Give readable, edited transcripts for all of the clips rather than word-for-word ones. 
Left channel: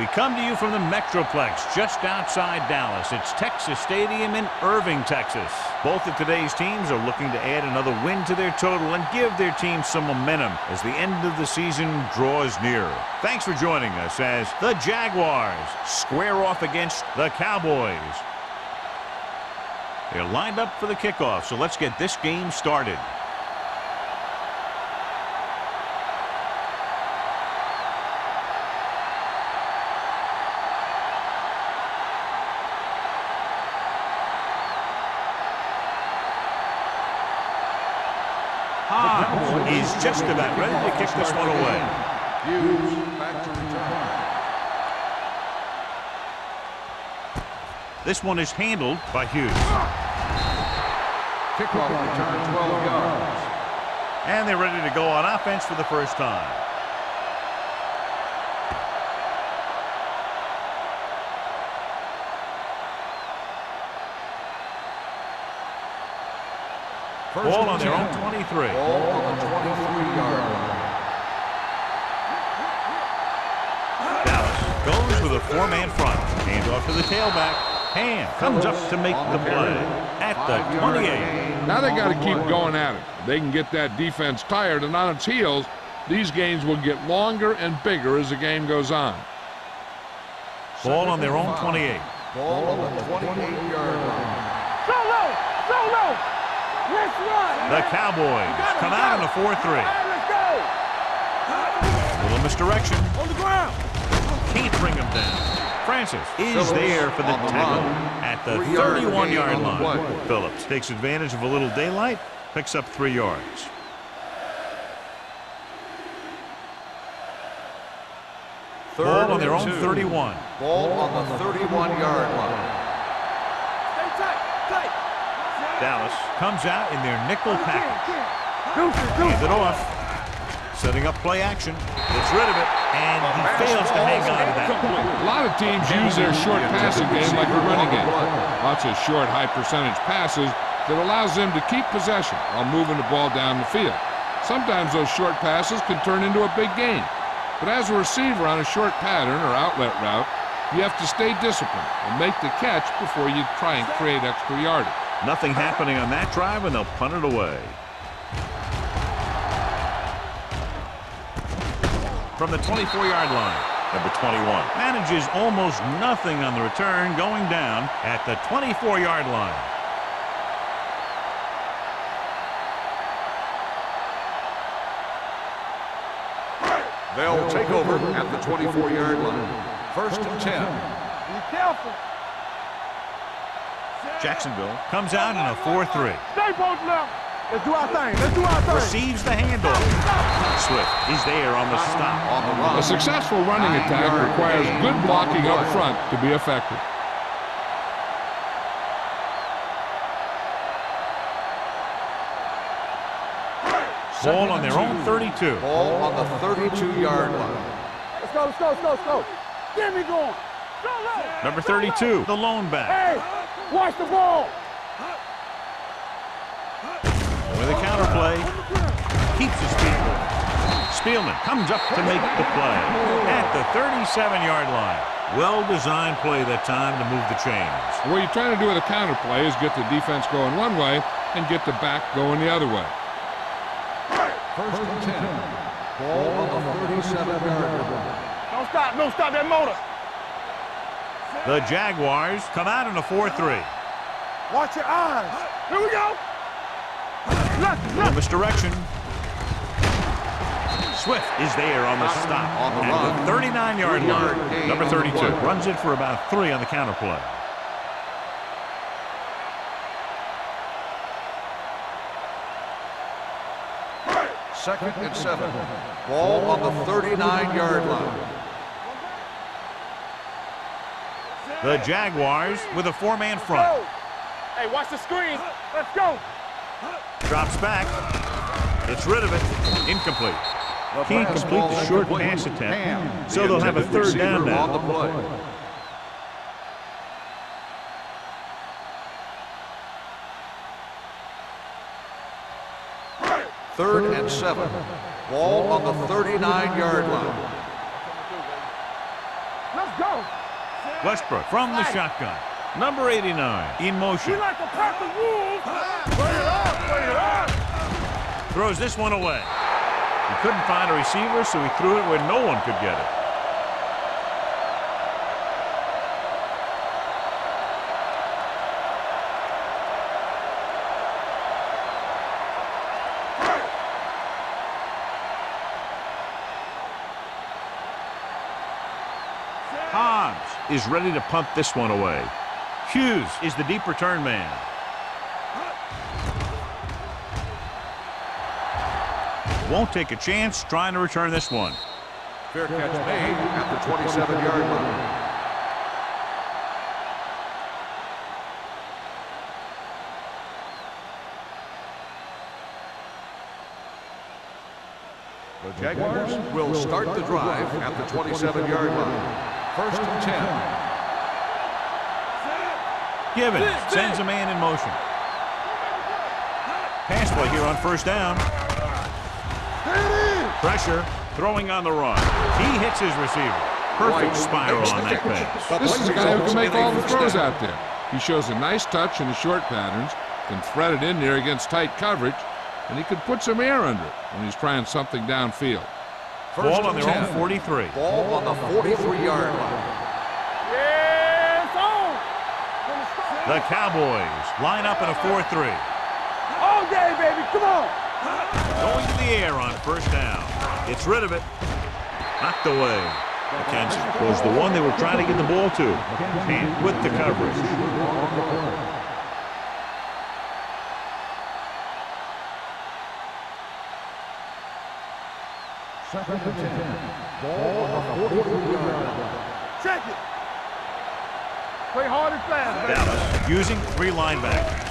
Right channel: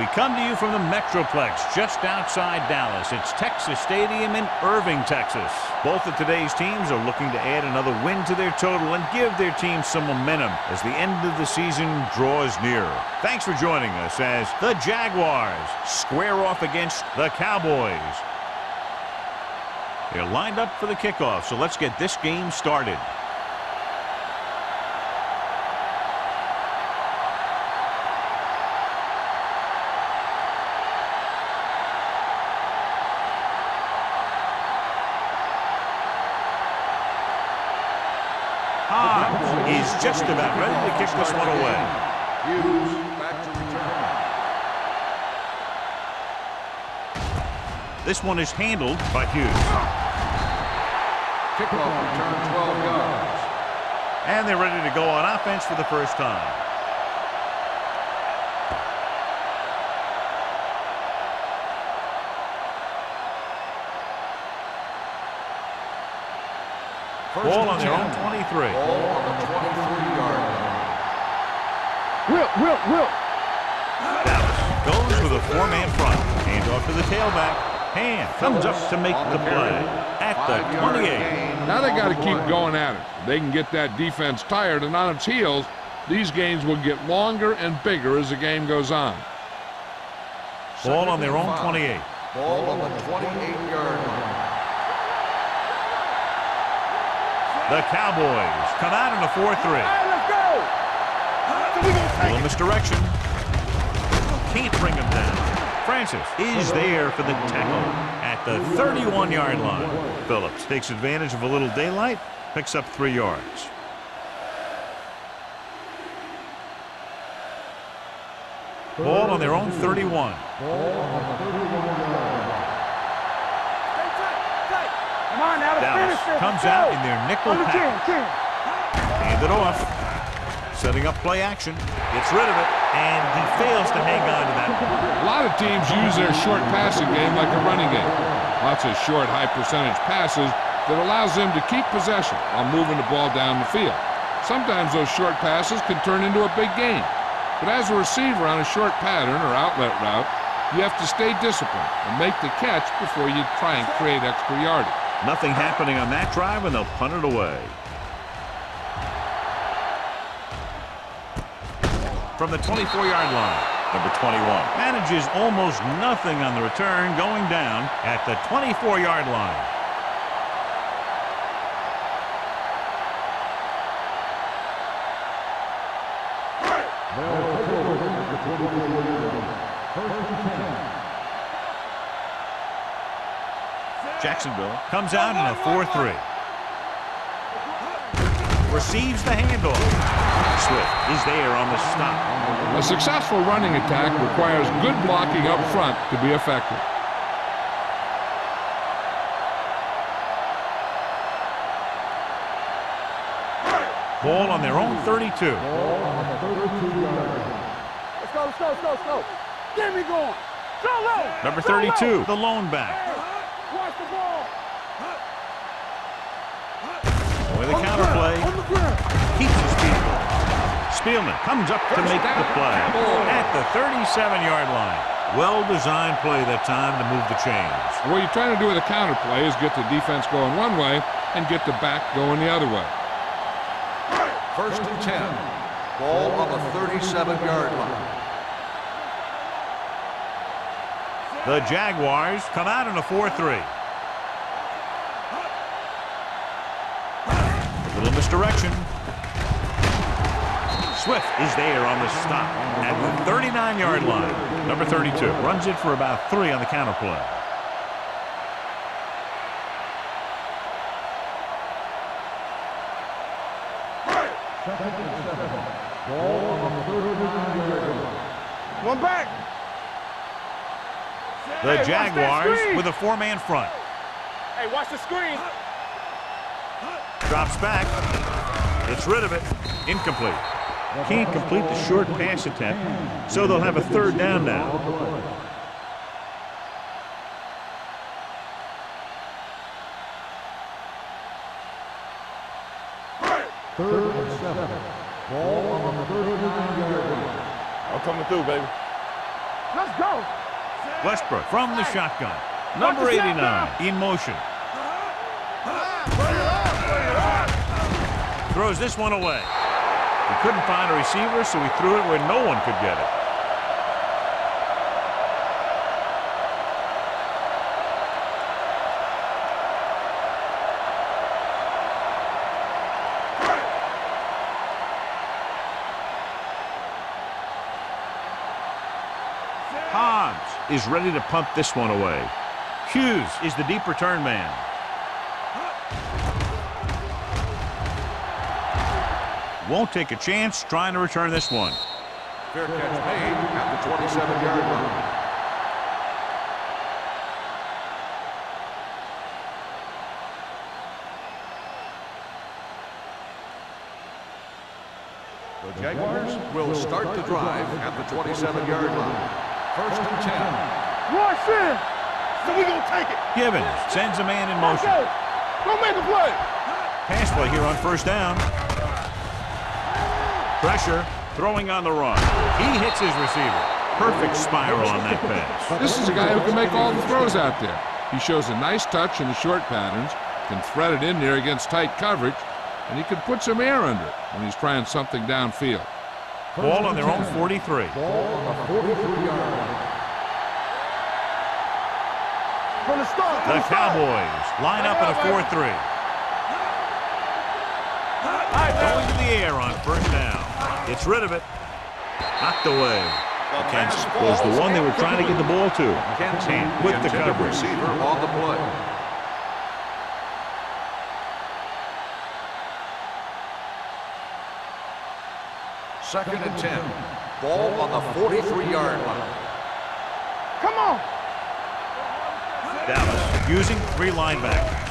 We come to you from the Metroplex just outside Dallas. It's Texas Stadium in Irving, Texas. Both of today's teams are looking to add another win to their total and give their team some momentum as the end of the season draws nearer. Thanks for joining us as the Jaguars square off against the Cowboys. They're lined up for the kickoff, so let's get this game started. Is just about ready to kick this one away. Hughes back to return. This one is handled by Hughes. Kickoff return 12 yards. And they're ready to go on offense for the first time. Ball on their own 23. Ball on the 23-yard line. Dallas goes with a four-man front. Hands off to the tailback. Hand comes up to make the play at the 28. Now they got to keep going at it. If they can get that defense tired and on its heels, these games will get longer and bigger as the game goes on. Ball on their own 28. Ball on the 28-yard line. The Cowboys come out in a 4-3. Little misdirection. Can't bring him down. Francis is there for the tackle at the 31-yard line. Phillips takes advantage of a little daylight, picks up 3 yards. Ball on their own 31. Ball on the 31-yard line. Stay tight, tight. Dallas comes out in their nickel package. Hand it off. Setting up play action. Gets rid of it, and he fails to hang on to that one. A lot of teams use their short passing game like a running game. Lots of short, high-percentage passes that allows them to keep possession while moving the ball down the field. Sometimes those short passes can turn into a big gain. But as a receiver on a short pattern or outlet route, you have to stay disciplined and make the catch before you try and create extra yardage. Nothing happening on that drive, and they'll punt it away. From the 24-yard line, number 21 manages almost nothing on the return, going down at the 24-yard line. They'll take over at the 24-yard line. First and 10. Be careful. Jacksonville comes out in a 4-3. Stay both now. Let's do our thing. Let's do our thing. Receives the handoff. Swift is there on the stop. A successful running attack requires good blocking up front to be effective. Ball on their own 32. Ball on the 32-yard line. Let's go, let's go, let's go, let's go. Get me going. Go low. Number 32, the lone back. Hey, watch the ball. With a counterplay, keeps his feet moving. Spielman comes up to make the play at the 37-yard line. Well-designed play that time to move the chains. What you're trying to do with a counterplay is get the defense going one way and get the back going the other way. First and 10. Ball on the 37-yard line. Don't stop that motor. The Jaguars come out in a 4-3. Watch your eyes. Here we go. Little misdirection. Swift is there on the stop at the 39-yard line. Number 32 runs it for about 3 on the counterplay. Second and 7. Ball on the 39-yard line. One back. The Jaguars with a 4-man front. Hey, watch the screen. Let's go. Drops back. Gets rid of it. Incomplete. Can't complete the short pass attempt, so they'll have a 3rd down now. Third and 7. Ball on the 39-yard line. I'm coming through, baby. Let's go. Westbrook from the shotgun. Number 89 in motion. Throws this one away. He couldn't find a receiver, so he threw it where no one could get it. Hobbs is ready to punt this one away. Hughes is the deep return man. Won't take a chance trying to return this one. Fair catch made at the 27-yard line. The Jaguars will start the drive at the 27-yard line. 1st and 10. Rush in. So we gonna take it. Gibbons sends a man in motion. Go make a play. Pass play here on 1st down. Pressure, throwing on the run. He hits his receiver. Perfect spiral on that pass. This is a guy who can make all the throws out there. He shows a nice touch in the short patterns, can thread it in there against tight coverage, and he can put some air under it when he's trying something downfield. Ball on their own 43. Ball on the 43-yard line. From the start. The Cowboys line up in a 4-3. All day, baby. Come on. Going to the air on 1st down. Gets rid of it. Knocked away. McKenzie was the one they were trying to get the ball to. And with the coverage. Receiver on the play. Second and 10. Ball on the 43-yard line. Check it. Come on. Play hard and fast. Dallas using 3 linebackers.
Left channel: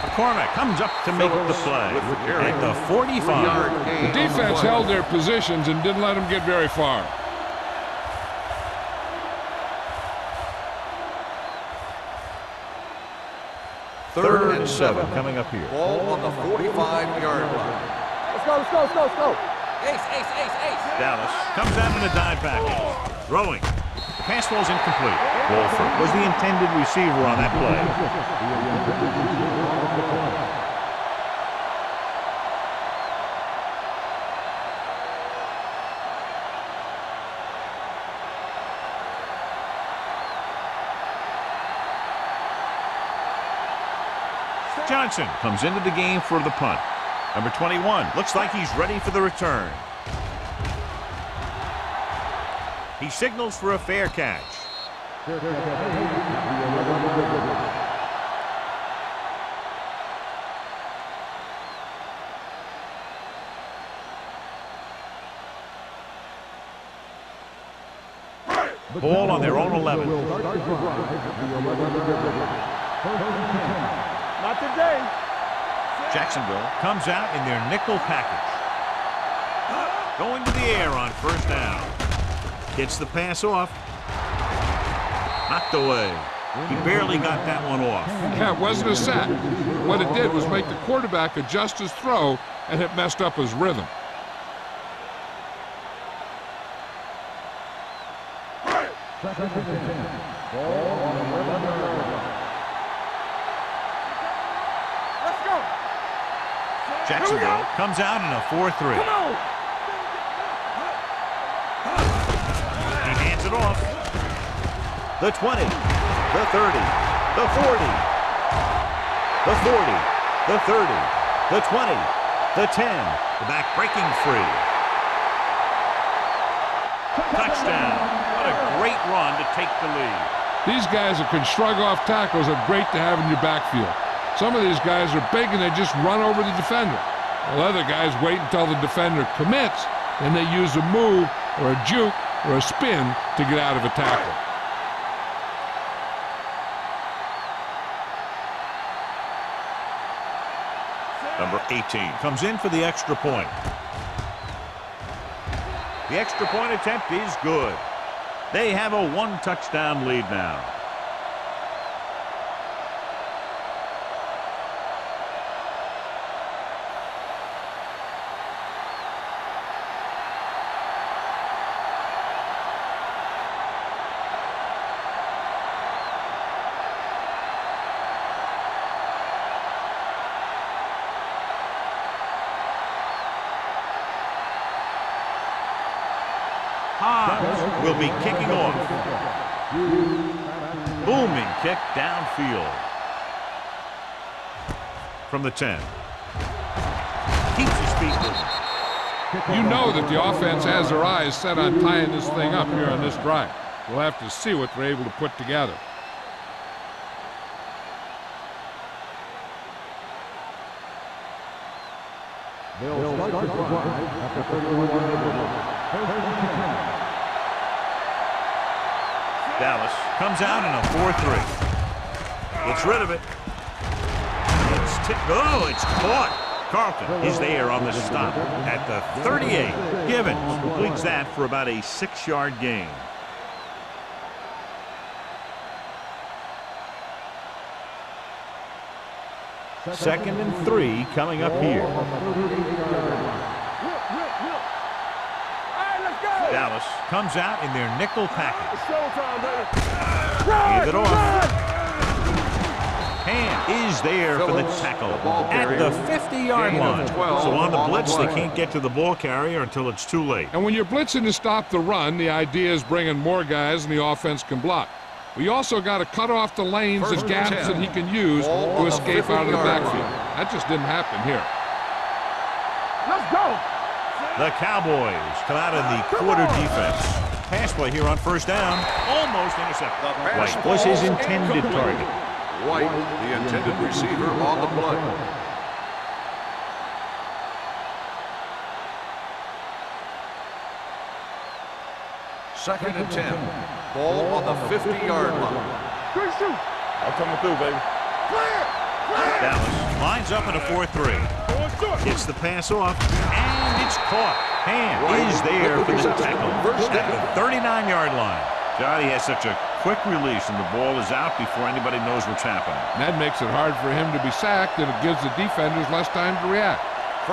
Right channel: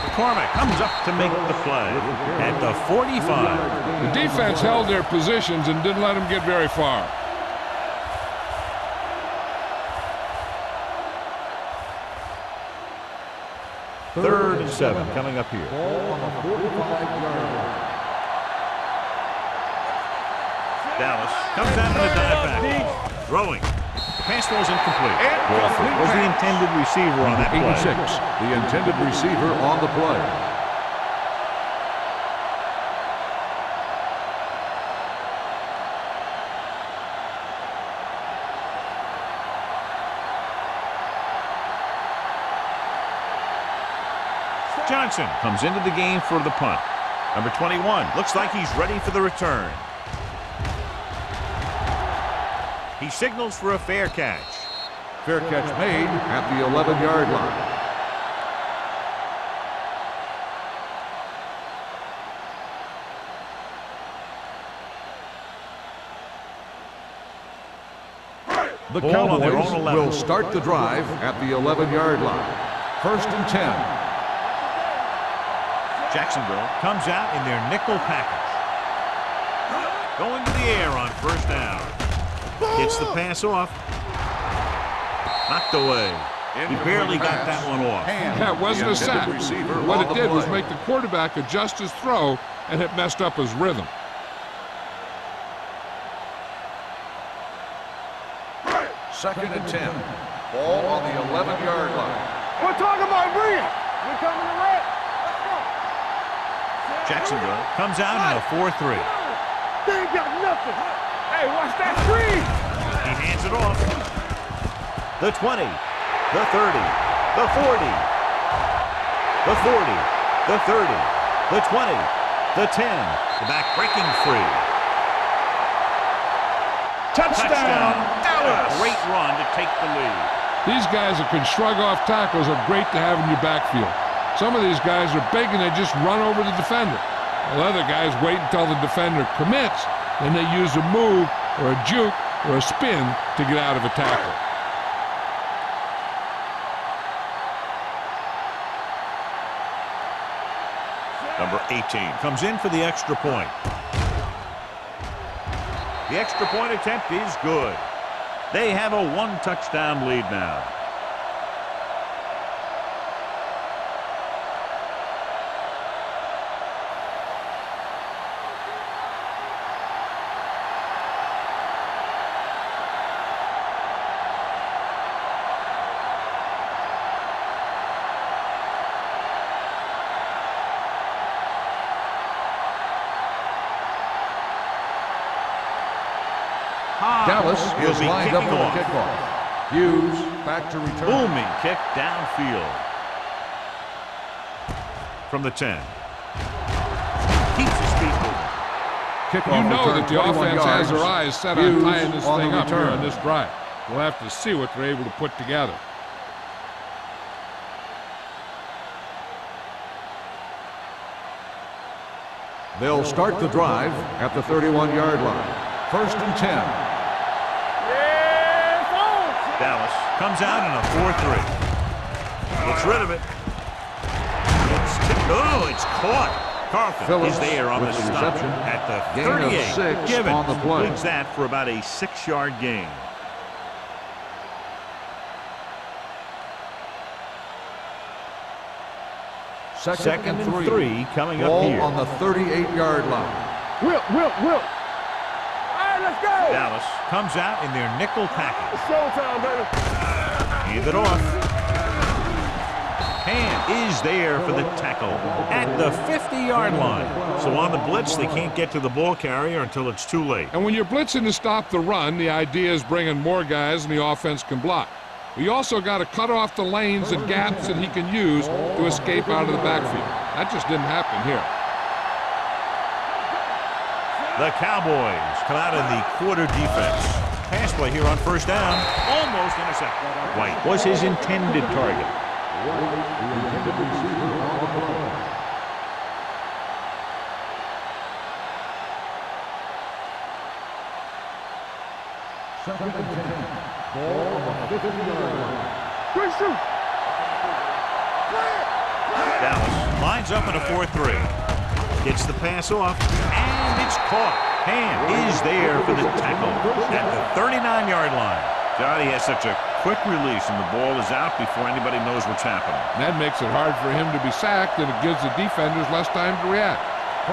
McCormick comes up to make the play at the 45. The defense held their positions and didn't let them get very far. Third and 7 coming up here. Ball on the 45-yard line. Let's go. Dallas comes out in a dive package. Throwing. The pass ball's incomplete. Walford was the intended receiver on that play. 86, the intended receiver on the play. Johnson comes into the game for the punt. Number 21 looks like he's ready for the return. He signals for a fair catch. Fair catch made at the 11-yard line. The Ball on their Cowboys own 11. will start the drive at the 11-yard line. 1st and 10. Jacksonville comes out in their nickel package. Going to the air on 1st down. Gets the pass off. Knocked away. He barely got that one off. Yeah, it wasn't a sack. What it did was make the quarterback adjust his throw, and it messed up his rhythm. Second and 10. Ball on the 11-yard line. We're talking about bringing. We're coming to left. Let's go. Jacksonville comes out in a 4-3. Come on. They ain't got nothing. Hey, watch that screen. He hands it off. The 20, the 30, the 40, the 40, the 30, the 20, the 10. The back breaking free. Touchdown. What a great run to take the lead. These guys that can shrug off tackles are great to have in your backfield. Some of these guys are big and they just run over the defender. While other guys wait until the defender commits, then they use a move or a juke or a spin to get out of a tackle. Number 18 comes in for the extra point. The extra point attempt is good. They have a 1-touchdown lead now. high. Dallas Will be lined kicking up for the off. kickoff. Hughes back to return. Booming kick downfield. From the 10. Keeps his feet moving. You know that the offense has their eyes set on tying this thing up here on this drive. We'll have to see what they're able to put together. They'll start the drive at the 31-yard line. First and 10. Dallas comes out in a 4-3. Gets rid of it. It's caught. Carlton is there on the stop at the 38. Given completes that for about a 6-yard gain. Second and 3 coming up here. On the 38-yard line. Whip. All right, let's go. Dallas comes out in their nickel package. Showtime, baby. Hand it off. Ham is there for the tackle at the 50-yard line. So on the blitz, they can't get to the ball carrier until it's too late. And when you're blitzing to stop the run, the idea is bringing more guys and the offense can block. We also got to cut off the lanes and gaps that he can use to escape out of the backfield. That just didn't happen here. The Cowboys come out in the quarter defense. Pass play here on first down. Almost intercepted. White was his intended target. White, the intended receiver on the play. Second and 10. Ball on the 50-yard line. Good shoot. I'm coming through, baby. Clear. Dallas lines up in a 4-3. Gets the pass off, and it's caught. Ham is there for the tackle at the 39-yard line. Johnny has such a quick release, and the ball is out before anybody knows what's happening. That makes it hard for him to be sacked, and it gives the defenders less time to react.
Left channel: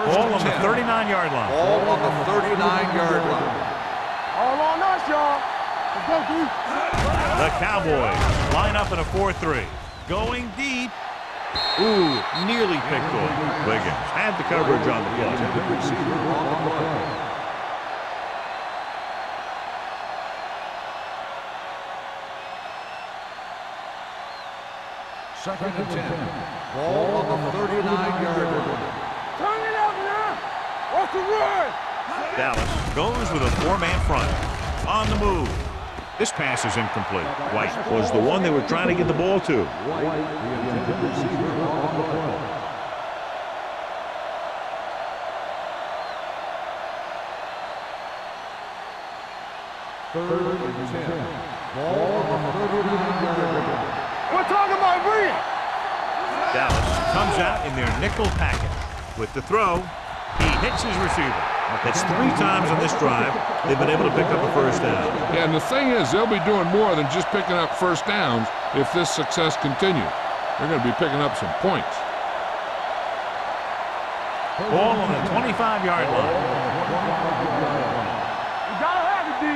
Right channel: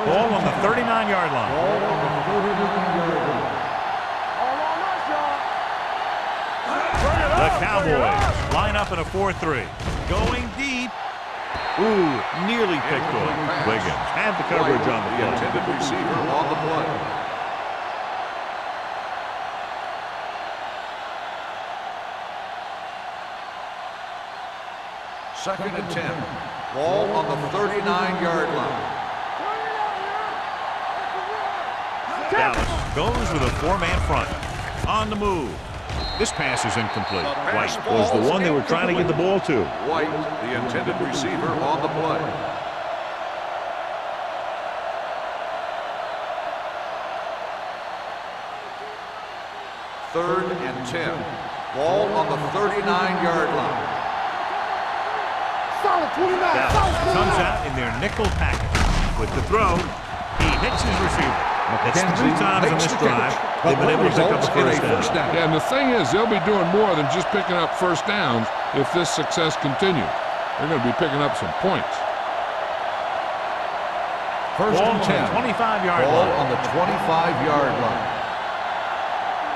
Ball on the 39-yard line. Ball on the 39-yard line. All on us, y'all. The Cowboys line up in a 4-3. Going deep. Ooh, nearly picked off. Wiggins had the coverage on the The play. intended receiver on the play. Second and 10. Ball on the 39-yard line. Turn it up now. What's the run? Dallas goes with a 4-man front. On the move. This pass is incomplete. White was the one they were trying to get the ball to. White, the intended receiver on the play. Third and 10. Ball on the 39-yard line. We're talking about Green. Solid 29. Dallas comes out in their nickel package. With the throw, he hits his receiver. That's 3 times on this drive they've been able to pick up a first down. Yeah, and the thing is, they'll be doing more than just picking up first downs if this success continues. They're going to be picking up some points. First Ball and on 10. the 25-yard Ball line. on the 25-yard line. You gotta have it, D.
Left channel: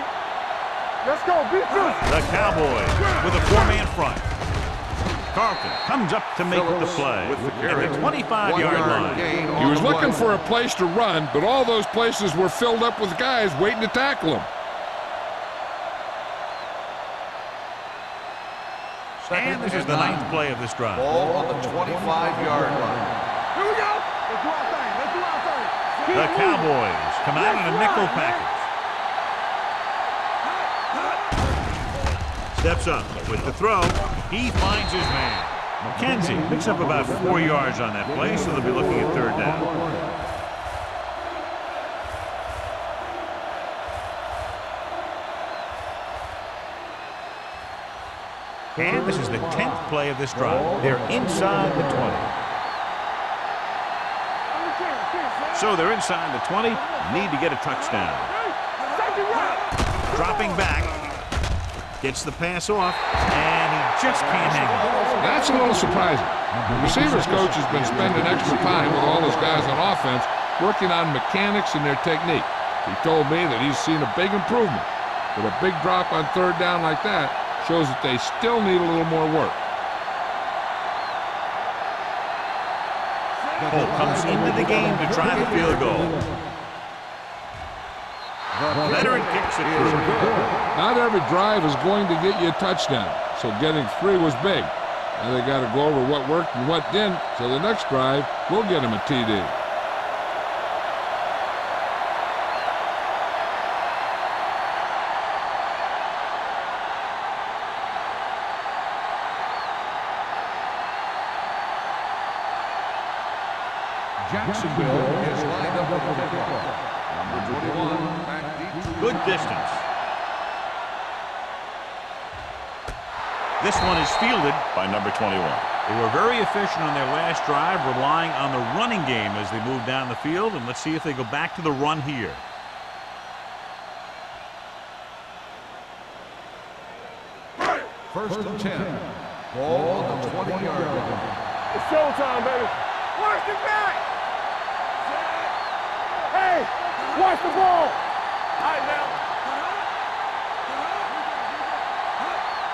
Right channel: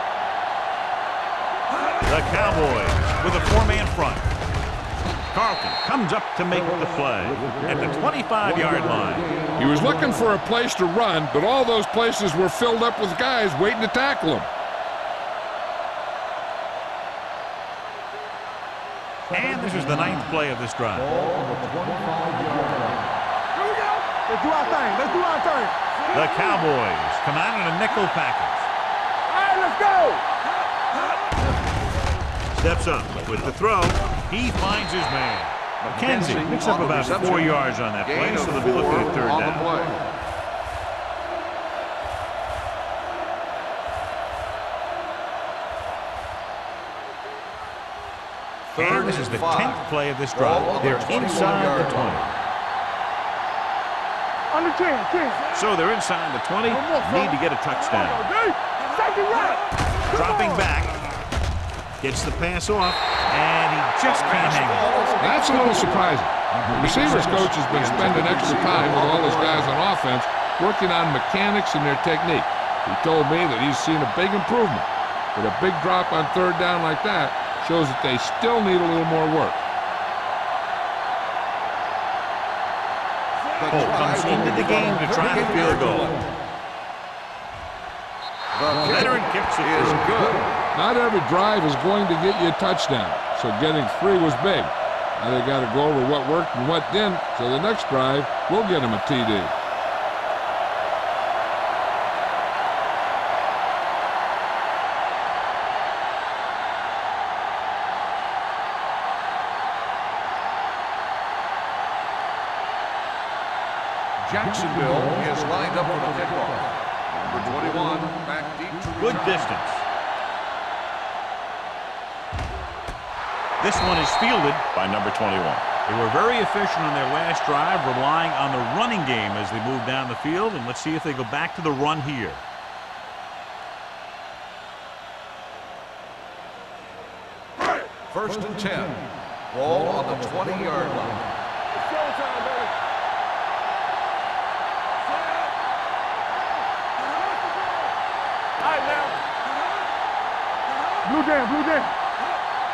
Let's go. Beat The Cowboys with a 4-man front. Carlton comes up to make the play at the 25-yard line. He was looking for a place to run, but all those places were filled up with guys waiting to tackle him. And this is the 9th play of this drive. Ball on the 25-yard line. Here we go. Let's do our thing. Let's do our thing. The Cowboys come out in a nickel package. All right, let's go. Steps up with the throw. He finds his man. McKenzie picks up about 4 yards on that play, so they'll be looking at third down. And this is the 10th play of this drive. They're inside the 20. Under 10. So they're inside the 20. Need to get a touchdown. Safety right. Dropping back. Gets the pass off, and he just can't hang on. That's a little surprising. The receivers coach has been spending extra time with all those guys on offense working on mechanics and their technique. He told me that he's seen a big improvement. But a big drop on third down like that shows that they still need a little more work. Holt comes into the game to try the field goal. The Veteran kicks it is through. good. Not every drive is going to get you a touchdown, so getting 3 was big. Now they got to go over what worked and what didn't, so the next drive will get them a TD. Jacksonville is lined up for the kickoff. Number 21, back deep to Good return. distance. This one is fielded by number 21. They were very efficient on their last drive, relying on the running game as they moved down the field. And let's see if they go back to the run here. First and 10. Ball on the 20-yard line. It's showtime, baby. Watch the back. Set. Hey, watch the ball. All right, now. Blue game, blue game.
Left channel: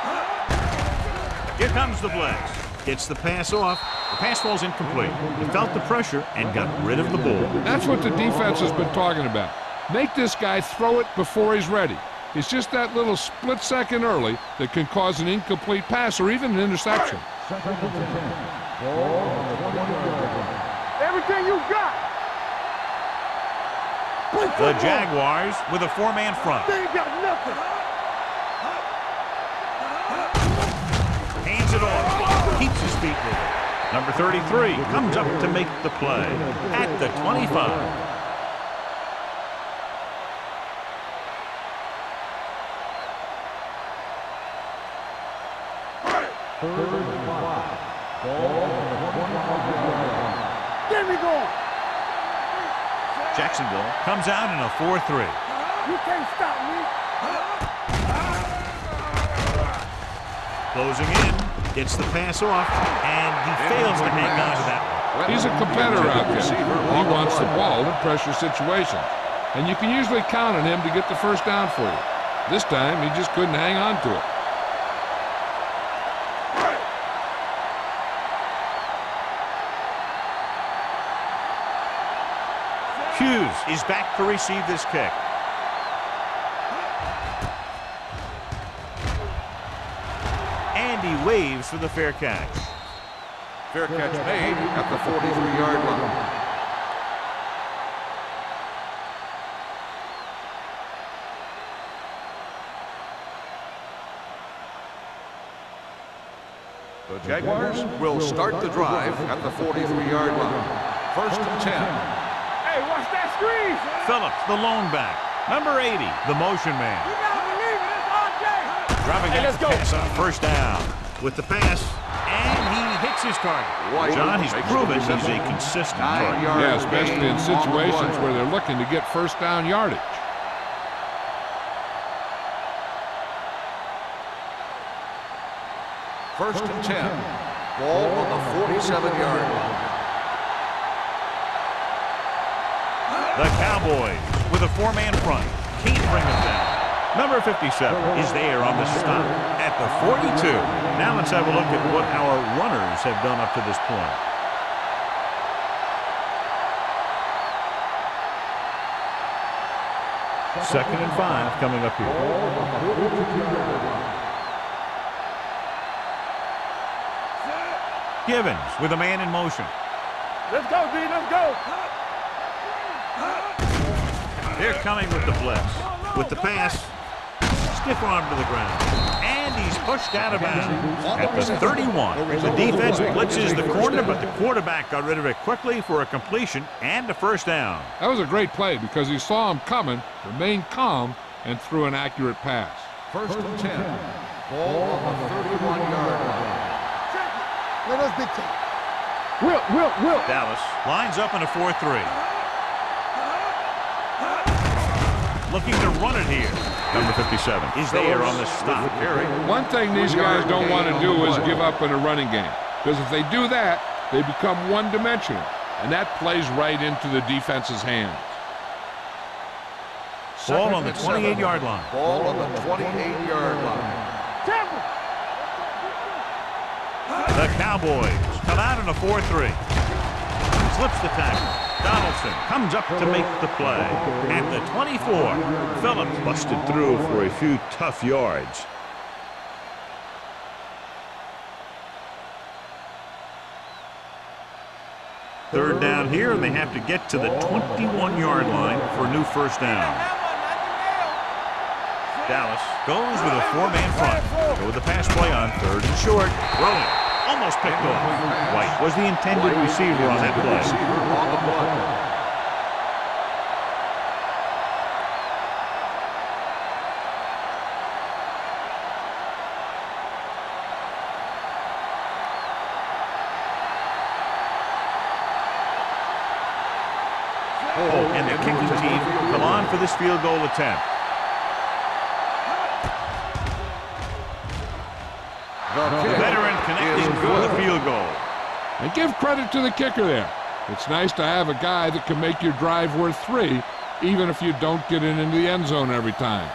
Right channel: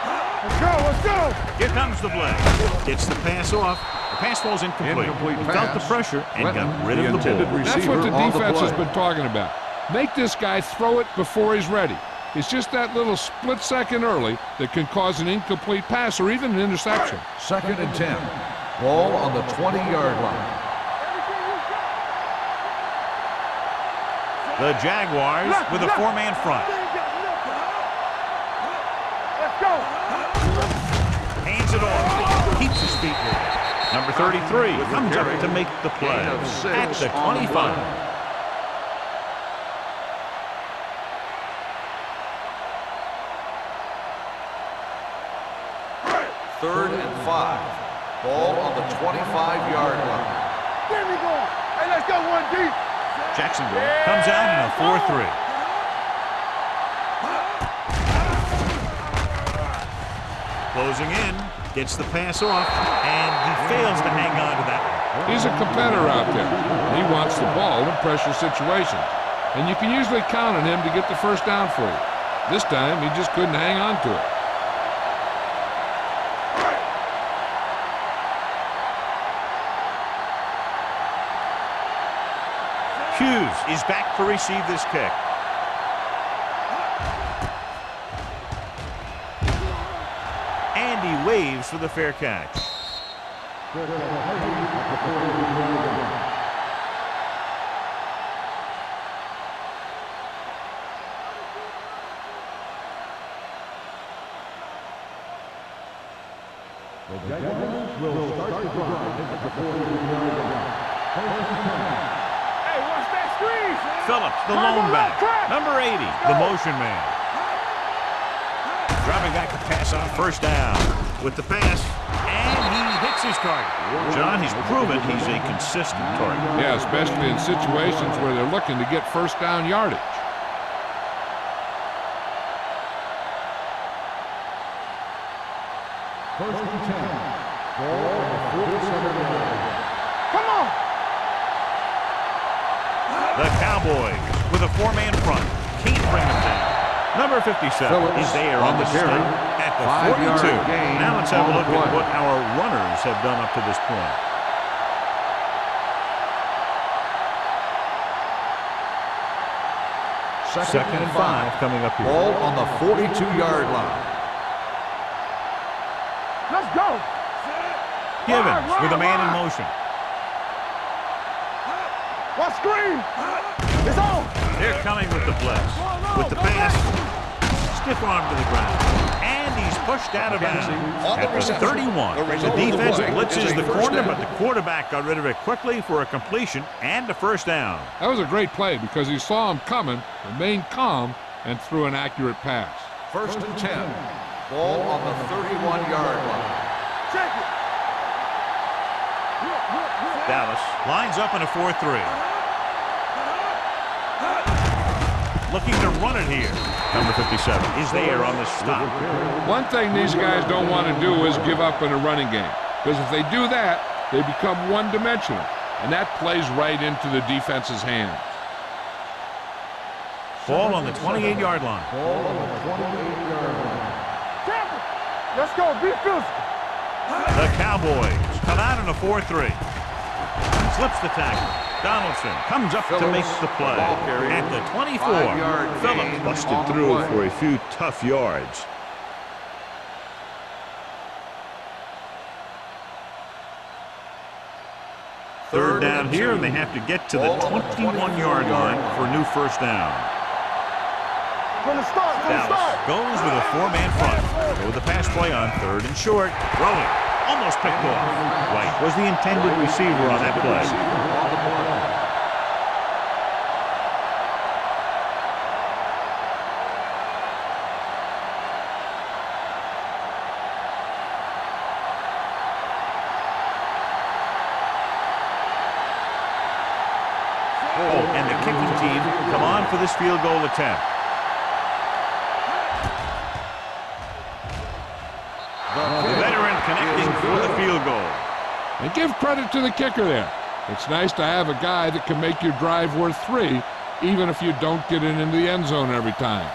Let's go. Here comes the blitz. Gets the pass off. The pass falls incomplete. He felt the pressure and got rid of the ball. That's what the defense has been talking about. Make this guy throw it before he's ready. It's just that little split second early that can cause an incomplete pass or even an interception. Second and 10. Ball on the 20-yard line. Everything you got. The Jaguars with a 4-man front. They ain't got nothing. Let's go. Hands it off. Keeps his feet moving. Number 33 comes up to make the play at the 25. Third and 5. Ball on the 25-yard line. Get me going. Hey, let's go one deep. Jacksonville comes out in a 4-3. You can't stop me. Closing in, gets the pass off, and he fails to hang on to that one. He's a competitor out there. He wants the ball in pressure situations. And you can usually count on him to get the first down for you. This time, he just couldn't hang on to it. Hughes is back to receive this kick. And he waves for the fair catch. Fair catch made at the 43-yard line. The Jaguars will start the drive at the 43-yard line. First and 10. Hey, watch that screen. Phillips, the lone back. Number 80, the motion man. Dropping back to pass on first down. With the pass, and he hits his target. John, he's proven he's a consistent target. Yeah, especially in situations where they're looking to get first down yardage. First and 10. Ball on the 47-yard line. Come on. The Cowboys with a 4-man front. Can't bring them down. Number 57 is there on the stop at the 42. Now let's have a look at what our runners have done up to this point. Second and 5 coming up here. Ball on the 42-yard line. Let's go. Givens with a man in motion. Let's go, B. Let's go. What screen? It's on. They're coming with the blitz. With the pass, stiff arm to the ground. And he's pushed out of bounds at the 31. The defense blitzes the corner, but the quarterback got rid of it quickly for a completion and a first down. That was a great play because he saw him coming, remained calm, and threw an accurate pass. First and 10. Ball on the 31-yard line. Check it. Let us get checked. Will. Dallas lines up in a 4-3. Looking to run it here. Number 57 is there on the stop. One thing these guys don't want to do is give up in a running game, because if they do that, they become one-dimensional, and that plays right into the defense's hands. Ball on the 28-yard line. Ball on the 28-yard line. Tampa. Let's go. Be physical. The Cowboys come out in a 4-3. Slips the tackle. Donaldson comes up to make the play. At the 24, Phillips busted through for a few tough yards. Third down here, and they have to get to the 21-yard line for a new first down. Dallas goes with a four-man front. Go with the pass play on third and short. Throwing. Almost picked off. White was the intended receiver on that play. Oh, and the kicking team come on for this field goal attempt. The veteran connecting for the field goal. And give credit to the kicker there. It's nice to have a guy that can make your drive worth 3, even if you don't get it into the end zone every time.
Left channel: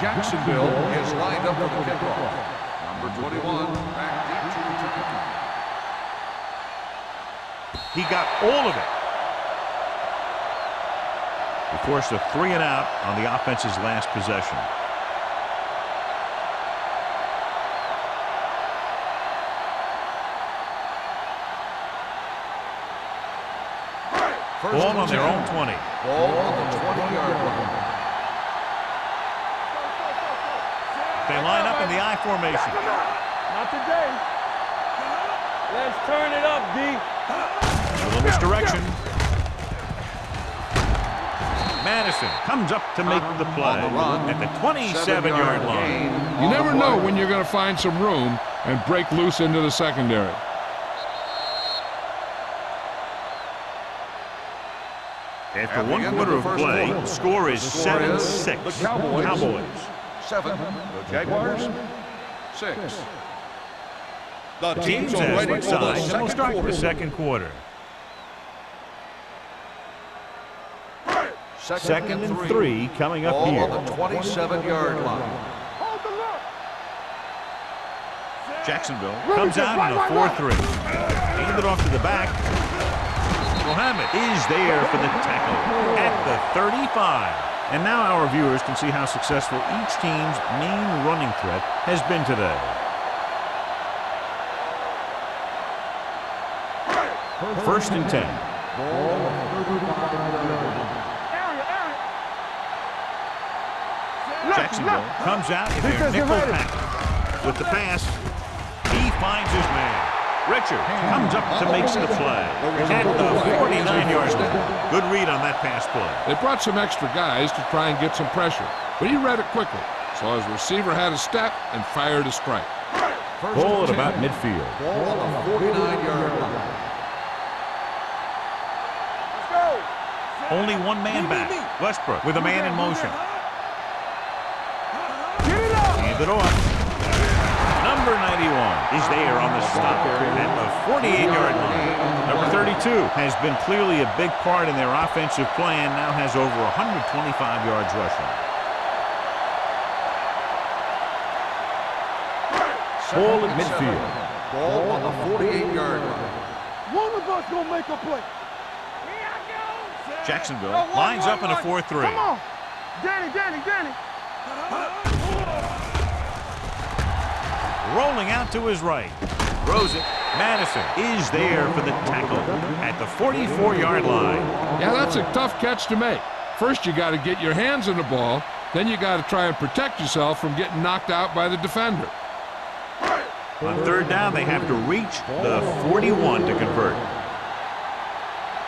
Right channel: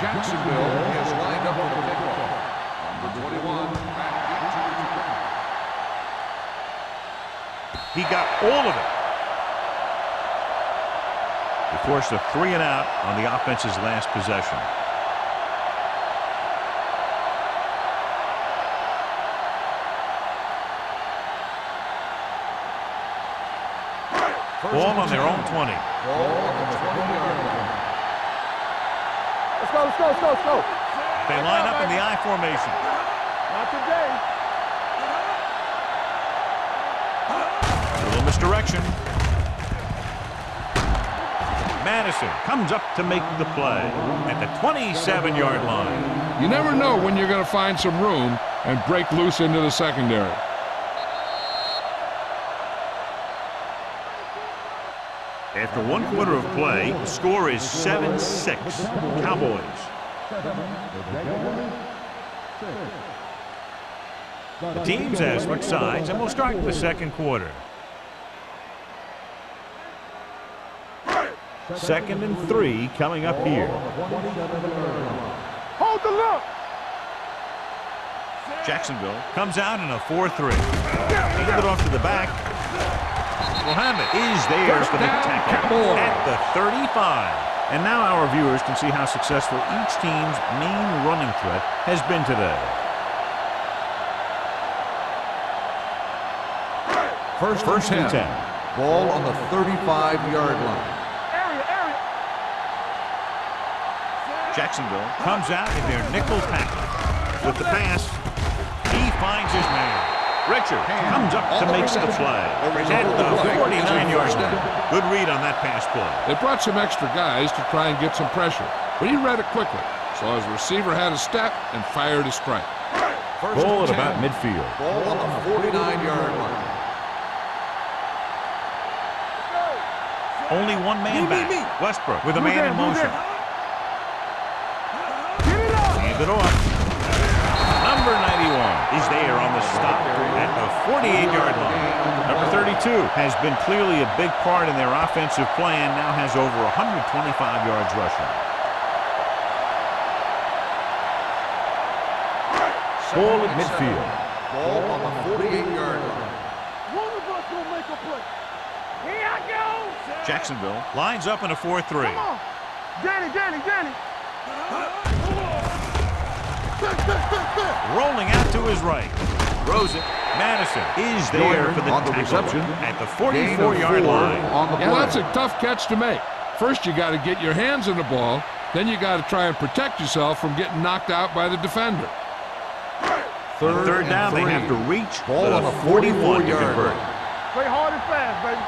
Jacksonville is lined up for the kickoff. Number 21, back deep to return. He got all of it. He forced a 3-and-out on the offense's last possession. Ball on their own 20. Ball on the 20-yard line. Let's go. They line up in the I formation. Not today. Let's turn it up, D. A little misdirection. Madison comes up to make the play at the 27-yard line. You never know when you're going to find some room and break loose into the secondary. After one quarter of play, the score is 7-6. Cowboys. 7, the Jaguars 6. The teams have switched sides and will start the second quarter. Second and 3 coming up here. Ball on the 27-yard line. Hold the look. Jacksonville comes out in a 4-3. Hand it off to the back. Mohammed is there for the tackle at the 35. And now our viewers can see how successful each team's main running threat has been today. First and 10. Ball on the 35-yard line. Area. Jacksonville comes out in their nickel package. With the pass, he finds his man. Richard comes up to make the play at the 49-yard line. Good read on that pass play. They brought some extra guys to try and get some pressure, but he read it quickly. So his receiver had a step and fired a strike. Ball at about midfield. Ball on the 49-yard line. Let's go. Only one man back. Westbrook with a man in motion. Get it up. Hand it off. Number 91 is there on the stop at the 48-yard line. Number 32 has been clearly a big part in their offensive plan, now has over 125 yards rushing. Ball at midfield. Ball on the 48-yard line. One of us gonna make a play. Here I go. Jacksonville lines up in a 4-3. Come on. Danny. Rolling out to his right. Throws it. Madison is there for the tackle at the 44-yard line. Yeah, that's a tough catch to make. First, you got to get your hands on the ball. Then you got to try and protect yourself from getting knocked out by the defender. On third down, they have to reach the 41 to convert. Play hard and fast, baby.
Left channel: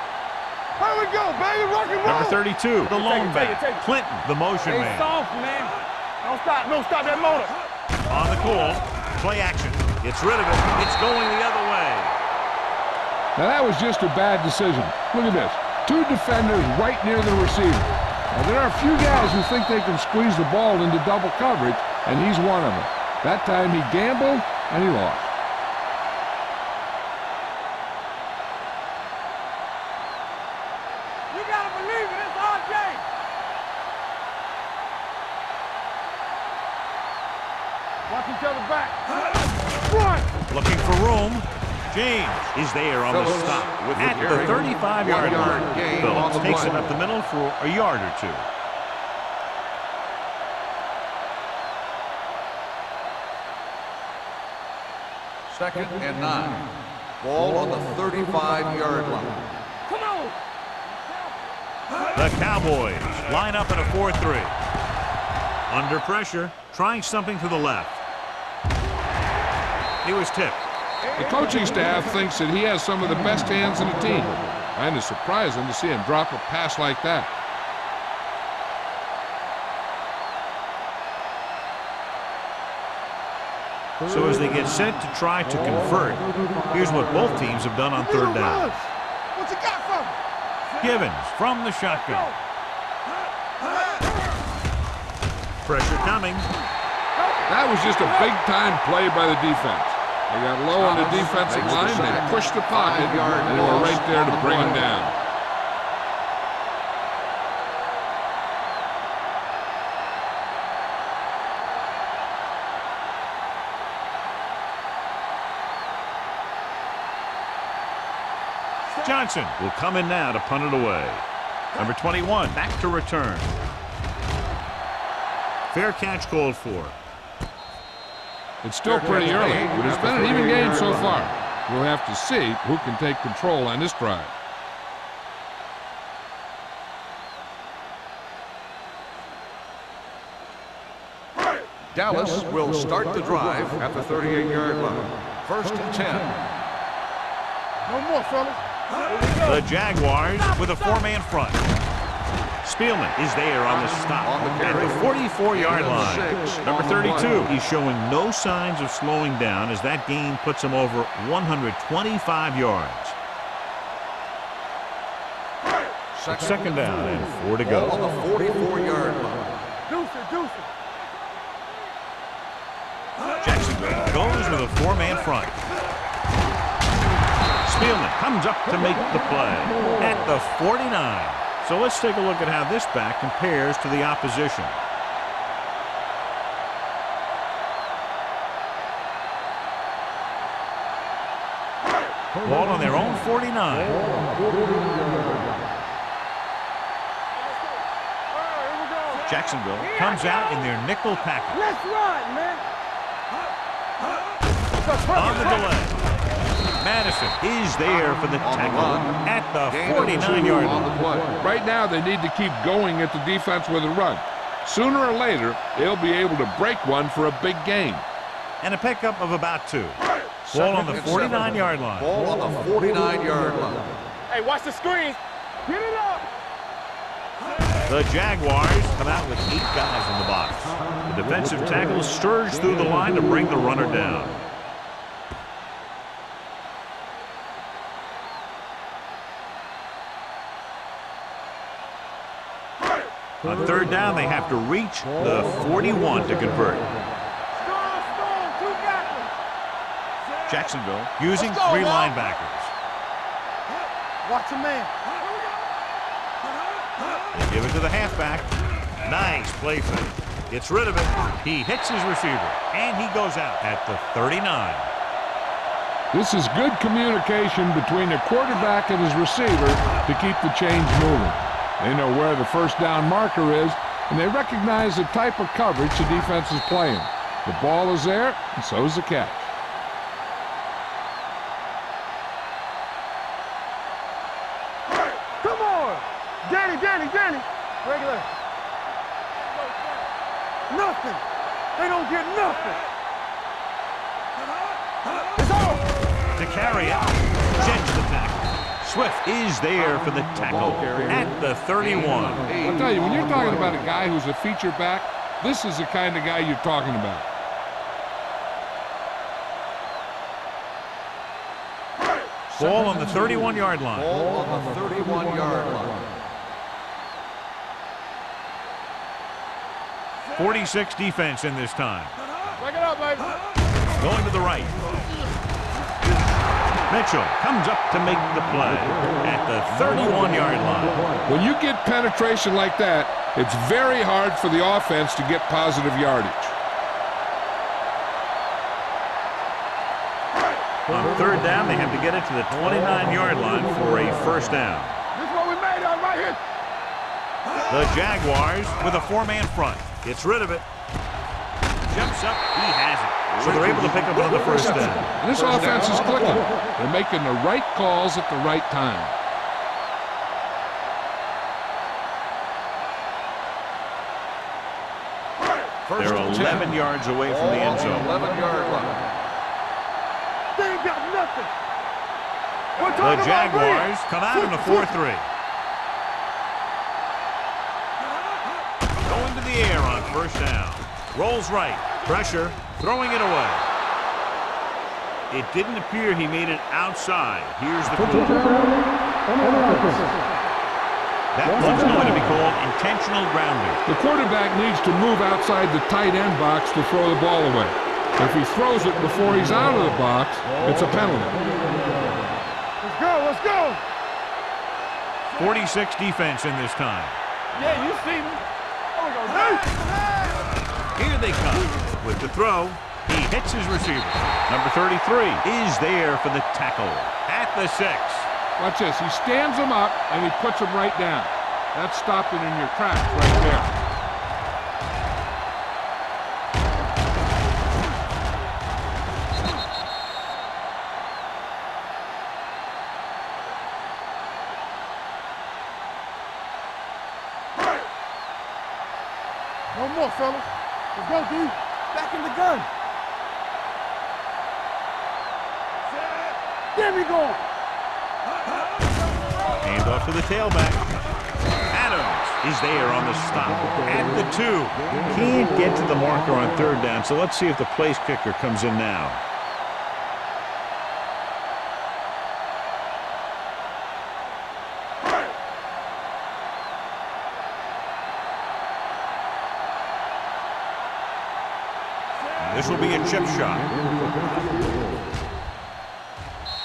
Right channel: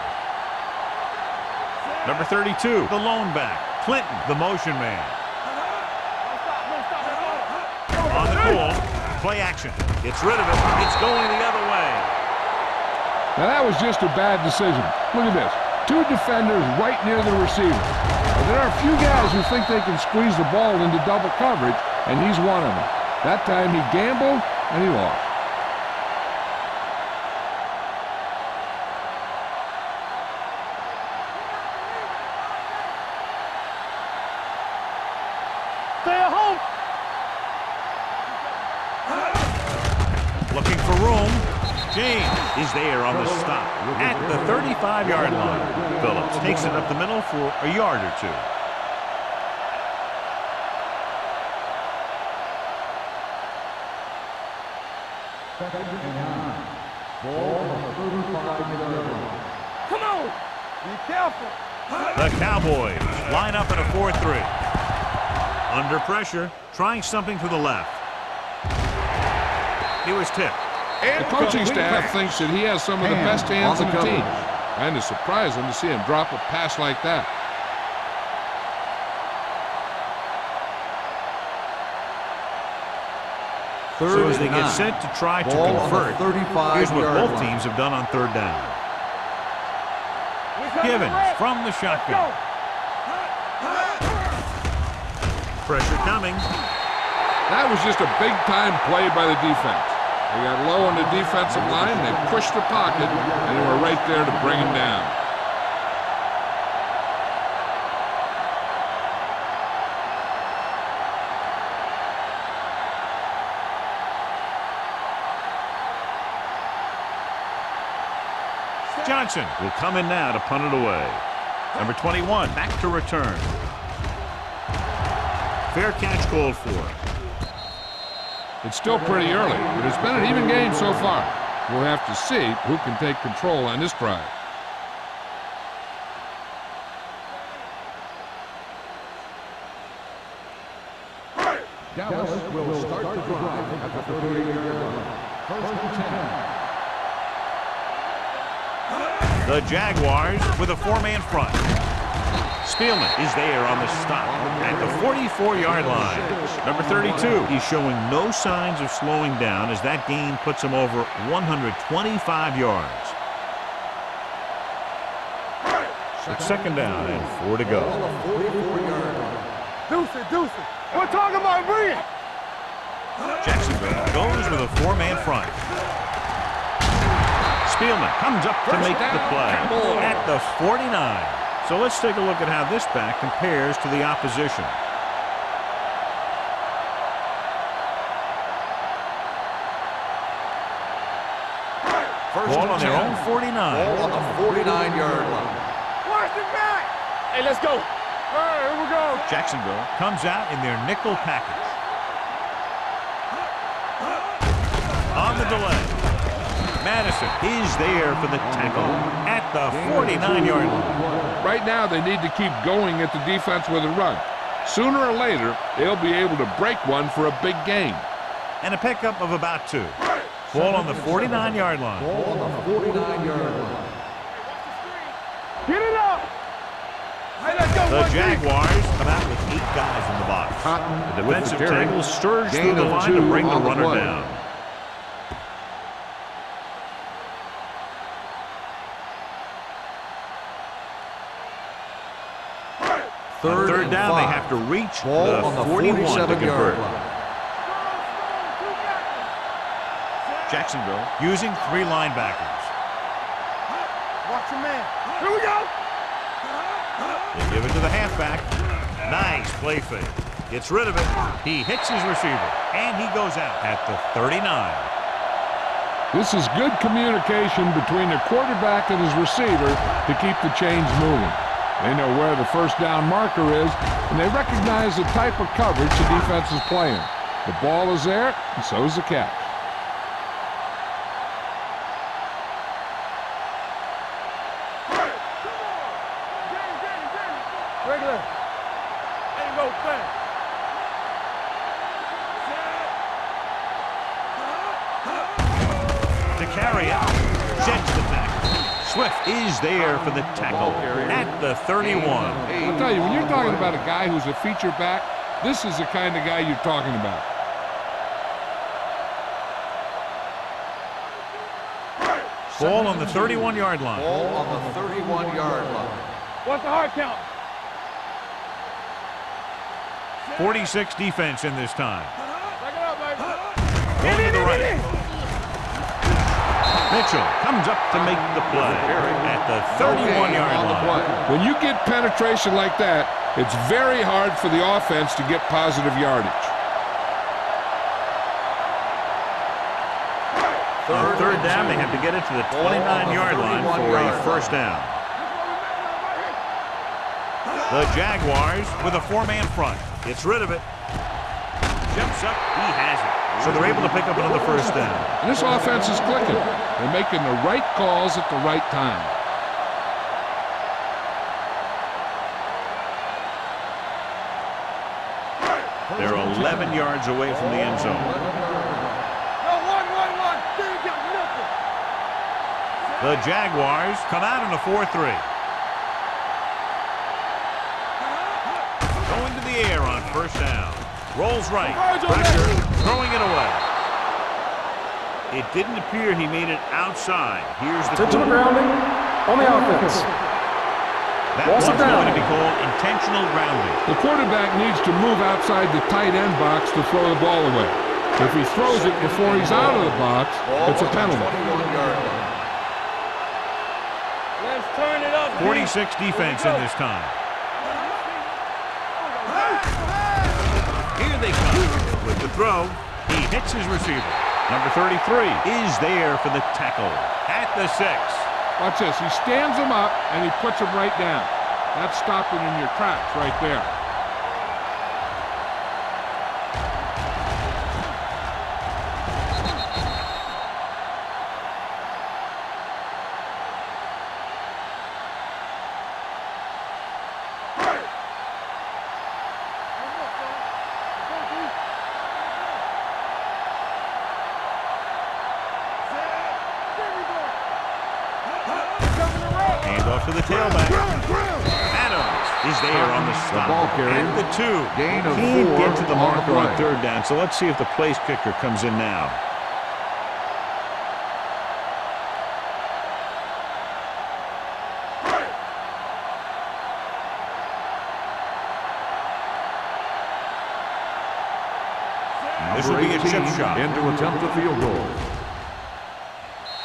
Here we go, baby. Rock and roll. Number 32, the lone back. Clinton, the motion man. Don't stop that motor. On the call, play action. Gets rid of it. It's going the other way. Now, that was just a bad decision. Look at this. 2 defenders right near the receiver. Now, there are a few guys who think they can squeeze the ball into double coverage, and he's one of them. That time he gambled, and he lost. You got believe it. It's RJ. Stay at home. Watch each other back. Looking for room. James is there on the stop at the 35-yard line. Phillips takes it up the middle for a yard or two. Second and 9. Ball on the 35-yard line. Come on. Be careful. The Cowboys line up in a 4-3. Under pressure, trying something to the left. He was tipped. The coaching staff thinks that he has some of the best hands in the team. And it's surprising to see him drop a pass like that. So as they get set to try to convert, here's what both teams have done on third down. Givens from the shotgun. Pressure coming. That was just a big-time play by the defense. They got low on the defensive line, they pushed the pocket, and they were right there to bring him down. Johnson will come in now to punt it away. Number 21 back to return. Fair catch called for. It's still pretty early, but it's been an even game so far. We'll have to see who can take control on this drive. Dallas will start the drive at the 38-yard line. First and 10. One more, fellas. The Jaguars with a four-man front. Spielman is there on the stop at the 44-yard line. Number 32, he's showing no signs of slowing down as that gain puts him over 125 yards. It's second down and 4 to go. On the 44-yard line. Deuce it. We're talking about bringing. Jacksonville goes with a four-man front. Spielman comes up to make the play at the 49. So let's take a look at how this back compares to the opposition. Ball on their own 49. Ball on the 49-yard line. Watch the back. Hey, let's go. All right, here we go. Jacksonville comes out in their nickel package. Let's run, man. On the delay, Madison is there for the tackle at the 49-yard line. Right now, they need to keep going at the defense with a run. Sooner or later, they'll be able to break one for a big gain. And a pickup of about 2. Ball on the 49-yard line. Ball on the 49-yard line. Hey, watch the screen. Get it up. The Jaguars come out with 8 guys in the box. The defensive tackle surge through the line to bring the runner down. On third down, they have to reach the 41 to convert. Jacksonville using 3 linebackers. Watch your man. Here we go. They give it to the halfback. Nice play fake. Gets rid of it. He hits his receiver, and he goes out at the 39. This is good communication between the quarterback and his receiver to keep the chains moving. They know where the first down marker is, and they recognize the type of coverage the defense is playing. The ball is there, and so is the catch. Come on. Danny. Regular. Ain't no thing. Nothing. They don't get nothing. To carry it, sends the tackle. Swift is there for the tackle at the 31. I'll tell you, when you're talking about a guy who's a feature back, this is the kind of guy you're talking about. Ball on the 31-yard line. Ball on the 31-yard line. What's the hard count? 46 defense in this time. Back it up, baby. Going to the right. Mitchell comes up to make the play at the 31-yard line. When you get penetration like that, it's very hard for the offense to get positive yardage. On third down, they have to get it to the 29-yard line for a first down. This is what we made of right here. The Jaguars with a four-man front. Gets rid of it. Jumps up. He has it. So they're able to pick up another first down. And this offense is clicking. They're making the right calls at the right time. They're 11 yards away from the end zone. 11-yard line. They ain't got nothing. The Jaguars come out in a 4-3. Going to the air on first down. Rolls right. Pressure. Throwing it away. It didn't appear he made it outside. Here's the call. On the offense. That one's going to be called intentional grounding. The quarterback needs to move outside the tight end box to throw the ball away. If he throws it before he's out of the box, it's a penalty. Let's go, let's go. Let's turn it up. 46 defense in this time. Yeah, you see me. Oh, we go. Here they come. With the throw, he hits his receiver. Number 33 is there for the tackle at the 6. Watch this. He stands him up, and he puts him right down. That's stopping in your tracks right there. No more, fellas. Let's go, D. Back in the gun. Set. There we go. Hand off to the tailback. Adams is there on the stop at the 2. Can't get to the marker on third down, so let's see if the place kicker comes in now. This will be a chip shot. Into attempt the field goal.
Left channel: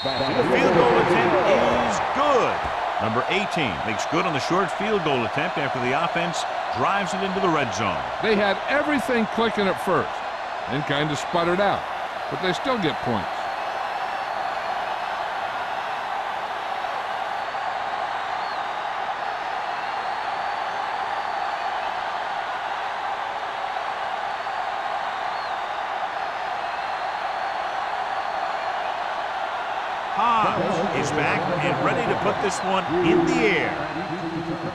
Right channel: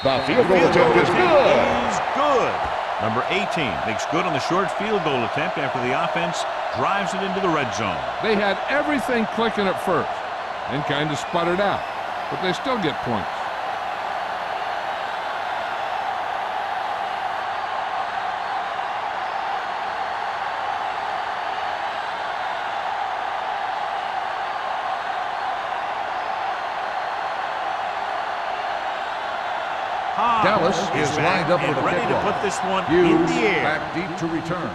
The field goal attempt is good. Number 18 makes good on the short field goal attempt after the offense drives it into the red zone. They had everything clicking at first and kind of sputtered out, but they still get points. Dallas is back and ready to put this one in the air. Deep to return.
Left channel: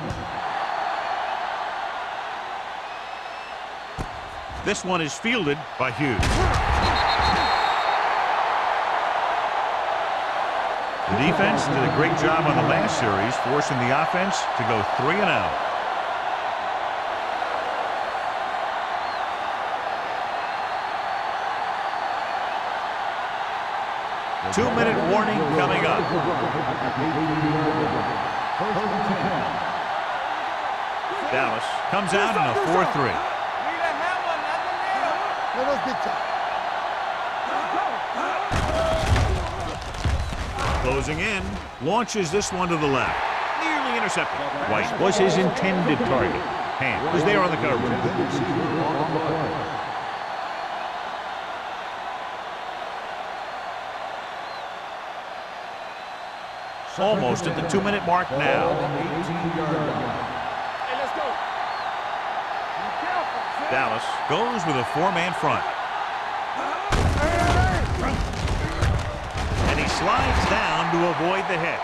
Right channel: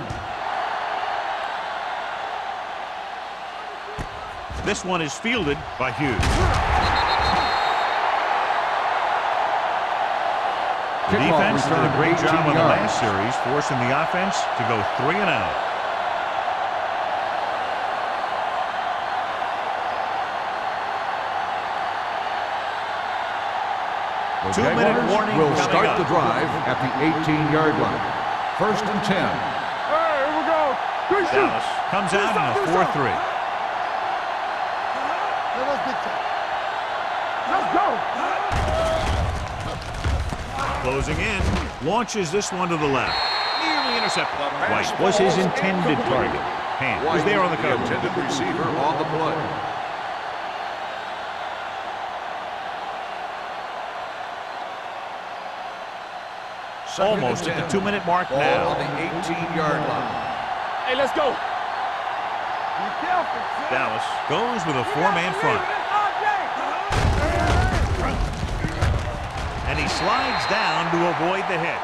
This one is fielded by Hughes. The defense did a great job on the last series, forcing the offense to go 3 and out. The 2-minute Jaguars warning will coming start up. the drive at the 18-yard line. First and 10. Hey, here we go. Good Dallas comes out in a 4-3. Let us dictate. Let's go. Closing in, launches this one to the left. Nearly intercepted. White was his intended target. Hand was there on the cover. Intended receiver on the play. Almost at the 2-minute mark Ball now. on the 18-yard line. Hey, let's go. Be careful. Dallas goes with a 4-man front. And he slides down to avoid the hit.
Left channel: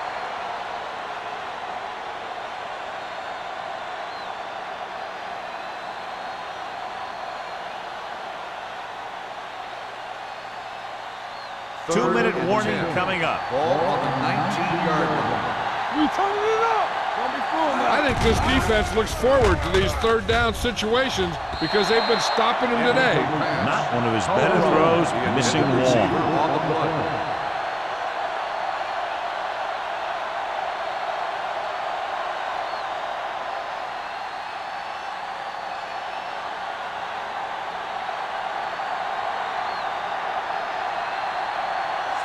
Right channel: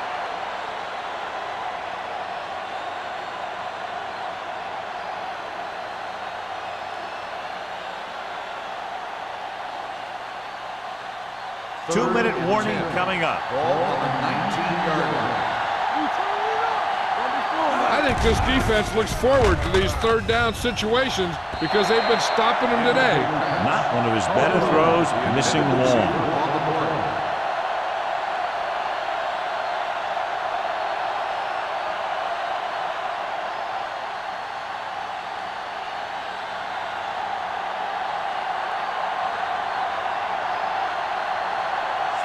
Third 2-minute and warning 10. coming up. Ball on the 19-yard line. We turning it up. Don't be fooled now. I think this defense looks forward to these third down situations because they've been stopping them today. Not one of his better throws, The missing intended receiver long. on the play.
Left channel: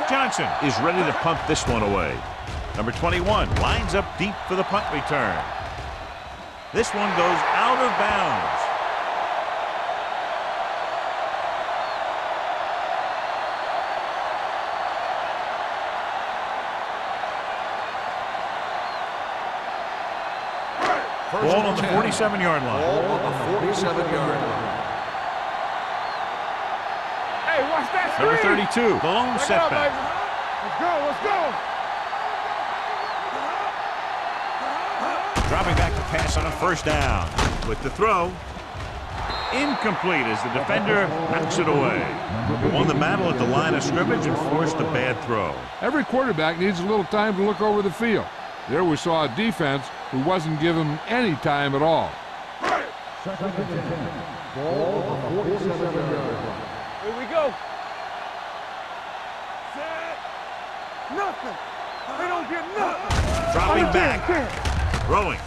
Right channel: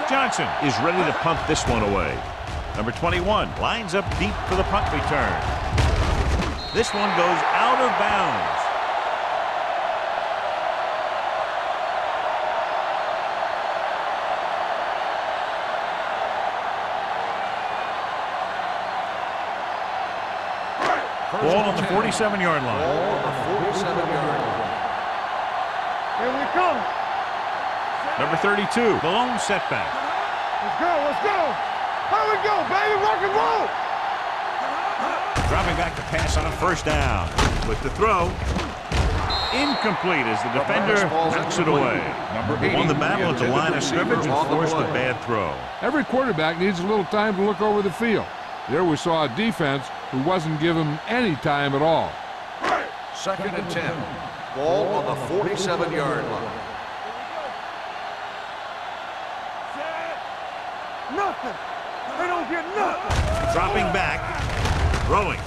Johnson is ready to punt this one away. Number 21 lines up deep for the punt return. This one goes out of bounds. Ball on the 47-yard line. Ball on the 47-yard line. Here we come. Hey, watch that. Number 32, the lone setback. Let's go, let's go. Here we go, baby, rock and roll. Dropping back to pass on first down. With the throw, incomplete as the defender knocks it away. Won the battle at the line of scrimmage and forced a bad throw. Every quarterback needs a little time to look over the field. There we saw a defense who wasn't given any time at all. 2nd and 10. Ball on the 47-yard line. Here we go. Set. Nothing. They don't get nothing. Dropping back. Throwing.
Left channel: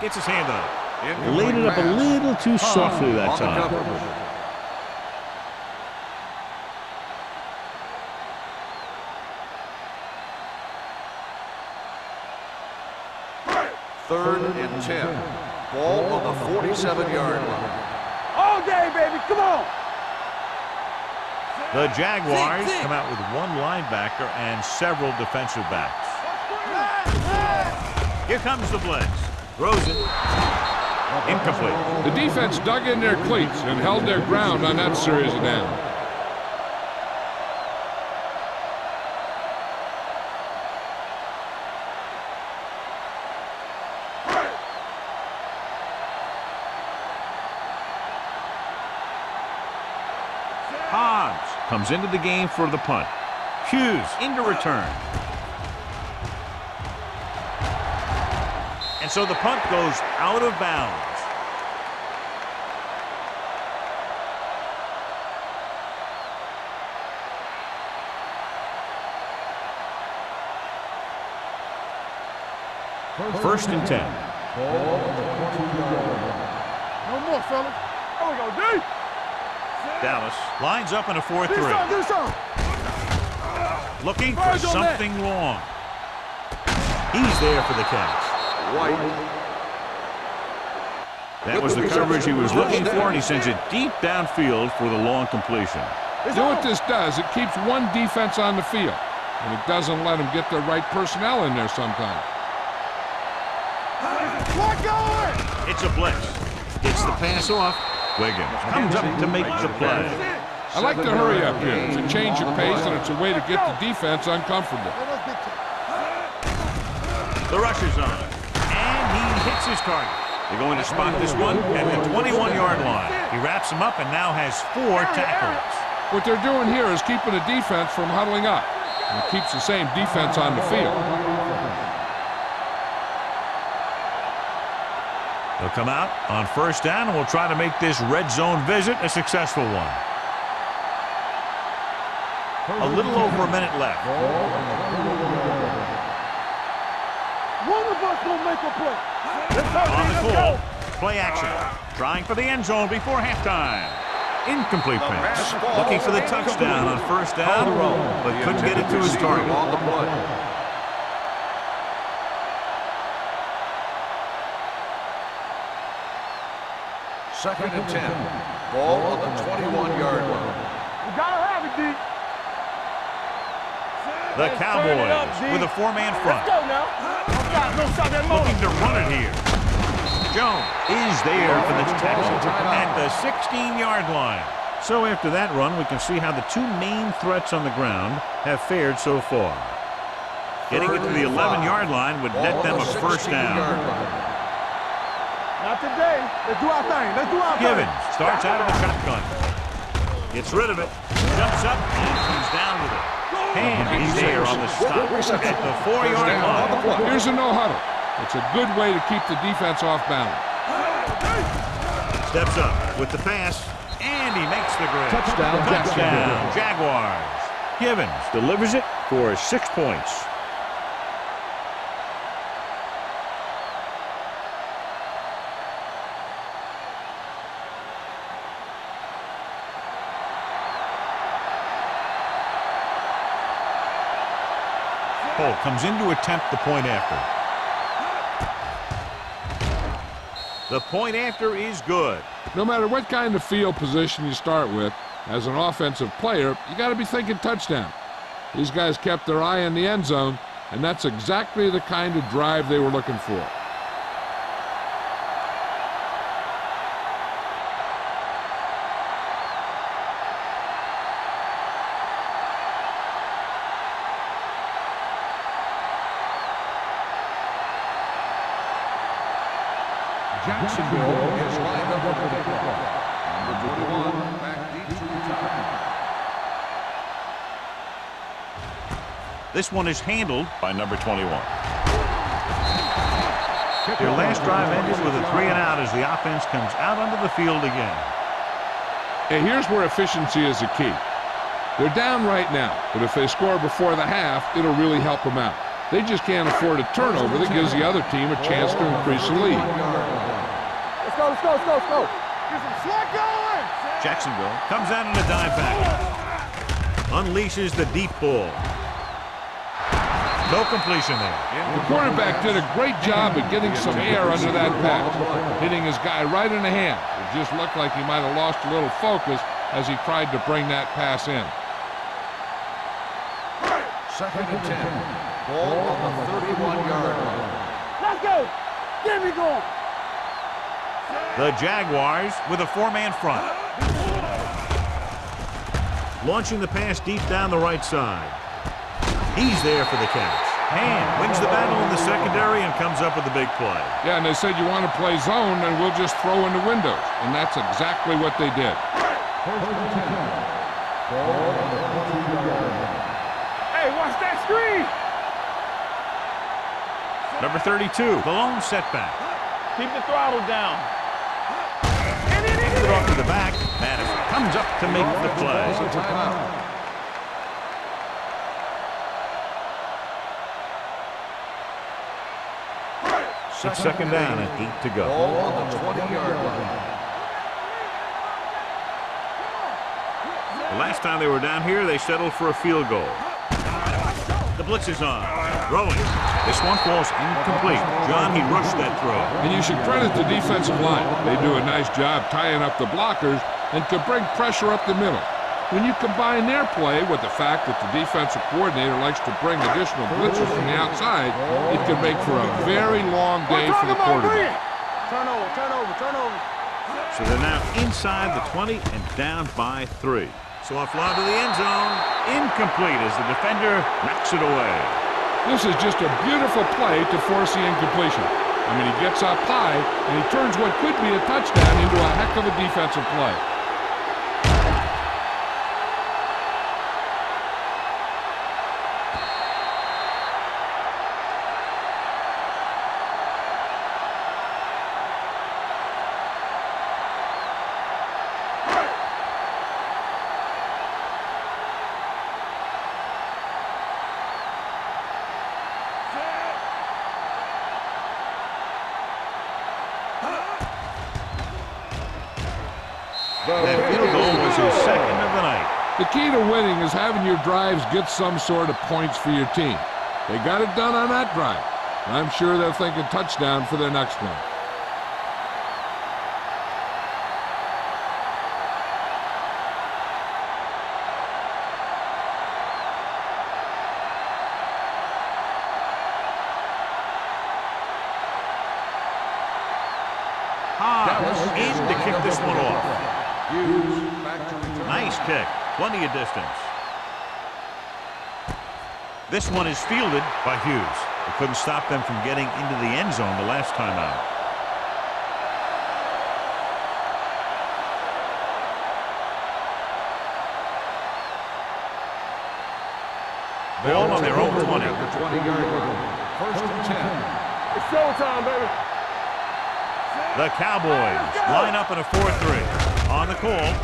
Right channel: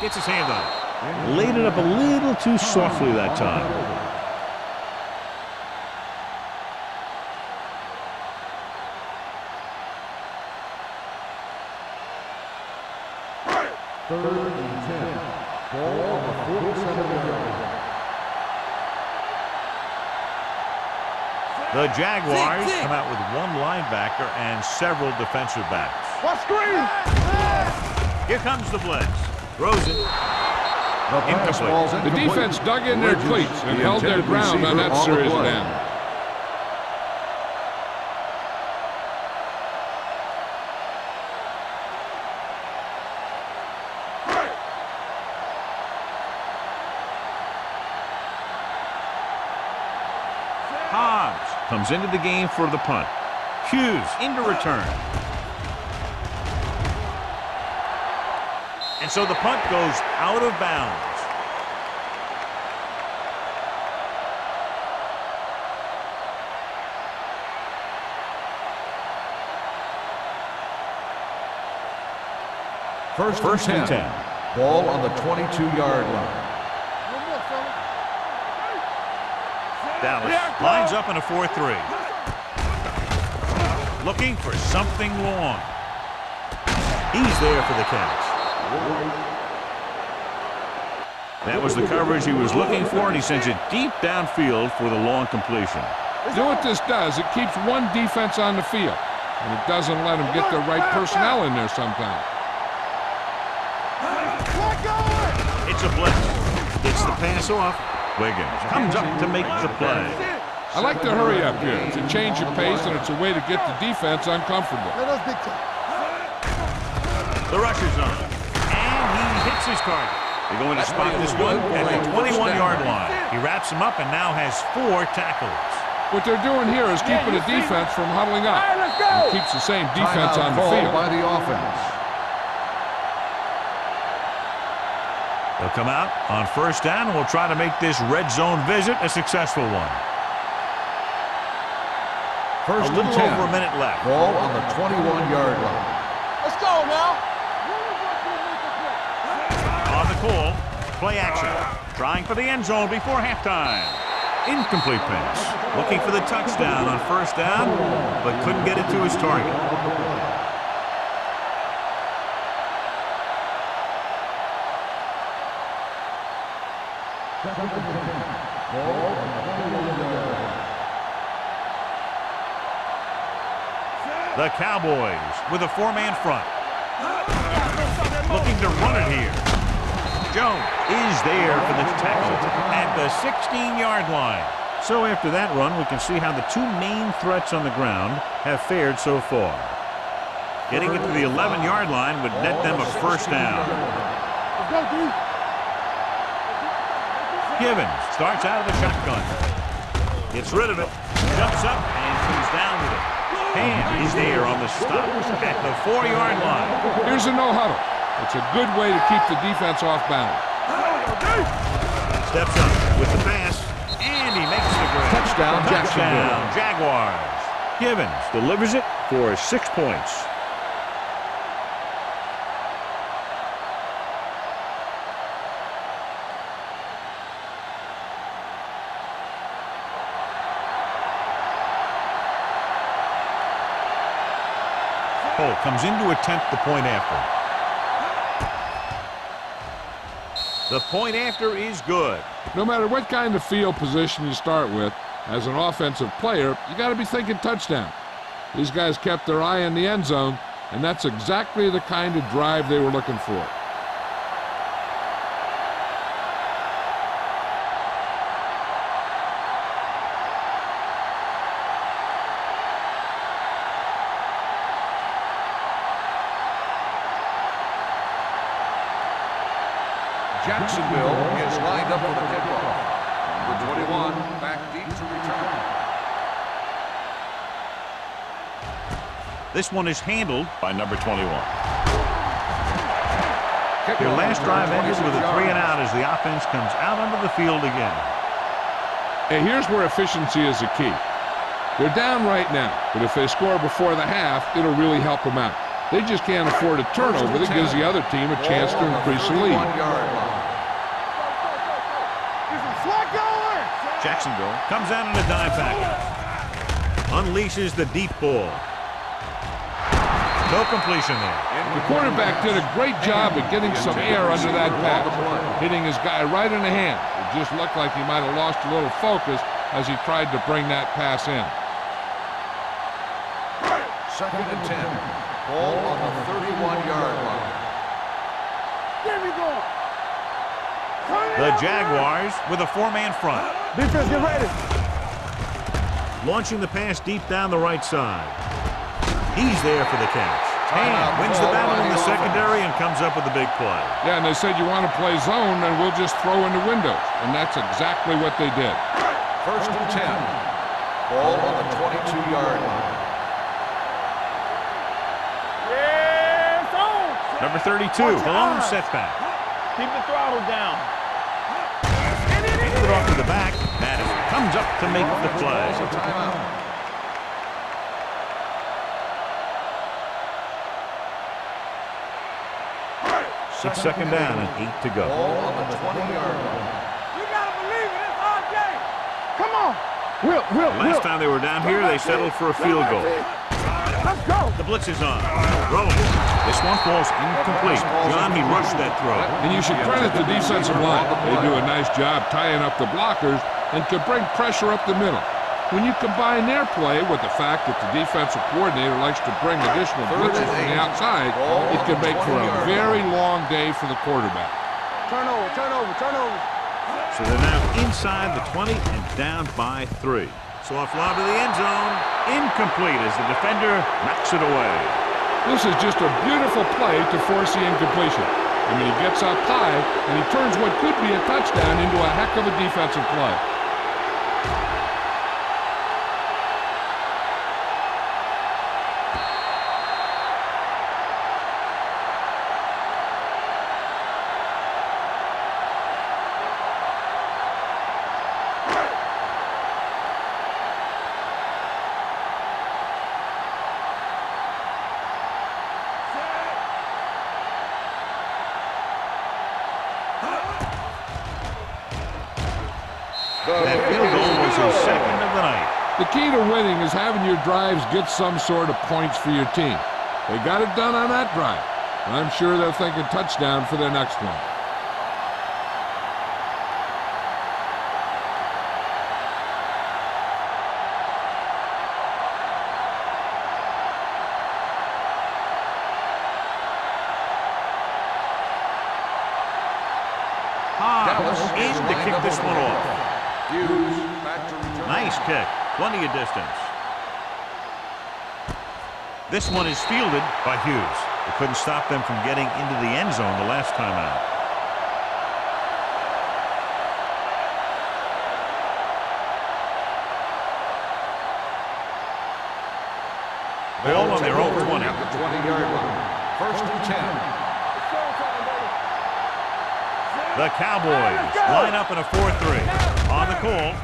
Gets his hand on it. Laid it up a little too softly that time. Third and 10. Ball on the 47-yard line. All day, baby, come on. The Jaguars come out with one linebacker and several defensive backs. Here comes the blitz. Throws it. Incomplete. The defense dug in their cleats and held their ground on that series of downs. Hobbs comes into the game for the punt. Hughes into return. And so the punt goes out of bounds. First and 10. Ball on the 22-yard line. No more, fellas. Dallas lines up in a 4-3. Looking for something long. He's there for the catch. That was the coverage he was looking for, and he sends it deep downfield for the long completion. You know what this does? It keeps one defense on the field, and it doesn't let them get the right personnel in there sometimes. It's a blitz. It's the pass off. Wiggins comes up to make the play. I like to hurry up here. It's a change of pace, and it's a way to get the defense uncomfortable. The rusher's on, and he hits his target. They're going to spot this one at the 21-yard line. He wraps him up and now has 4 tackles. What they're doing here is keeping the defense from huddling up, and it keeps the same defense on the field. They'll come out on first down, and we'll try to make this red zone visit a successful one. A little over a minute left. Ball on the 21-yard line. Let's go now. One of us will make a play. On the call, play action. Trying for the end zone before halftime. Incomplete pass. Looking for the touchdown on first down, but couldn't get it to his target. Second and 10. Ball on the 21-yard line. You gotta have it, D. The Cowboys with a 4-man front. Let's go now. Looking to run it here. Jones is there for the tackle at the 16-yard line. So after that run, we can see how the 2 main threats on the ground have fared so far. Getting it to the 11-yard line would net them a first down. Let's go, D. Not today. Let's do our thing. Let's do our thing. Givens starts out of the shotgun. Gets rid of it. Jumps up and comes down with it. And he's there on the stop at the 4-yard line. Here's a no-huddle. It's a good way to keep the defense off balance. Steps up with the pass, and he makes the grab. Touchdown, Jaguars. Givens delivers it for 6 points. Colt comes in to attempt the point after. The point after is good. No matter what kind of field position you start with, as an offensive player, you got to be thinking touchdown. These guys kept their eye on the end zone, and that's exactly the kind of drive they were looking for. Jacksonville is lined up for the kickoff. Number 21, back deep to return. This one is handled by number 21. Their Kickoff last drive return, ended with a 26 3 and yards. out as the offense comes out onto the field again. And here's where efficiency is the key. They're down right now, but if they score before the half, it'll really help them out. They just can't afford a turnover that gives the other team a chance to increase the lead. Let's go. Get some slack going. Jacksonville comes out in a dime package. Unleashes the deep ball. No completion there. The quarterback did a great job of getting some air under that pass, hitting his guy right in the hand. It just looked like he might have lost a little focus as he tried to bring that pass in. 2nd and 10. Ball on the 31-yard line. Let's go. Get me going. The Jaguars with a 4-man front. Defense, get ready. Launching the pass deep down the right side. He's there for the catch. Ham wins the battle in the secondary and comes up with a big play. Yeah, and they said you want to play zone, and we'll just throw in the windows. And that's exactly what they did. 1st and 10. Ball on the 22-yard line. Hey, watch that screen. Yeah, it's on. Number 32, the lone setback. Keep the throttle down. Put off to the back. Madison comes up to make the play. Calls a timeout. It's 2nd down and 8 to go. Ball on the 20-yard line. You gotta believe it. It's RJ. Come on. The last time they were down here, they settled for a field goal. Let's go. The blitz is on. Throwing. This one falls incomplete. John, he rushed that throw. And you should credit the defensive line. They do a nice job tying up the blockers and can bring pressure up the middle. When you combine their play with the fact that the defensive coordinator likes to bring additional blitzes from the outside, it can make for a very long day for the quarterback. Turnover. So they're now inside the 20 and down by 3. So off lob to the end zone. Incomplete as the defender knocks it away. This is just a beautiful play to force the incompletion. I mean, he gets up high, and he turns what could be a touchdown into a heck of a defensive play. That field goal was his 2nd of the night. The key to winning is having your drives get some sort of points for your team. They got it done on that drive. And I'm sure they're thinking touchdown for their next one. Dallas in to kick this one off. Hughes back to return. Nice kick. Plenty of distance. This one is fielded by Hughes. It couldn't stop them from getting into the end zone the last time out. Ball on their own 20. At the 20-yard line. 1st and 10. It's showtime, baby. The Cowboys line up in a 4-3. On the call,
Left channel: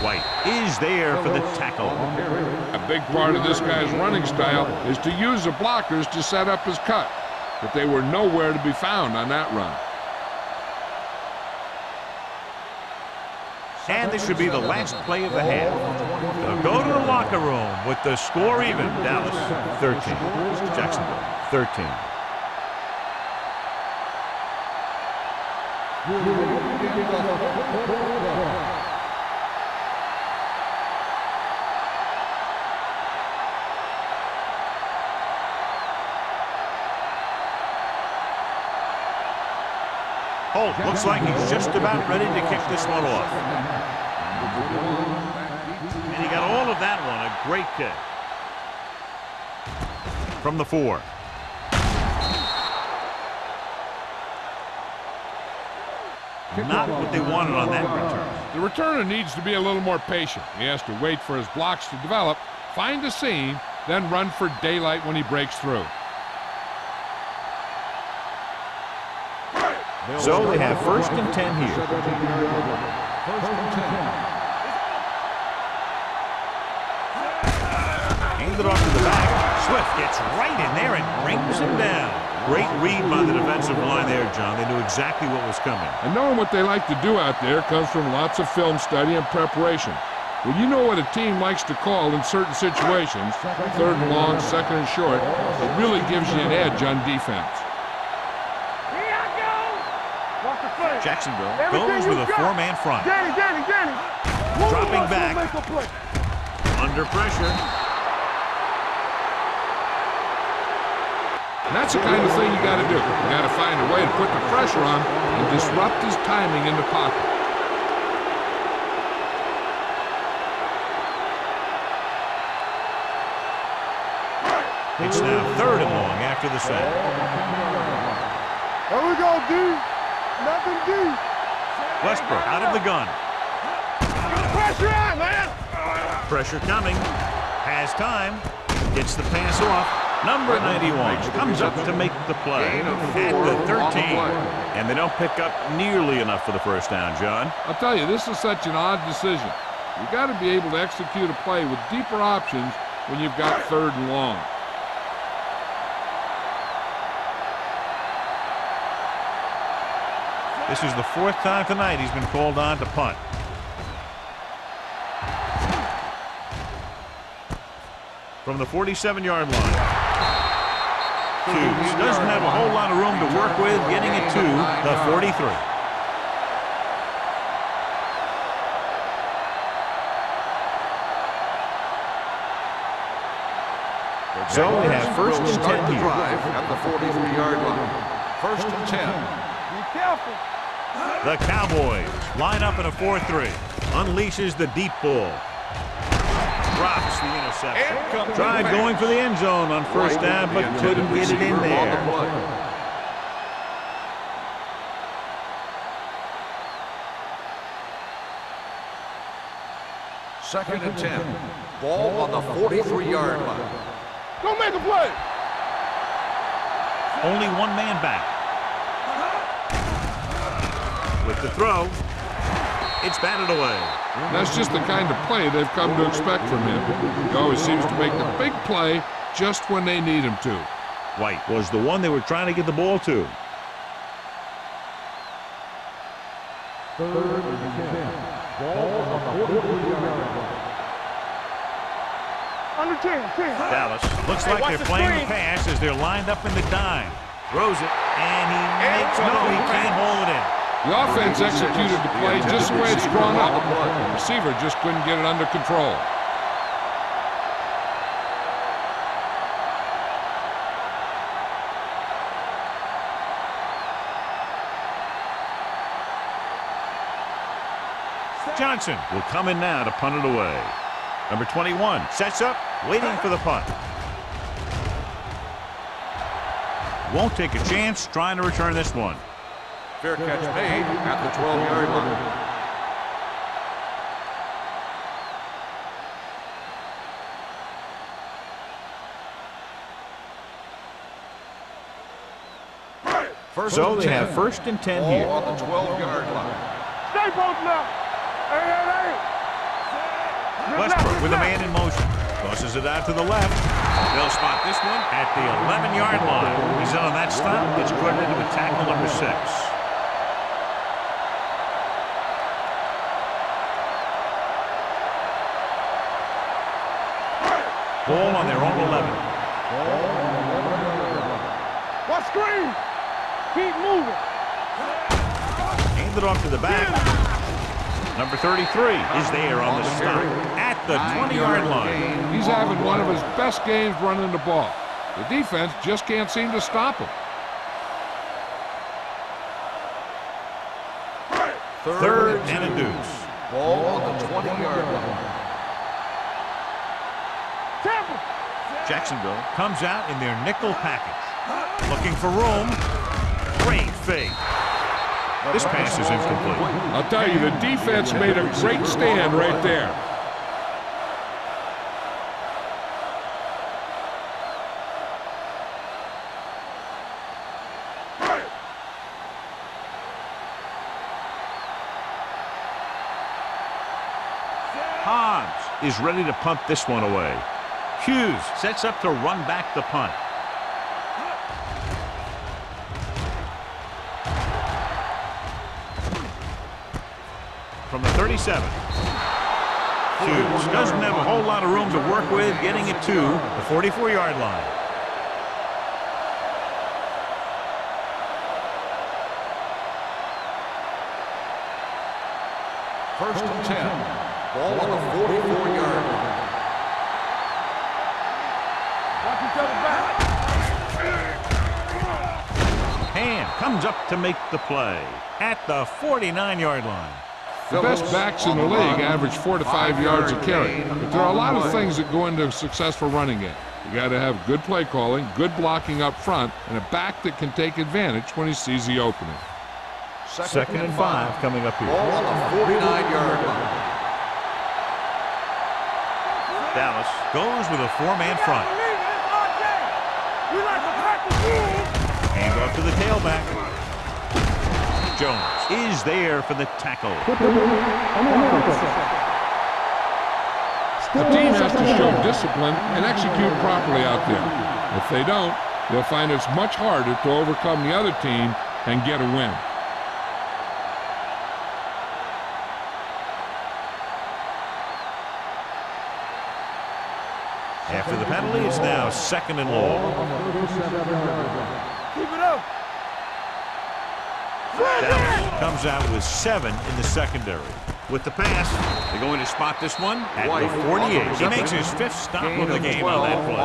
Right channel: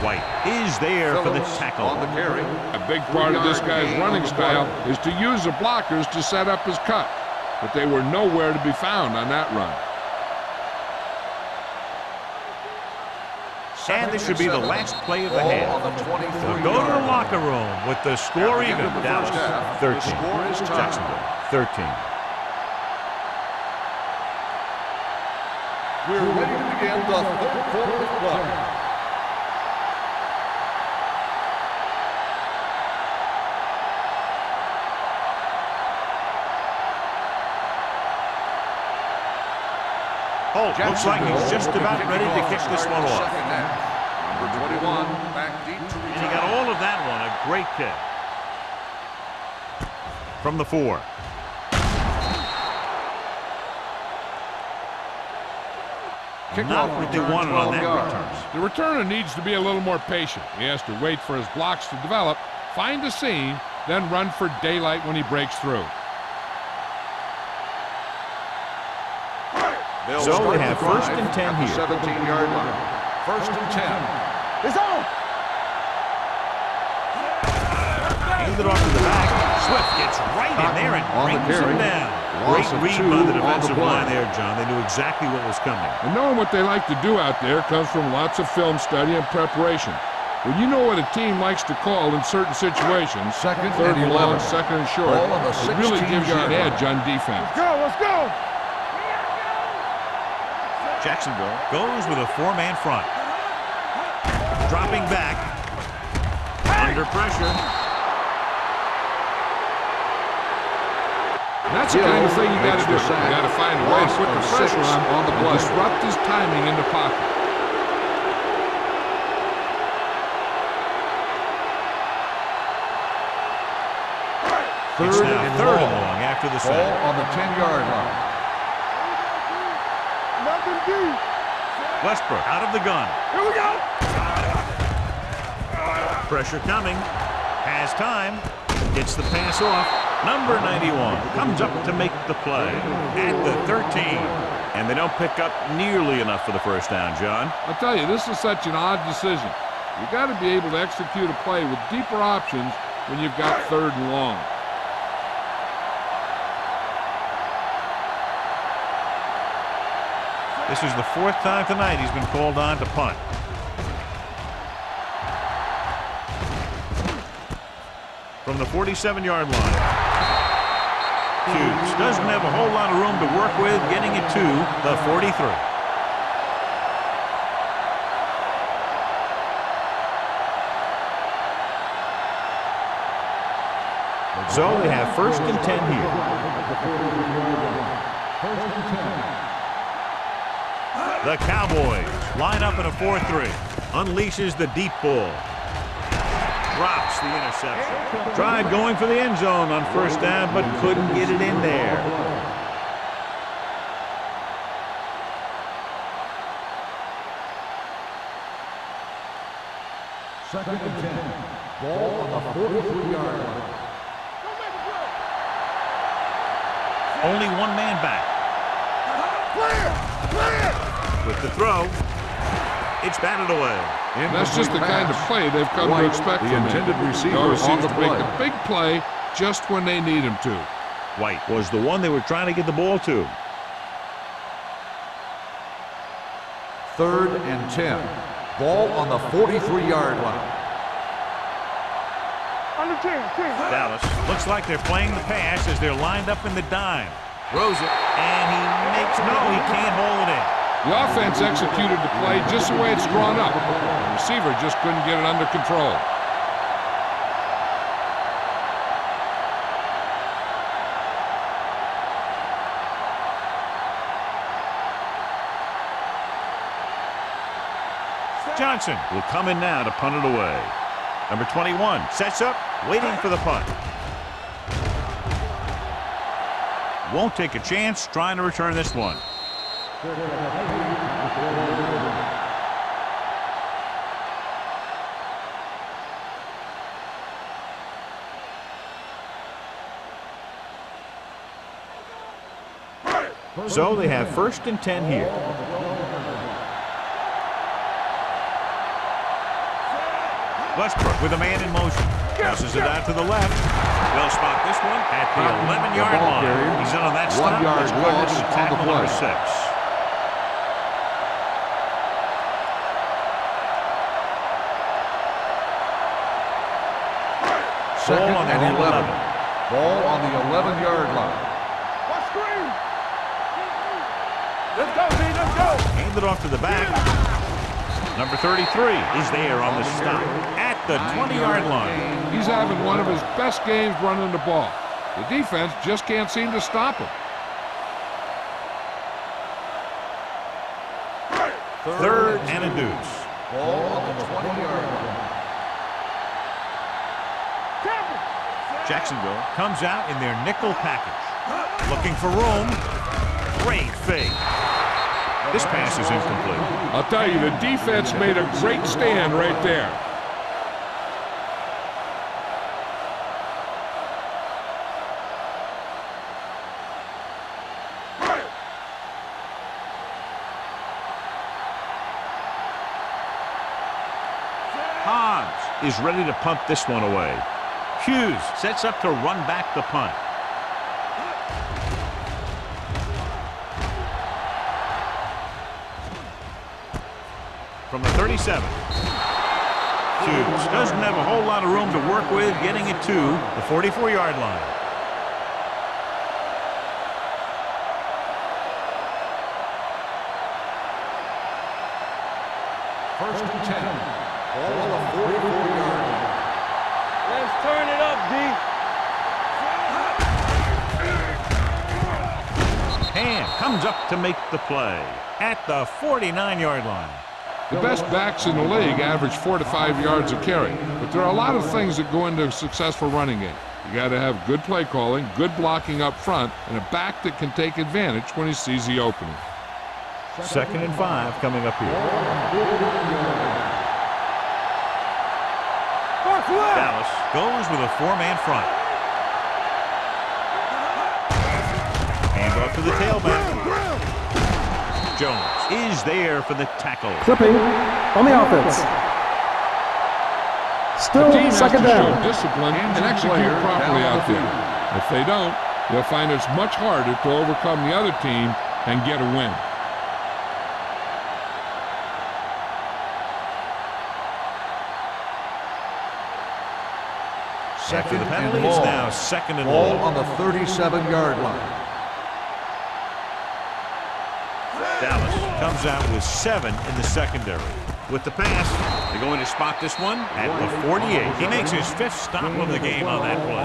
White is there for the tackle. On the carry. A big part of this guy's running style is to use the blockers to set up his cut. But they were nowhere to be found on that run. And this should be the last play of the half. They'll go to the locker room with the score even. Dallas 13, Jacksonville 13. We're ready to begin the third quarter of play. Holt looks like he's just about ready to kick this one off. Number 21, back deep to And he got all of that one. A great kick. From the 4. Not what they wanted on that return. The returner needs to be a little more patient. He has to wait for his blocks to develop, find a seam, then run for daylight when he breaks through. So they have first and 10 here. 17-yard line. First and 10. It's on. Handed off to the back. Swift gets right in there and brings him down. Great read by the defensive line there, John. They knew exactly what was coming. And knowing what they like to do out there comes from lots of film study and preparation. When you know what a team likes to call in certain situations, third and long, second and short, it really gives you an edge on defense. Let's go. Here I go. Jacksonville goes with a 4-man front. Danny. Dropping back. Under pressure. And that's the kind of thing you got to do. You got to find a way to put the pressure on and disrupt his timing in the pocket. It's now third and long after the sack. On the 10-yard line. Here we go, D. Nothing D. Westbrook out of the gun. Here we go. Pressure coming. Has time. Gets the pass off. Number 91 comes up to make the play at the 13. And they don't pick up nearly enough for the first down, John. I'll tell you, this is such an odd decision. You got to be able to execute a play with deeper options when you've got third and long. This is the 4th time tonight he's been called on to punt. From the 47-yard line. Hughes doesn't have a whole lot of room to work with, getting it to the 43. So they have first and 10 here. At the 43-yard line. First and 10. The Cowboys line up in a 4-3. Unleashes the deep ball. Drops the interception. Tried going for the end zone on first down, but couldn't get it in there. Second and 10. Ball on the 43-yard line. Don't make a play. Only one man back. With the throw, it's batted away. That's just the kind of play they've come to expect from him. He always seems to make the big play just when they need him to. White was the one they were trying to get the ball to. Third and 10. Ball on the 43-yard line. Under 10. Dallas looks like they're playing the pass as they're lined up in the dime. Throws it, and he can't hold it in. The offense executed the play just the way it's drawn up. The receiver just couldn't get it under control. Johnson will come in now to punt it away. Number 21 sets up, waiting for the punt. Won't take a chance trying to return this one. Fair catch made at the 12-yard line. So they have first and 10 here. On the 12-yard line. Stay posted up. Hey. Westbrook with a man in motion. Tosses it out to the left. They'll spot this one at the 11-yard line. He's in on that stop. It's credited to tackle number 6. their own 11. Ball on the 11-yard line. Watch screen. Keep moving. Let's go, D. Let's go. Hand it off to the back. Number 33 is there on the stop at the 20-yard line. He's having one of his best games running the ball. The defense just can't seem to stop him. Third and a deuce. Ball on the 20-yard line. Temple. Jacksonville comes out in their nickel package. Looking for room. Great fake. This pass is incomplete. I'll tell you, the defense made a great stand right there. Hobbs is ready to punt this one away. Hughes sets up to run back the punt. From the 37. Hughes doesn't have a whole lot of room to work with, getting it to the 44-yard line. First and 10. Ball on the 44-yard line. Let's turn it up, D. Ham comes up to make the play at the 49-yard line. The best backs in the league average 4 to 5 yards a carry, but there are a lot of things that go into a successful running game. You got to have good play calling, good blocking up front, and a back that can take advantage when he sees the opening. Second and 5 coming up here. Ball on the 49-yard line. Dallas goes with a 4-man front. Hand off to the tailback. Jones is there for the tackle. Flipping on the offense. Still The team has to second down. show discipline and execute properly out there. If they don't, they'll find it's much harder to overcome the other team and get a win. After the penalty, it's now second and Ball long. on the 37-yard line. Dallas comes out with 7 in the secondary. With the pass, they're going to spot this one at the 48. He makes his 5th stop of the game on that play.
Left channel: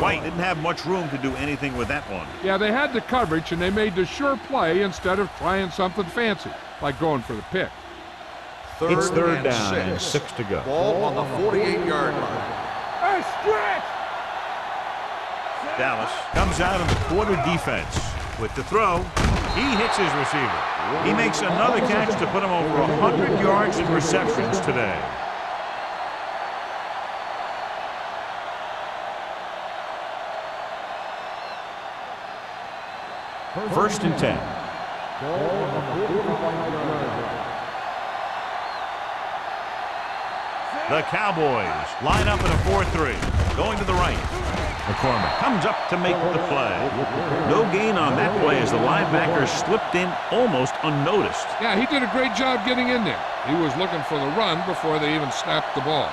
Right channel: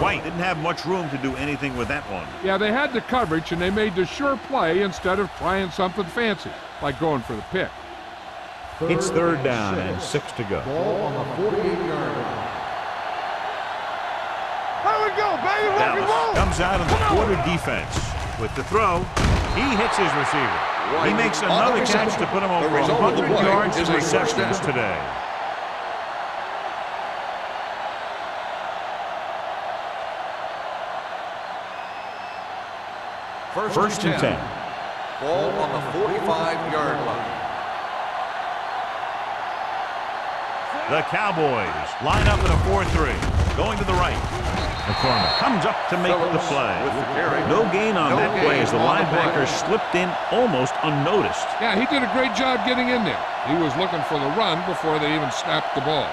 White didn't have much room to do anything with that one. Yeah, they had the coverage, and they made the sure play instead of trying something fancy, like going for the pick. It's third down and 6 to go. Ball on the 48-yard line. Hey, stretch. Here we go, baby. Dallas comes out in the quarter defense. With the throw, he hits his receiver. He makes another catch to put him over 100 yards in receptions today. First and 10. Ball on the 45-yard line. The Cowboys line up in a 4-3. Going to the right. McCormick comes up to make the play. No gain on that play as the linebacker slipped in almost unnoticed. Yeah, he did a great job getting in there. He was looking for the run before they even snapped the ball.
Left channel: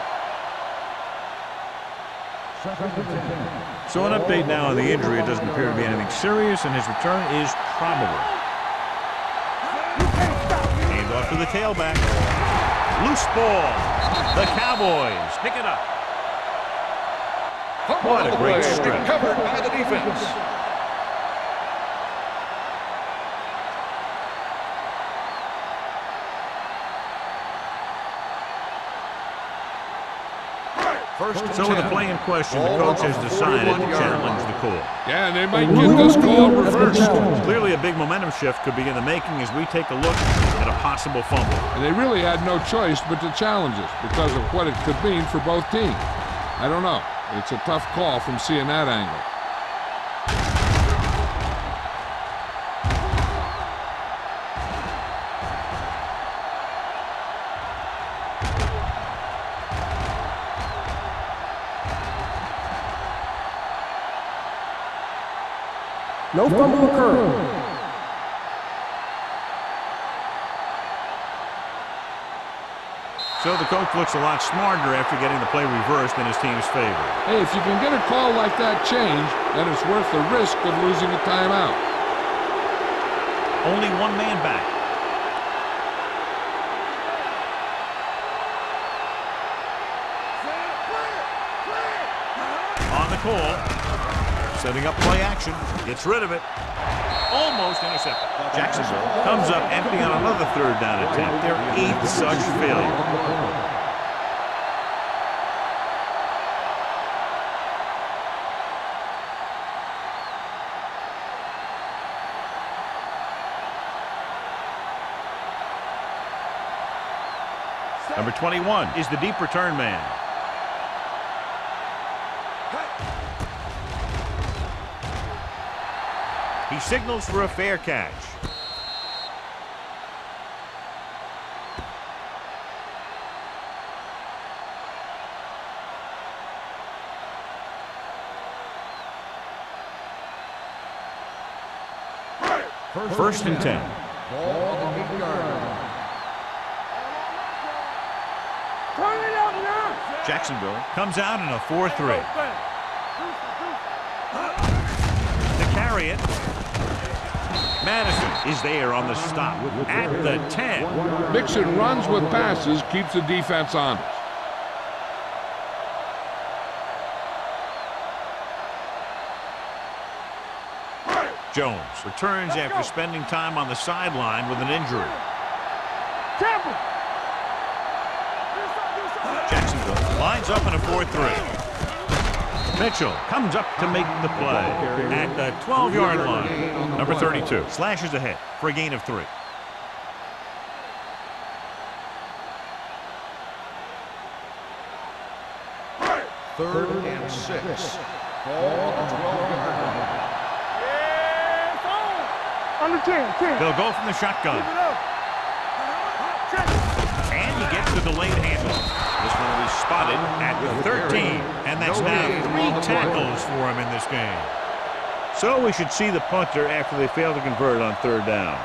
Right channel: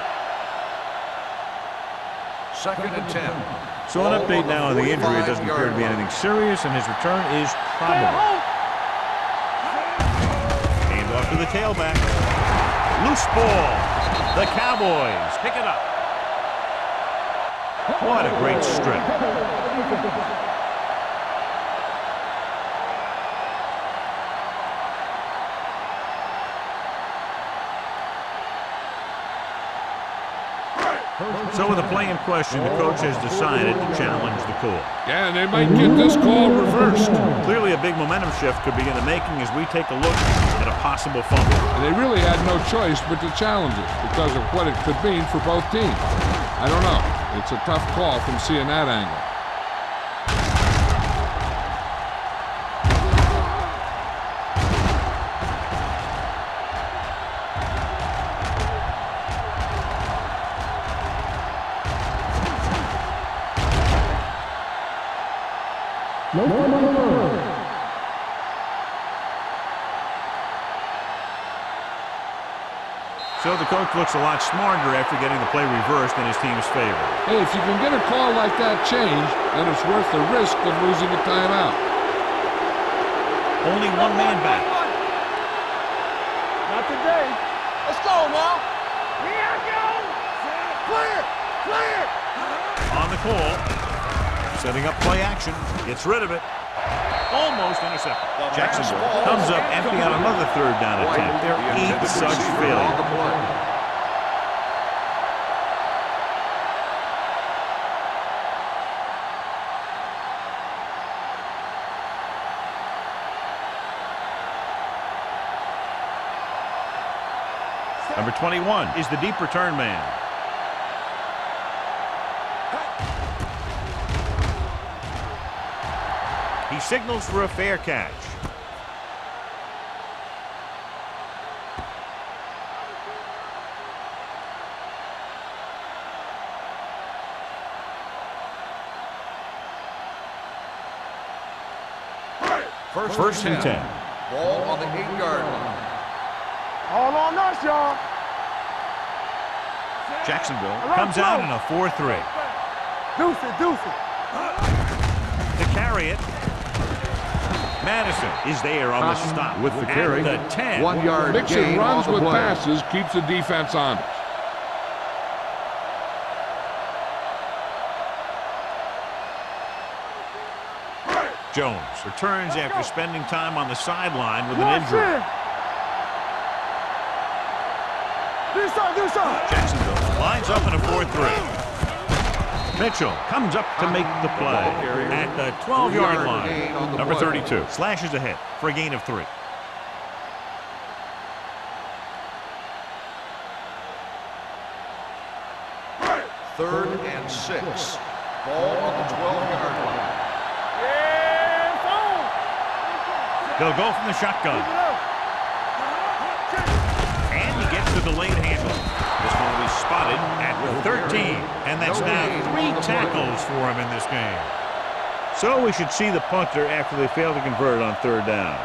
Second and 10. So an update now on the injury. It doesn't appear to be anything serious, and his return is probable. Hand off to the tailback. Loose ball. The Cowboys pick it up. What a great strip. Covered by the defense. So with the play in question, the coach has decided to challenge the call. Yeah, and they might get this call reversed. Clearly a big momentum shift could be in the making as we take a look at a possible fumble. And they really had no choice but to challenge it because of what it could mean for both teams. I don't know. It's a tough call from seeing that angle. No fumble occurred. So the coach looks a lot smarter after getting the play reversed in his team's favor. Hey, if you can get a call like that changed, then it's worth the risk of losing a timeout. Only one man back. Not today. Let's go now. Here go. Clear. On the call. Setting up play action. Gets rid of it. Almost intercepted. Jacksonville comes up empty on another third down attempt. Their 8th such failure. Number 21 is the deep return man. He signals for a fair catch. First and 10. Ball on the 8-yard line. All on us, y'all. Turn it up now. Jacksonville comes out in a 4-3. Deuce it. To carry it. Madison is there on the stop at the 10. 1 yard. Mixing runs with passes keeps the defense honest. Jones returns after spending time on the sideline with an injury. Jacksonville lines up in a 4-3. Mitchell comes up to make the play at the 12-yard line. Number 32 slashes ahead for a gain of 3. Third and 6. Ball on the 12-yard line. Yeah, it's on. Under 10. They'll go from the shotgun. Keep it up. And he gets the delayed handoff. This one will be spotted at the 13. And that's now 3 tackles for him in this game. So we should see the punter after they fail to convert on third down.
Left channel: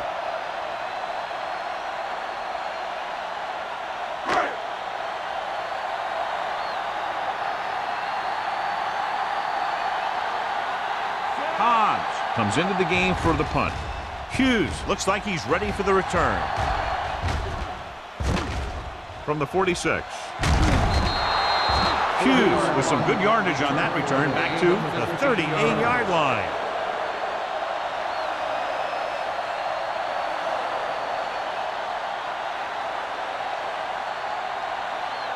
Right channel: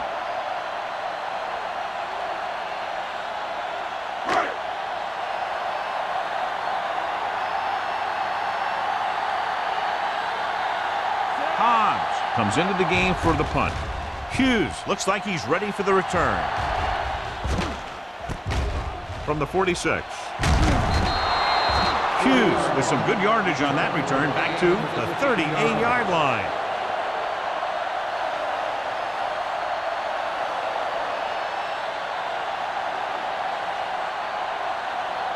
Hobbs comes into the game for the punt. Hughes looks like he's ready for the return. From the 46. Hughes with some good yardage on that return back to the 38-yard line.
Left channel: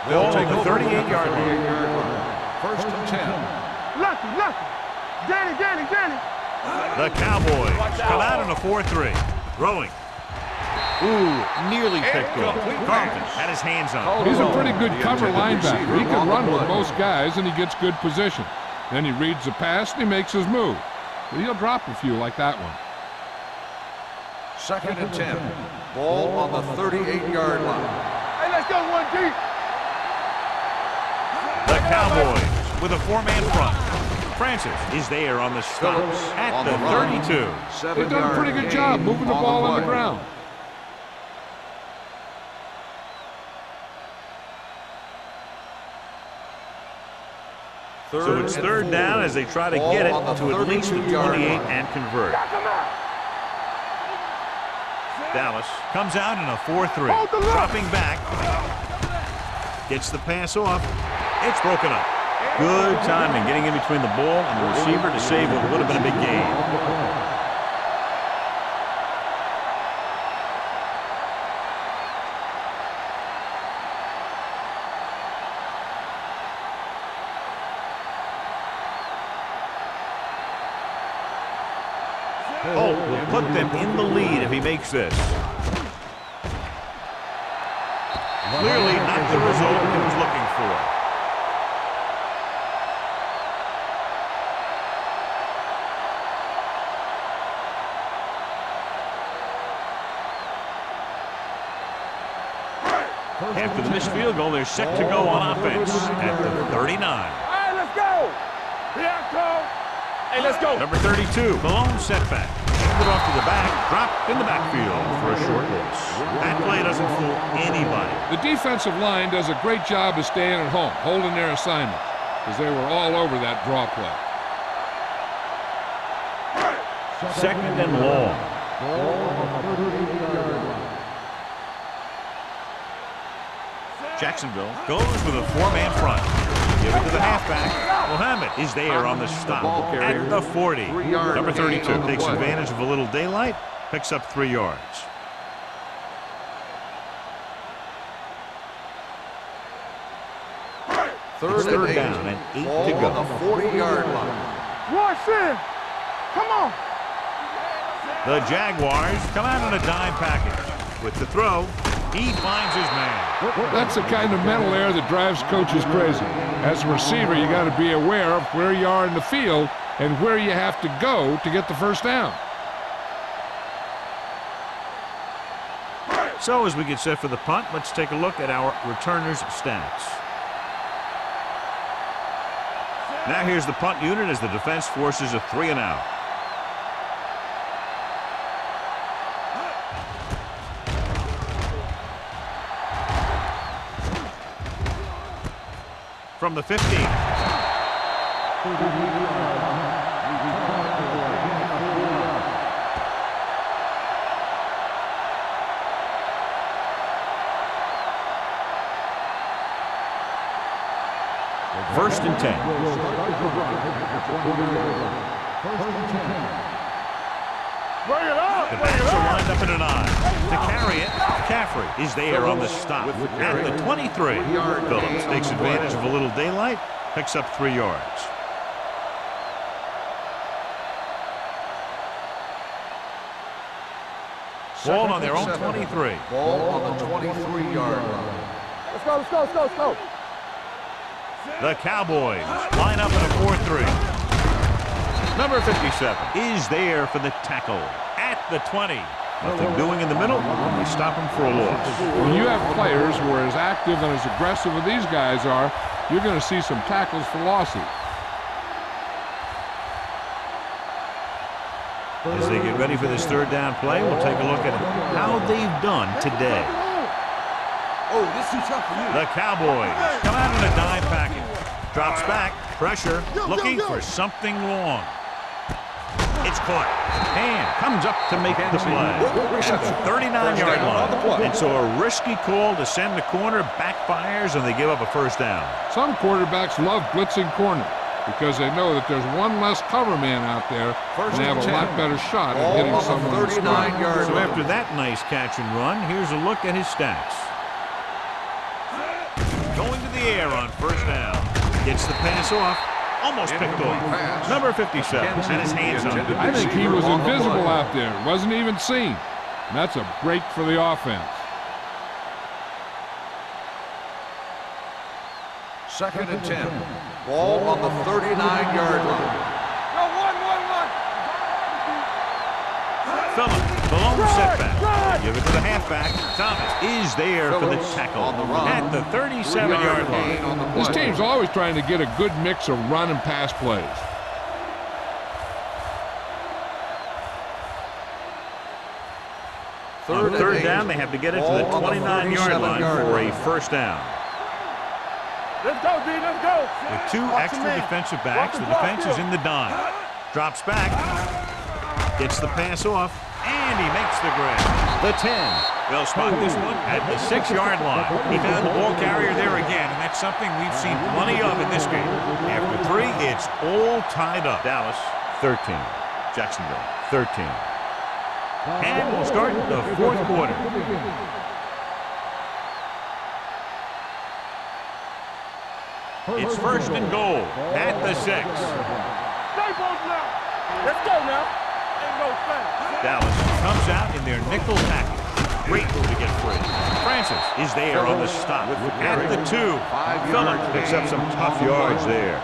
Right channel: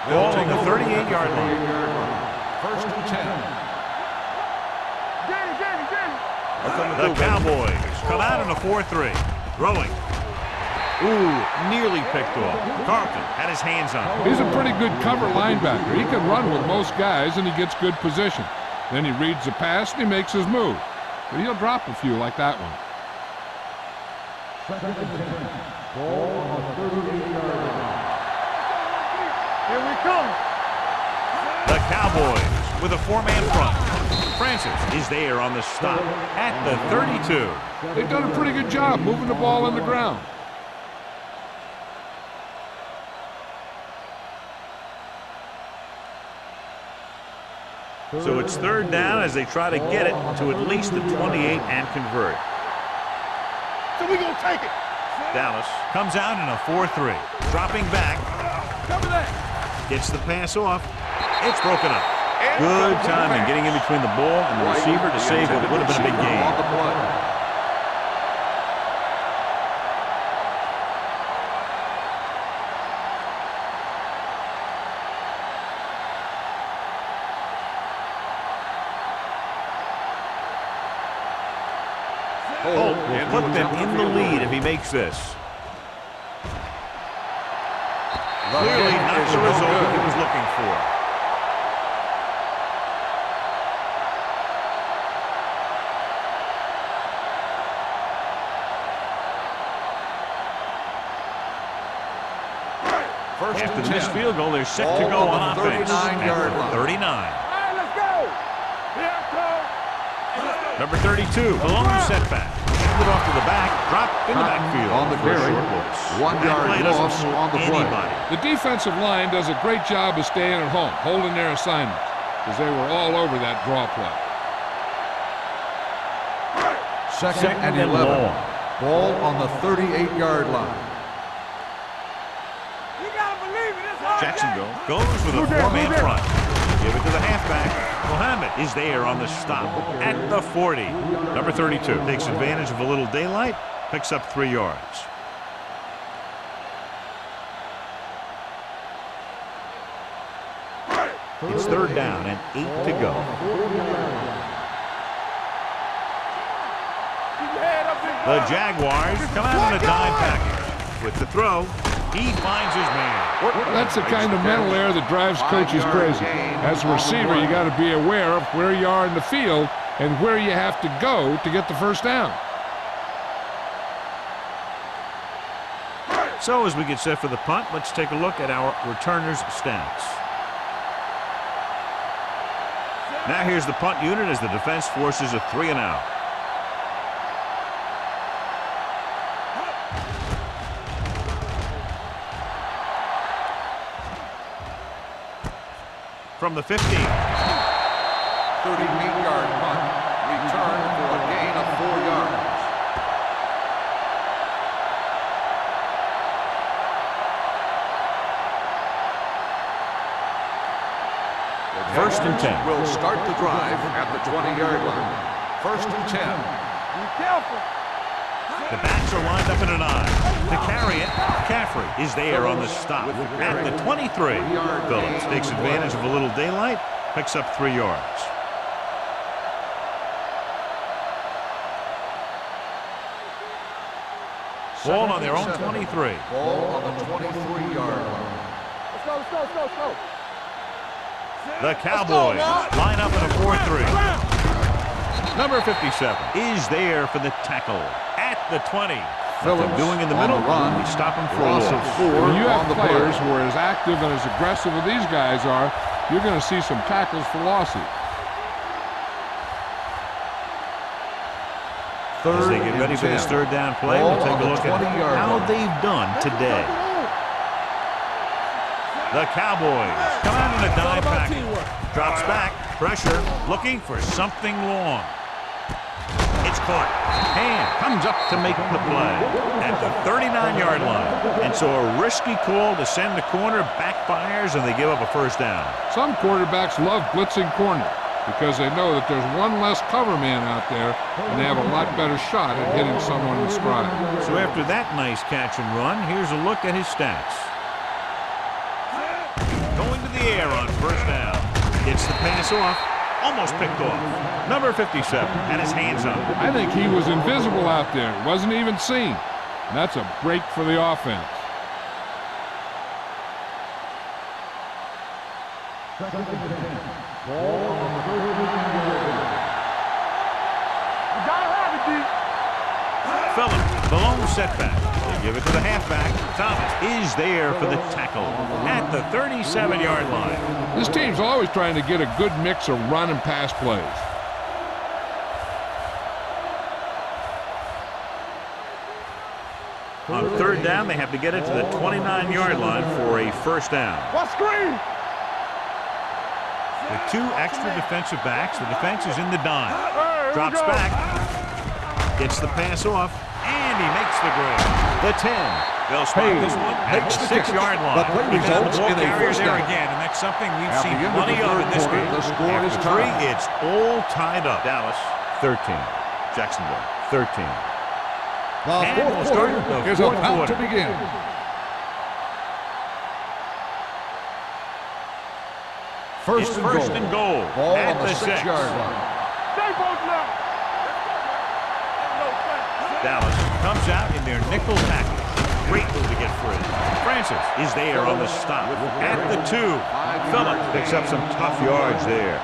Ball on the 38-yard line. First and 10. Lucky. Danny. The Cowboys come out in a 4-3. Throwing. Ooh, nearly picked off. Carlton had his hands on it. He's a pretty good cover linebacker. He can run with most guys, and he gets good position. Then he reads the pass, and he makes his move. But he'll drop a few like that one. Second and 10. Ball on the 38-yard line. Hey, let's go one deep. Here we come. The Cowboys with a 4-man front. Francis is there on the stop at the 32. They've done a pretty good job moving the ball on the ground. So it's third down as they try to get it to at least the 28 and convert. So we gonna take it. Dallas comes out in a 4-3. Dropping back. Gets the pass off. It's broken up. Good timing getting in between the ball and the receiver to save what would have been a big gain. Holt will put them in the lead if he makes this. Clearly not the result he was looking for. After the missed field goal, they're set to go on offense at the 39. All right, let's go. Here I come. Hey, let's go. Number 32, the lone setback. Handed off to the back, dropped in the backfield for a short loss. That play doesn't fool anybody. The defensive line does a great job of staying at home, holding their assignments, because they were all over that draw play. Second and long. Ball on the 38-yard line. Jacksonville goes with a four-man front. Give it to the halfback. Muhammad is there on the stop at the 40. Number 32 takes advantage of a little daylight, picks up 3 yards. It's third down and 8 to go. 40-yard line. Watch it. Come on. Keep your head up there. The Jaguars come out on a dime package. With the throw, he finds his man. That's the kind of mental error that drives coaches crazy. As a receiver, you got to be aware of where you are in the field and where you have to go to get the first down. So as we get set for the punt, let's take a look at our returners' stats. Now here's the punt unit as the defense forces a 3-and-out. From the 15. 38-yard punt. Return for a gain of 4 yards. First and 10. Will start the drive at the 20-yard line. First and 10. The backs are lined up in an eye. To carry it, Caffrey is there on the stop at the 23. Phillips takes advantage of a little daylight, picks up 3 yards. Ball on their own 23. Ball on the 23-yard line. Let's go, let's go, let's go, let's go. The Cowboys line up in a 4-3. Number 57 is there for the tackle at the 20. Nothing doing in the middle. They stop him for a loss. When you have players who are as active and as aggressive as these guys are, you're going to see some tackles for losses. As they get ready for this third down play, we'll take a look at how they've done today. The Cowboys come out in a dime package. Drops back, pressure, looking for something long. It's caught. Hand comes up to make the play at the 39-yard line. And so a risky call to send the corner backfires, and they give up a first down. Some quarterbacks love blitzing corners because they know that there's one less cover man out there, and they have a lot better shot at hitting someone in stride. So after that nice catch and run, here's a look at his stats. Going to the air on first down. Gets the pass off. Almost picked off. Number 57 had his hands on it. I think he was invisible out there. Wasn't even seen. And that's a break for the offense. Second and 10. Ball on the 39-yard line. Yo, 1-1-1. You gotta have it, D. Phillip, the lone setback. They give it to the halfback. Thomas is there for the tackle at the 37-yard line. This team's always trying to get a good mix of run and pass plays. On third down, they have to get it to the 29-yard line for a first down. What screen? Let's go, D. Let's go. With two extra defensive backs, the defense is in the dime. Drops back, gets the pass off, and he makes the grab. The 10. They'll spot this one at the 6-yard line. He found the ball carriers there again, and that's something we've seen plenty of in this game. After 3, it's all tied up. Dallas, 13. Jacksonville, 13. And we'll start the fourth quarter. It's first and goal at the 6. Stay both now. Let's go now. Ain't no thing. Dallas comes out in their nickel package. Great move to get free. Francis is there on the stop at the 2. Phillip picks up some tough yards there.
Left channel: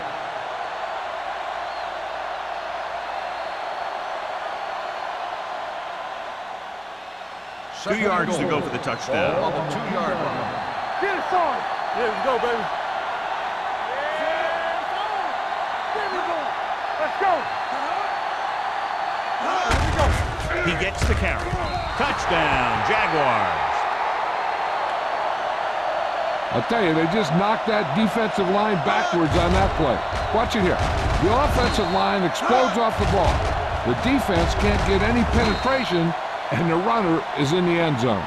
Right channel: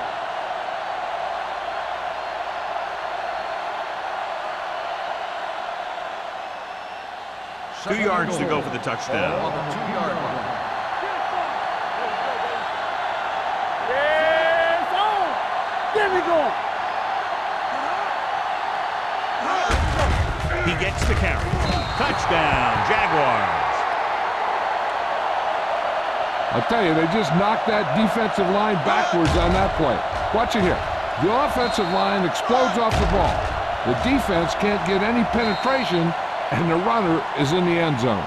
Two yards to go for the touchdown. Ball on the 2-yard line. Get it, son. Here we go, baby. Yes, on. Get me going. Let's go. Here we go. He gets the carry. Touchdown, Jaguars. I'll tell you, they just knocked that defensive line backwards on that play. Watch it here. The offensive line explodes off the ball. The defense can't get any penetration, and the runner is in the end zone.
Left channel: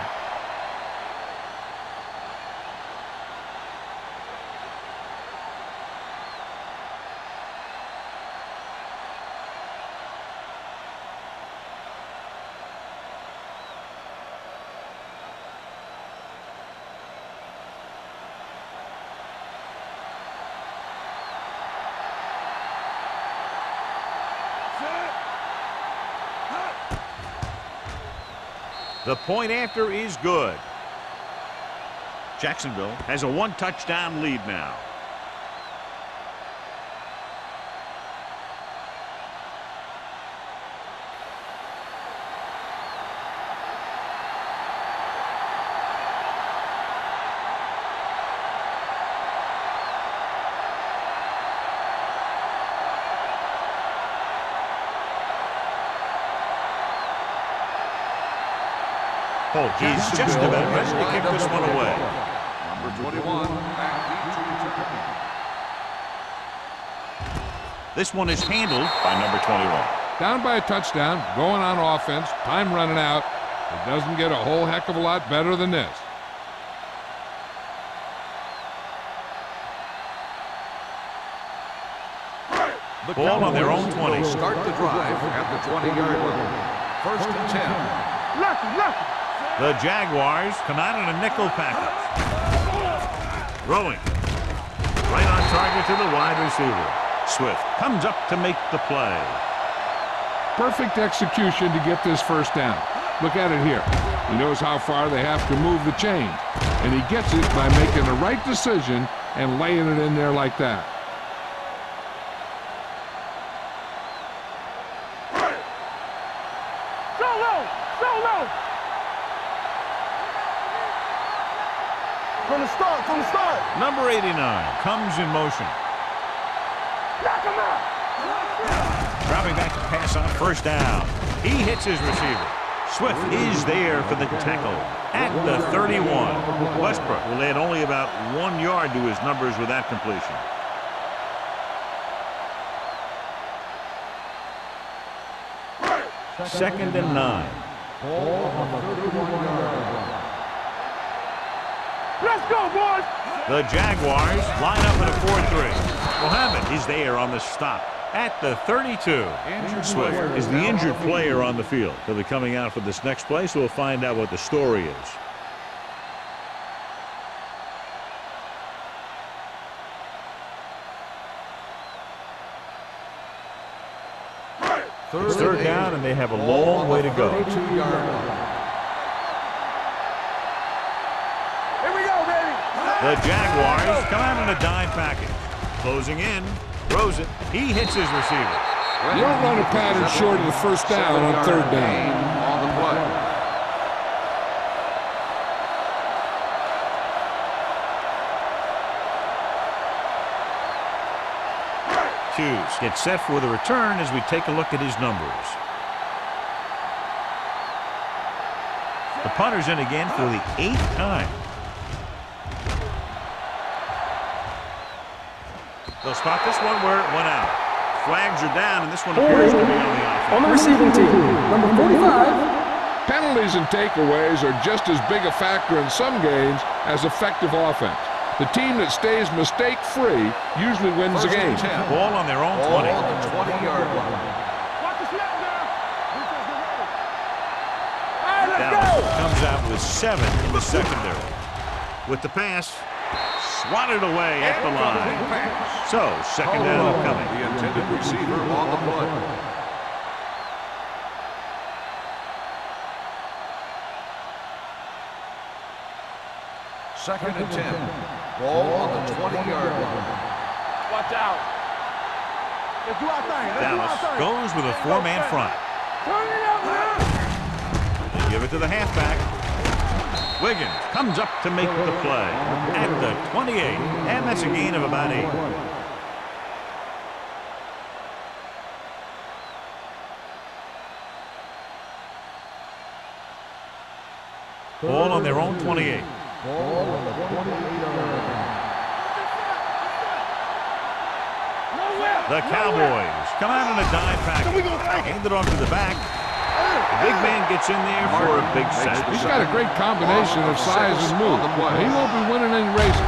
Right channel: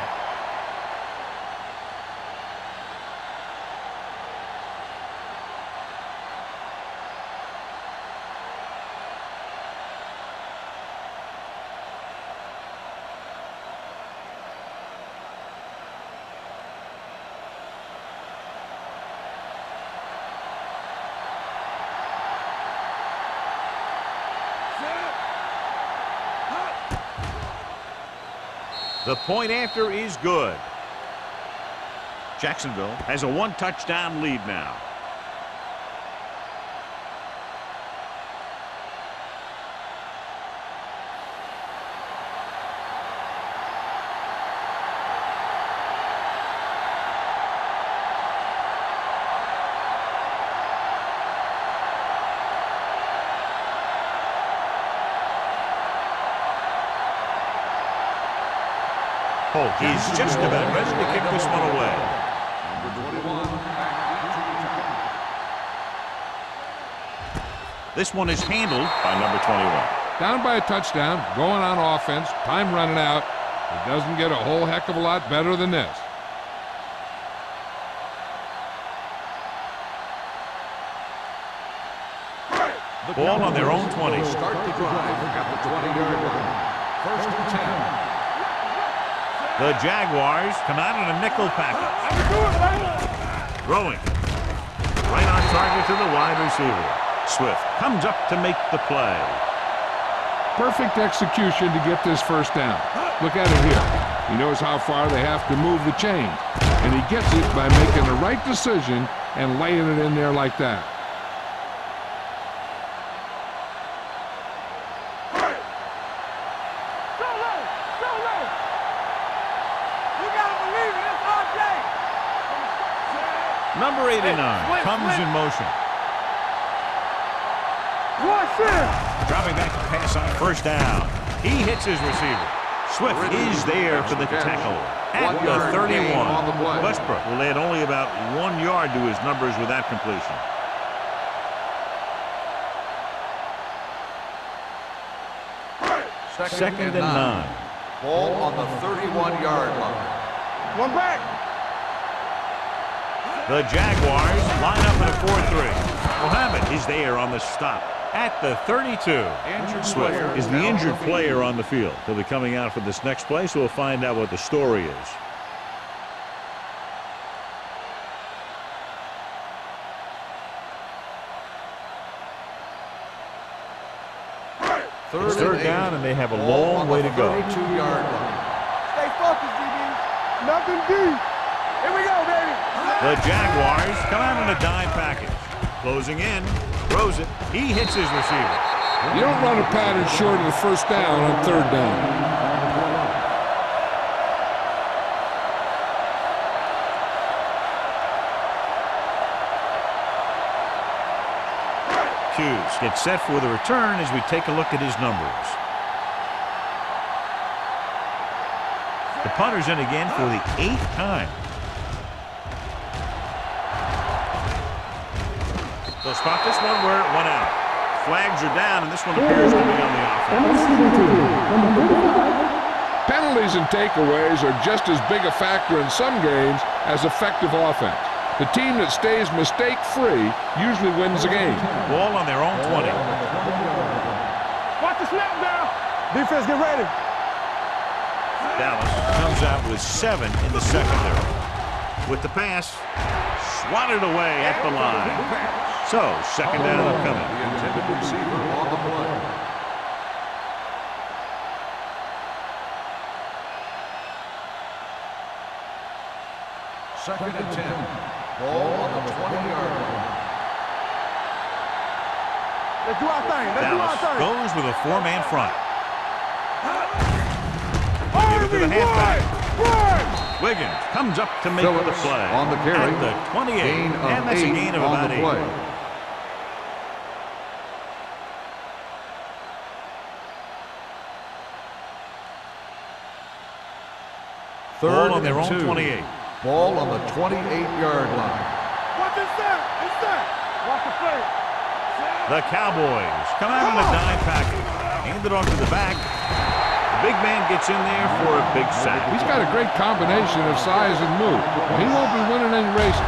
The point after is good. Jacksonville has a one-touchdown lead now. He's just about ready to kick this one away. Number 21, back deep to return. This one is handled by number 21. Down by a touchdown, going on offense, time running out. It doesn't get a whole heck of a lot better than this. The Ball on their own Cowboys 20. will start the drive at the 20-yard line. First and 10. The Jaguars come out in a nickel package. Throwing. Right on target to the wide receiver. Swift comes up to make the play. Perfect execution to get this first down. Look at it here. He knows how far they have to move the chain, and he gets it by making the right decision and laying it in there like that. Number 89 comes in motion. Dropping back to pass on first down. He hits his receiver. Swift is there for the tackle at the 31. Westbrook will add only about 1 yard to his numbers with that completion. Second and 9. Ball on the 31-yard line. One back. Let's go, boys. The Jaguars line up in a 4-3. Mohammed is there on the stop at the 32. Swift is the injured player on the field. He'll be coming out for this next play, so we'll find out what the story is. It's third down, and they have a long way to go. 32-yard line. Stay focused, DB. Nothing deep. Here we go, baby. The Jaguars come out in a dime package. Closing in, throws it. He hits his receiver. You don't run a pattern short of the first down on third down. Hughes gets set for the return as we take a look at his numbers. The punter's in again for the 8th time. They'll spot this one where it went out. Flags are down, and this one appears to be on the offense. Penalties and takeaways are just as big a factor in some games as effective offense. The team that stays mistake-free usually wins the game. Ball on their own 20. Watch the snap now. Defense, get ready. Dallas comes out with 7 in the secondary. With the pass, swatted away at the line. So, second down upcoming. The intended receiver on the play. Second and 10. Ball on the 20-yard line. Watch out. Let's do our thing. Let's do our Dallas thing. goes with a 4-man front. Give it to the halfback. Wiggins comes up to make the play at the 28, and that's a gain of about 8. Ball on their own 28. Ball on the 28-yard line. What is that? What's that? The Cowboys come out in a dime package. Hand it off to the back. The big man gets in there for a big sack. He's got a great combination of size and move. Now, he won't be winning any races,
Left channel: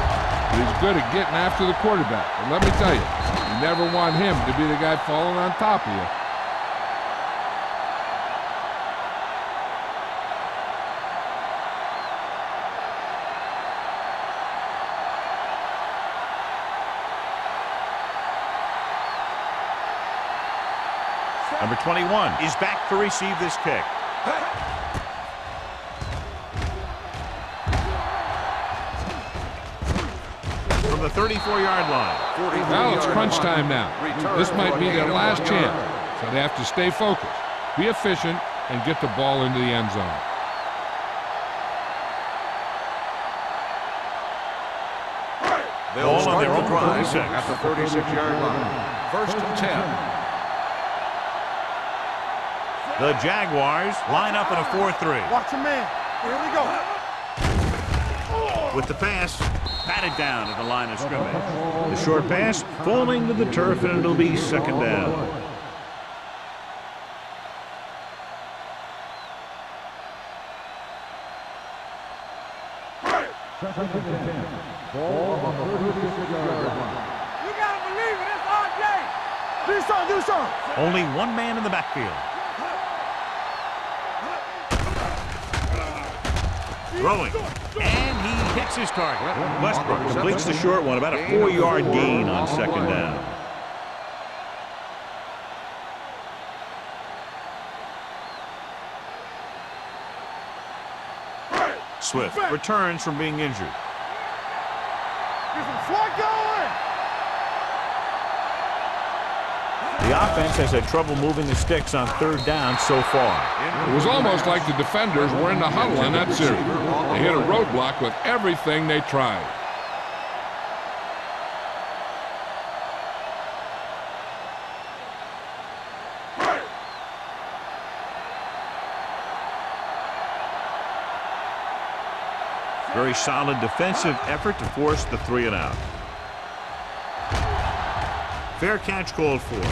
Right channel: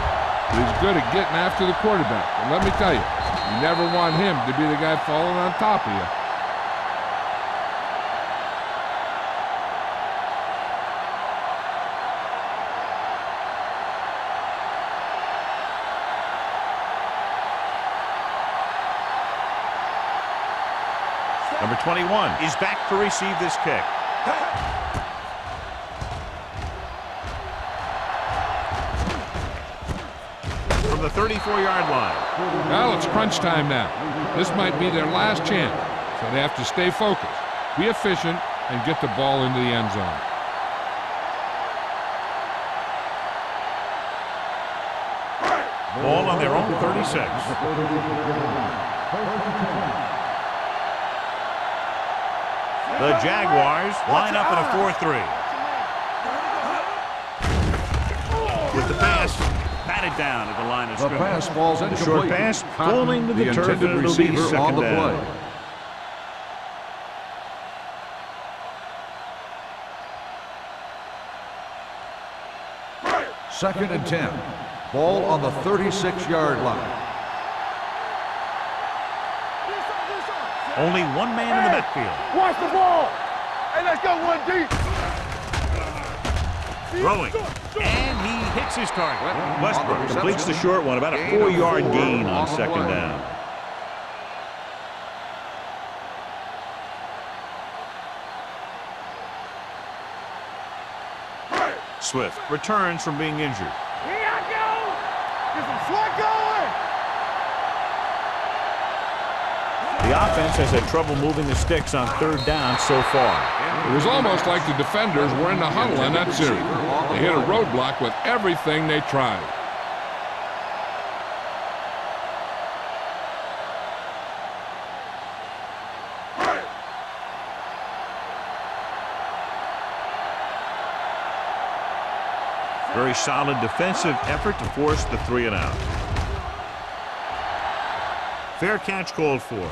but he's good at getting after the quarterback. And let me tell you, you never want him to be the guy falling on top of you. Number 21 is back to receive this kick. From the 34-yard line. Well, it's crunch time now. This might be their last chance, so they have to stay focused, be efficient, and get the ball into the end zone. Ball on their own 36. At the 36-yard line. 1st and 10. The Jaguars line up in a 4-3. Watch him, man. Here we go. With the pass, batted down at the line of The scrimmage. pass falls The short pass falling to the turf, and it'll be second down. Second and 10. Ball on the 36-yard line. We gotta believe it. It's our day. Do something. Only one man in the backfield. Watch the ball. Hey, let's go one deep. Throwing. And he hits his target. Westbrook completes the short one, about a 4-yard gain on second down. Swift returns from being injured. Here I go. Get some slug going. The offense has had trouble moving the sticks on third down so far. It was almost like the defenders were in the huddle in that series. They hit a roadblock with everything they tried. Very solid defensive effort to force the 3-and-out. Fair catch called for.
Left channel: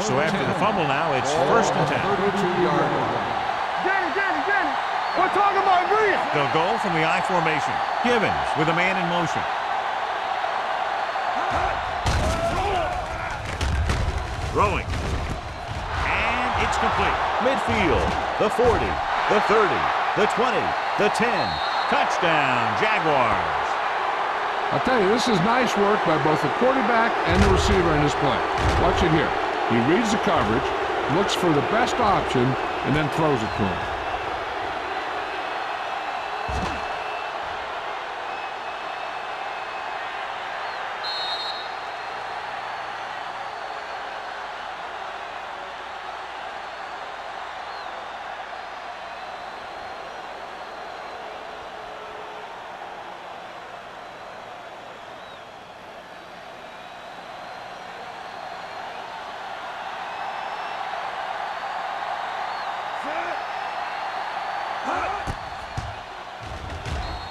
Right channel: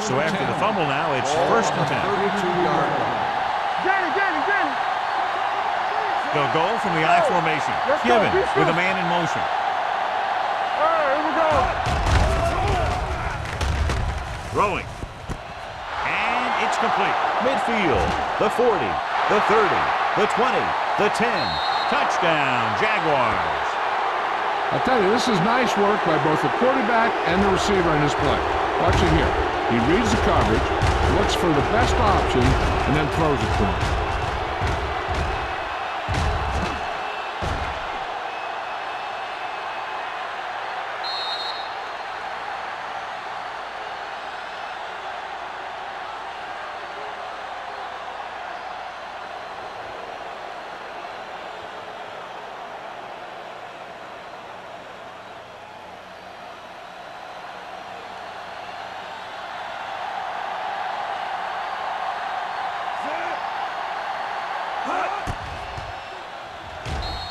So after the fumble now, it's 1st and 10. 32-yard line. Danny. We're talking about Reed. They'll go from the I formation. Givens with a man in motion. Throwing. And it's complete. Midfield. The 40. The 30. The 20. The 10. Touchdown, Jaguars. I'll tell you, this is nice work by both the quarterback and the receiver in this play. Watch it here. He reads the coverage, looks for the best option, and then throws it to him.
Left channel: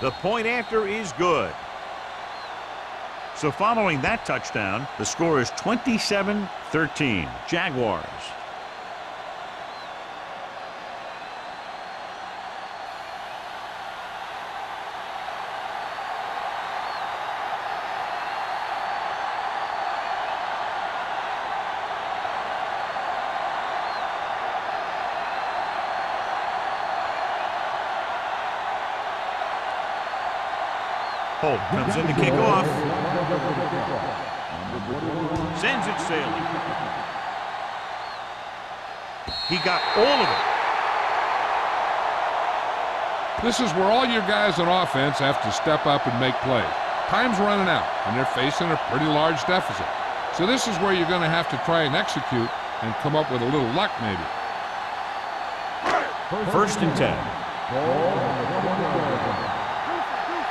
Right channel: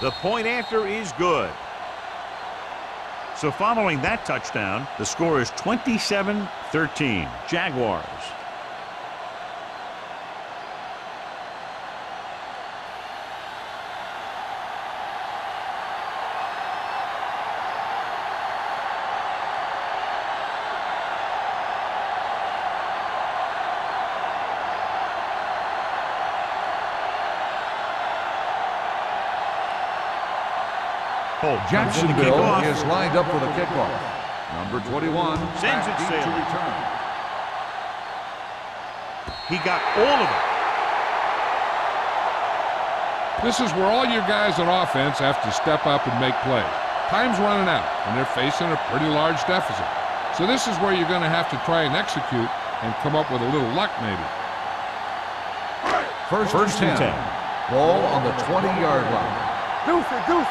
The point after is good. So following that touchdown, the score is 27-13. Jaguars. Holt comes in to kick off. Is lined up for the kickoff. Number 21 sends it sailing. He got all of it. This is where all your guys on offense have to step up and make plays. Time's running out, and they're facing a pretty large deficit. So this is where you're going to have to try and execute and come up with a little luck maybe. First and 10. Ball on the 20-yard line. Deuce it, deuce it.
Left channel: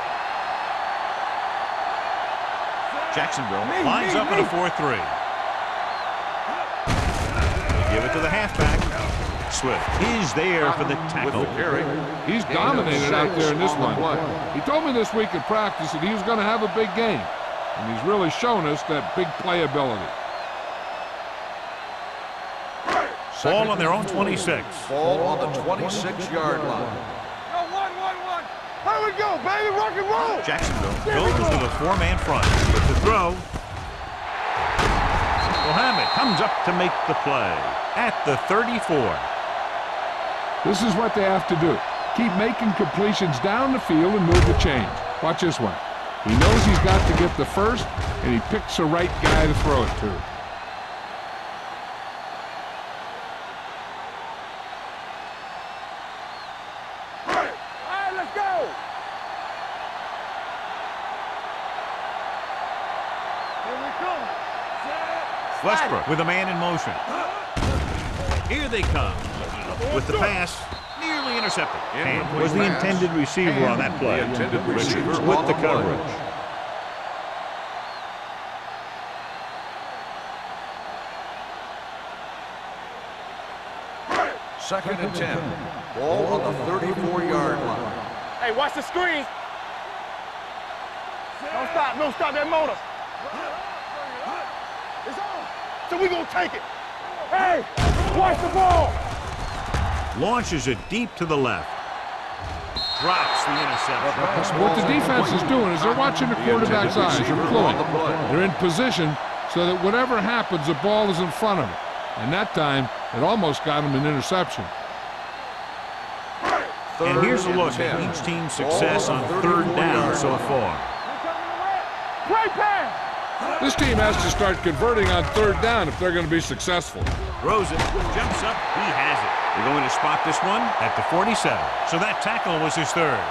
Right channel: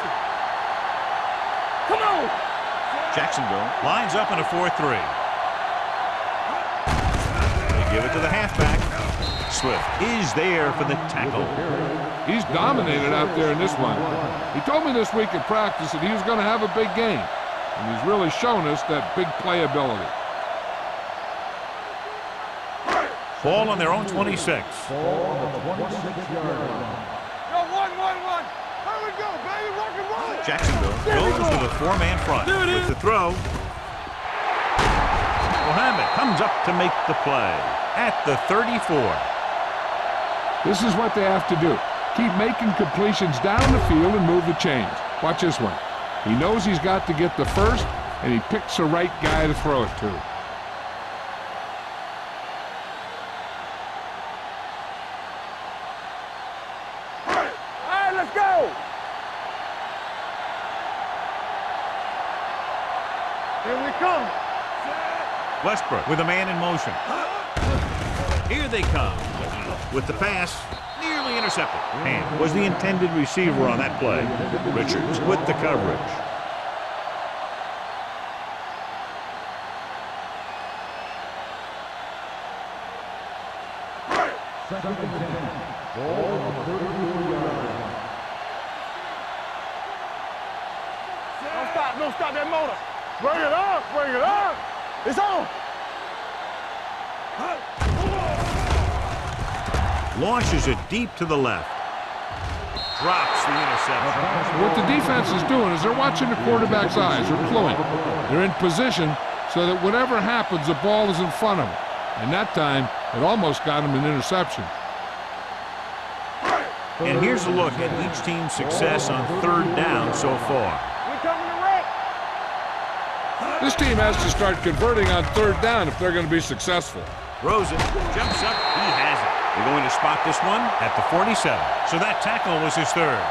Come on. Jacksonville lines up in a 4-3. They give it to the halfback. Swift is there for the tackle. He's dominated out there in this one. He told me this week at practice that he was going to have a big game, and he's really shown us that big playability. Ball on their own 26. Ball on the 26-yard line. Yo, 1-1-1. Here we go, baby. Rock and roll. Jacksonville goes with a 4-man front. With the throw, Mohammed comes up to make the play at the 34. This is what they have to do. Keep making completions down the field and move the chains. Watch this one. He knows he's got to get the first, and he picks the right guy to throw it to. All right, let's go. Here we come. Westbrook with a man in motion. Here they come. With the pass, nearly intercepted. And was the intended receiver on that play. Richards with the coverage. Second and 10. Ball on the 34-yard line. Hey, watch the screen. Don't stop that motor. Bring it up, bring it up. It's on, so we gonna take it. Hey, watch the ball. Launches it deep to the left. Drops the interception. What the defense is doing is they're watching the quarterback's eyes. They're cluing. They're in position so that whatever happens, the ball is in front of them. And that time, it almost got him an interception. And here's a look at each team's success on third down so far. We coming to wreck. Great pass. This team has to start converting on third down if they're going to be successful. Throws it, jumps up, he has it. They're going to spot this one at the 47. So that tackle was his third.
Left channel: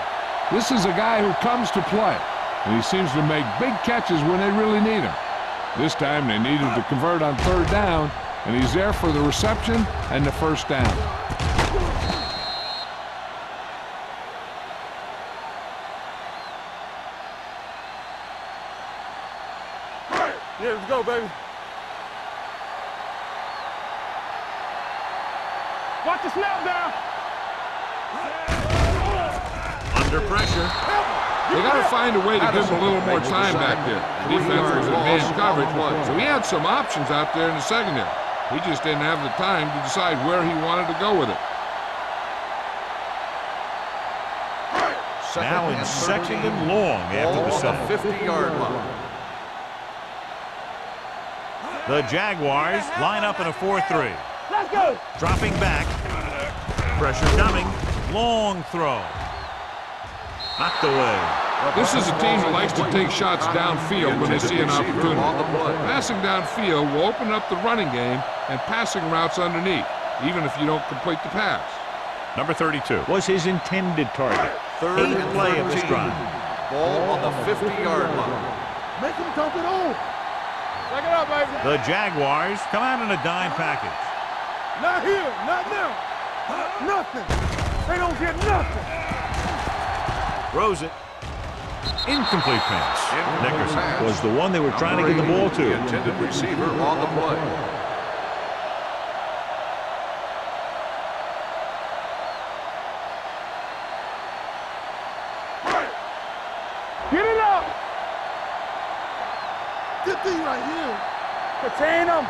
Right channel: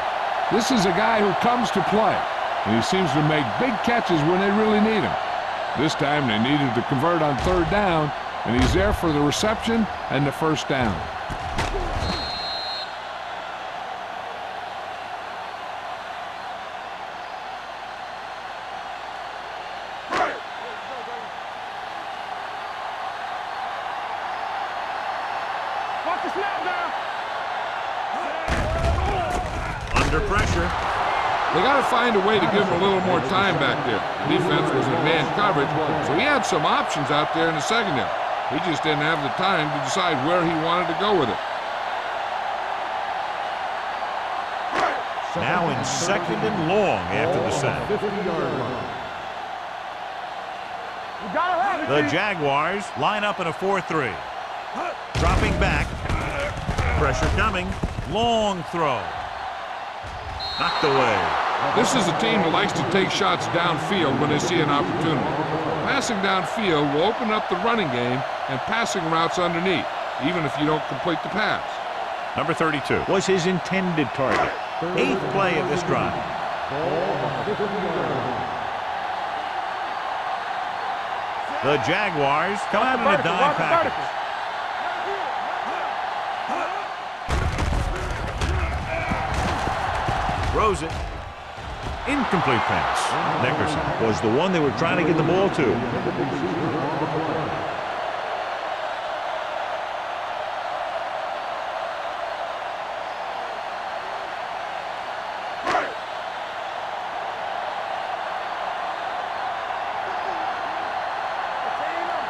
This is a guy who comes to play, and he seems to make big catches when they really need him. This time they needed to convert on third down, and he's there for the reception and the first down. Yeah, let's go, baby. Watch the snap down. Under pressure. They got to find a way to give him a little more time back there. The defense was in man coverage, so he had some options out there in the secondary. He just didn't have the time to decide where he wanted to go with it. Now in second and long after the set. 50-yard line. The Jaguars line up in a 4-3. Let's go. Dropping back. Pressure coming. Long throw. Knocked away. This is a team that likes to take shots downfield when they see an opportunity. Passing downfield will open up the running game and passing routes underneath, even if you don't complete the pass. Number 32 was his intended target. Eighth play of this drive. Ball on the 50-yard line. Make him dump it on. Back it up, baby. The Jaguars come out in a dime package. Not here, not now. Nothing. They don't get nothing. Throws it. Incomplete pass. Nickerson was the one they were trying to get the ball to. Intended receiver on the play. Get it up. Good thing right here. Contain them.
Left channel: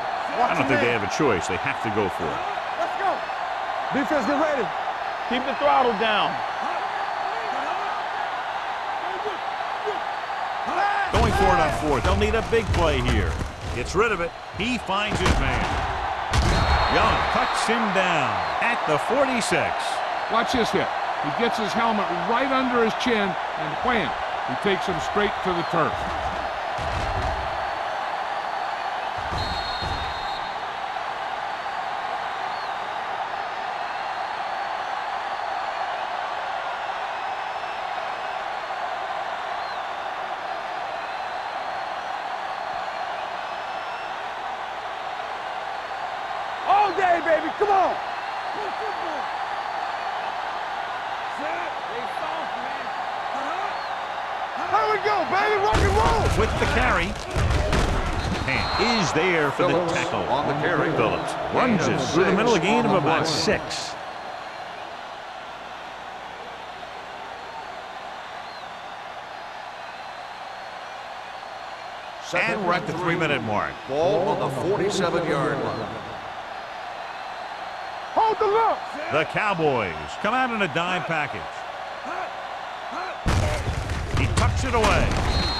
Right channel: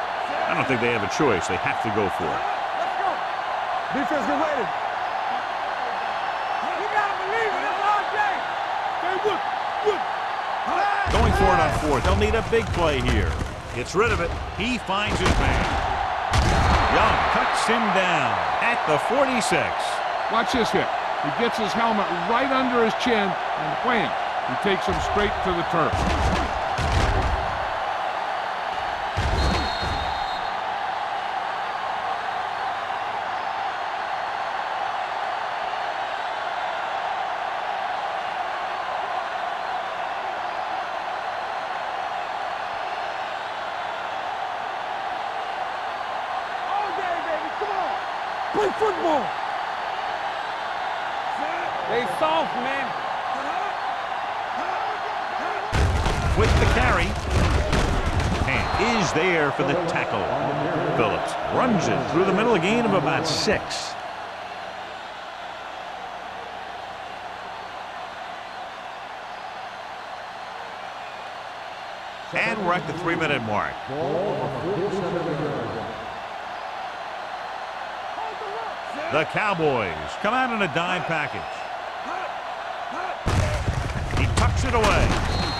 I don't think they have a choice. They have to go for it. Let's go. Defense, get ready. Keep the throttle down. You gotta believe it. It's all day. Stay with. Going for it on fourth. They'll need a big play here. Gets rid of it. He finds his man. Young cuts him down at the 46. Watch this hit. He gets his helmet right under his chin, and wham, he takes him straight to the turf. All day, baby. Come on. Play football. Stay soft, man. There we go, baby. Rock and roll. With the carry. And is there for the Phillips tackle. on the carry. Phillips runs it through the middle, a gain of about 6. And we're at the 3-minute mark. Ball on the 47-yard line. Hold the look. The Cowboys come out in a dime package. He tucks it away.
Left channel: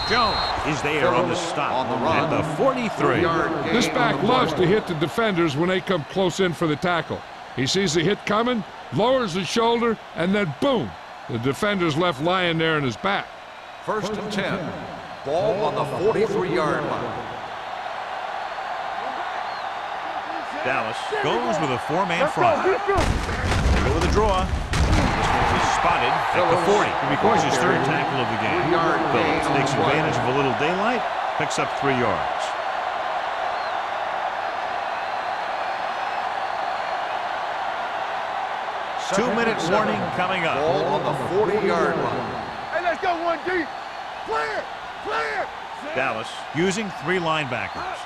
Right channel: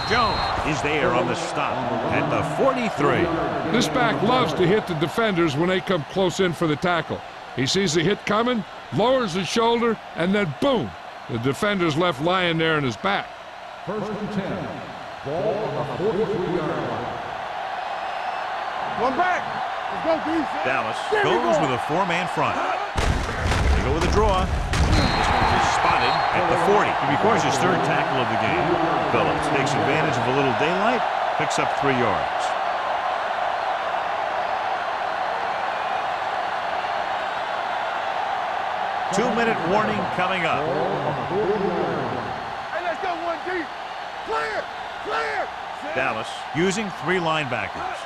Jones is there on the stop at the 43. This back loves to hit the defenders when they come close in for the tackle. He sees the hit coming, lowers his shoulder, and then boom, the defender's left lying there in his back. 1st and 10. Ball on the 43-yard line. One back. Let's go, D. Dallas goes with a 4-man front. They go with a draw. This one is spotted at the 40. He records his 3rd tackle of the game. Phillips takes advantage of a little daylight, picks up 3 yards. Two-minute warning coming up. Ball on the 40-yard line. Hey, let's go, 1D. Clear. Clear. Dallas using 3 linebackers.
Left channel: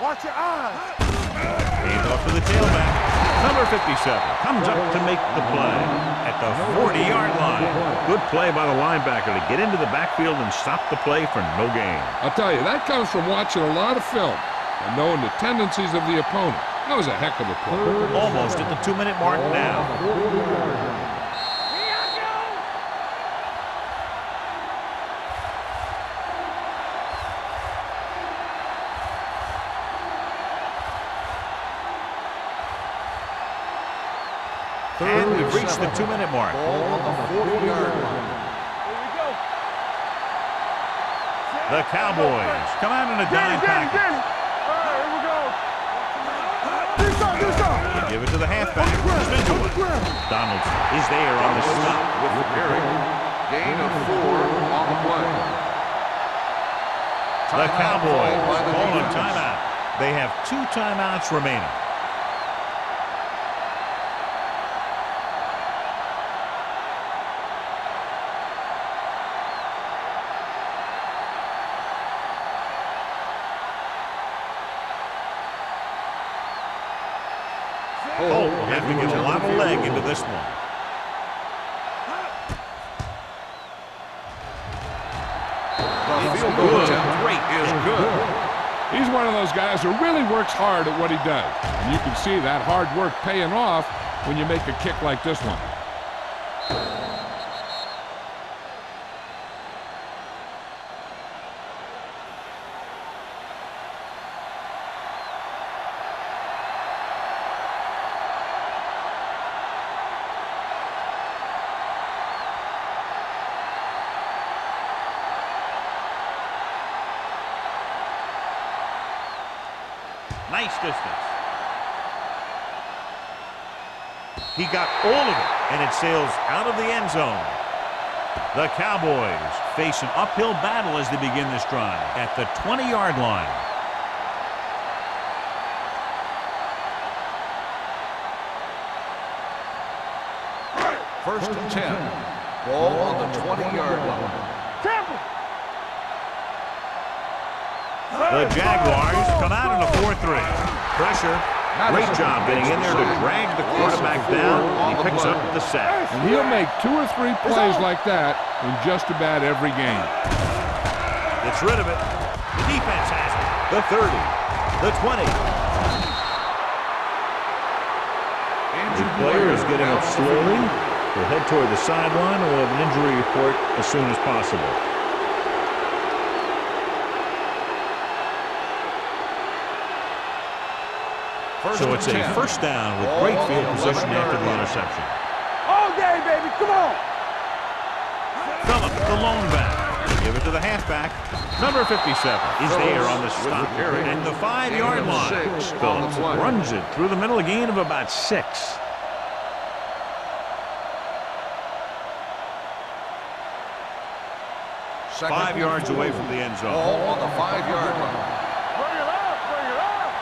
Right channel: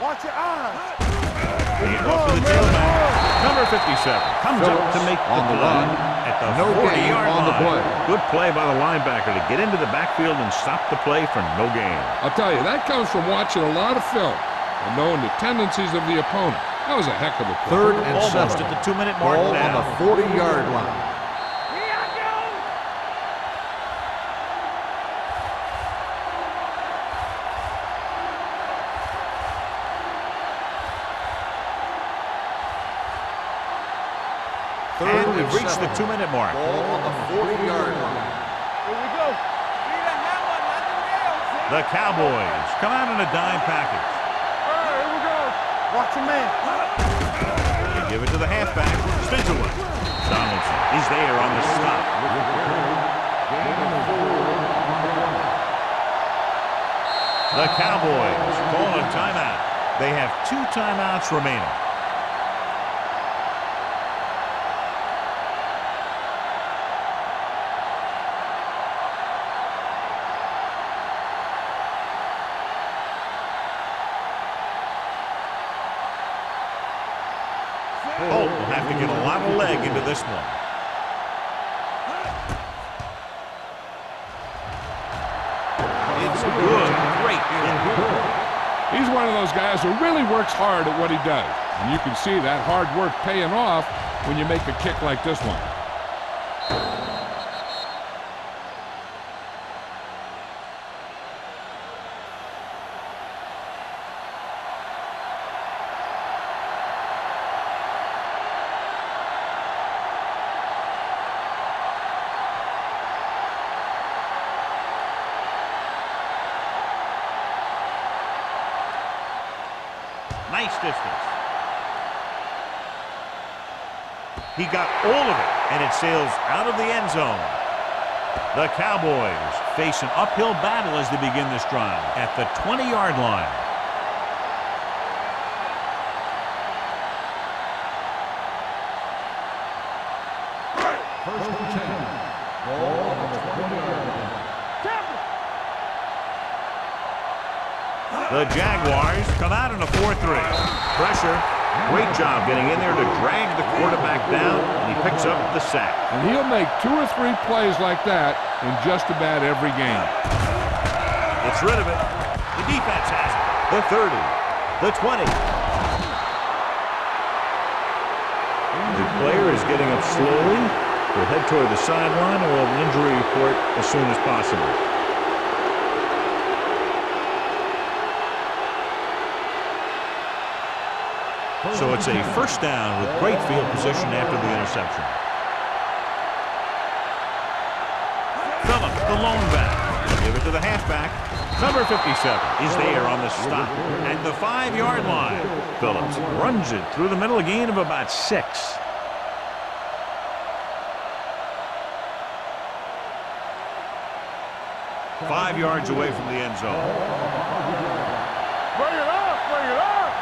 Watch your eyes. Hand off to the tailback. Number 57 comes up to make the play at the 40-yard line. Good play by the linebacker to get into the backfield and stop the play for no gain. I'll tell you, that comes from watching a lot of film and knowing the tendencies of the opponent. That was a heck of a play. 3rd and Almost 7. at the 2-minute mark Ball now. on the 40-yard line. Here I go. And we've reached the 2-minute mark. Ball on the 40-yard line. Here we go. The Cowboys come out in a dime package. All right, here we go. Watch your man. They give it to the halfback, Spencerwood. Donaldson is there on the stop. With the carry. Gain of 4 on the play. The Cowboys call a timeout. They have 2 timeouts remaining. Holt will have to get a lot of leg into this one. It's good. Great Is good. He's one of those guys who really works hard at what he does. And you can see that hard work paying off when you make a kick like this one. Nice distance. He got all of it, and it sails out of the end zone. The Cowboys face an uphill battle as they begin this drive at the 20-yard line. First and 10. Ball on the 20-yard line. Tampa. The Jaguars come out in a 4-3. Pressure. Great job getting in there to drag the quarterback down, and he picks up the sack. And he'll make 2 or 3 plays like that in just about every game. Gets rid of it. The defense has it. The 30. The 20. The player is getting up slowly. He'll head toward the sideline, and we'll have an injury report as soon as possible. So it's a first down with great field position after the interception. All day, baby. Come on. Phillips, the lone back. They give it to the halfback. Number 57 is there on the stop at the 5-yard line. Phillips runs it through the middle, a gain of about 6. Five yards away from the end zone. Ball on the 5-yard line. Bring it up. Bring it up.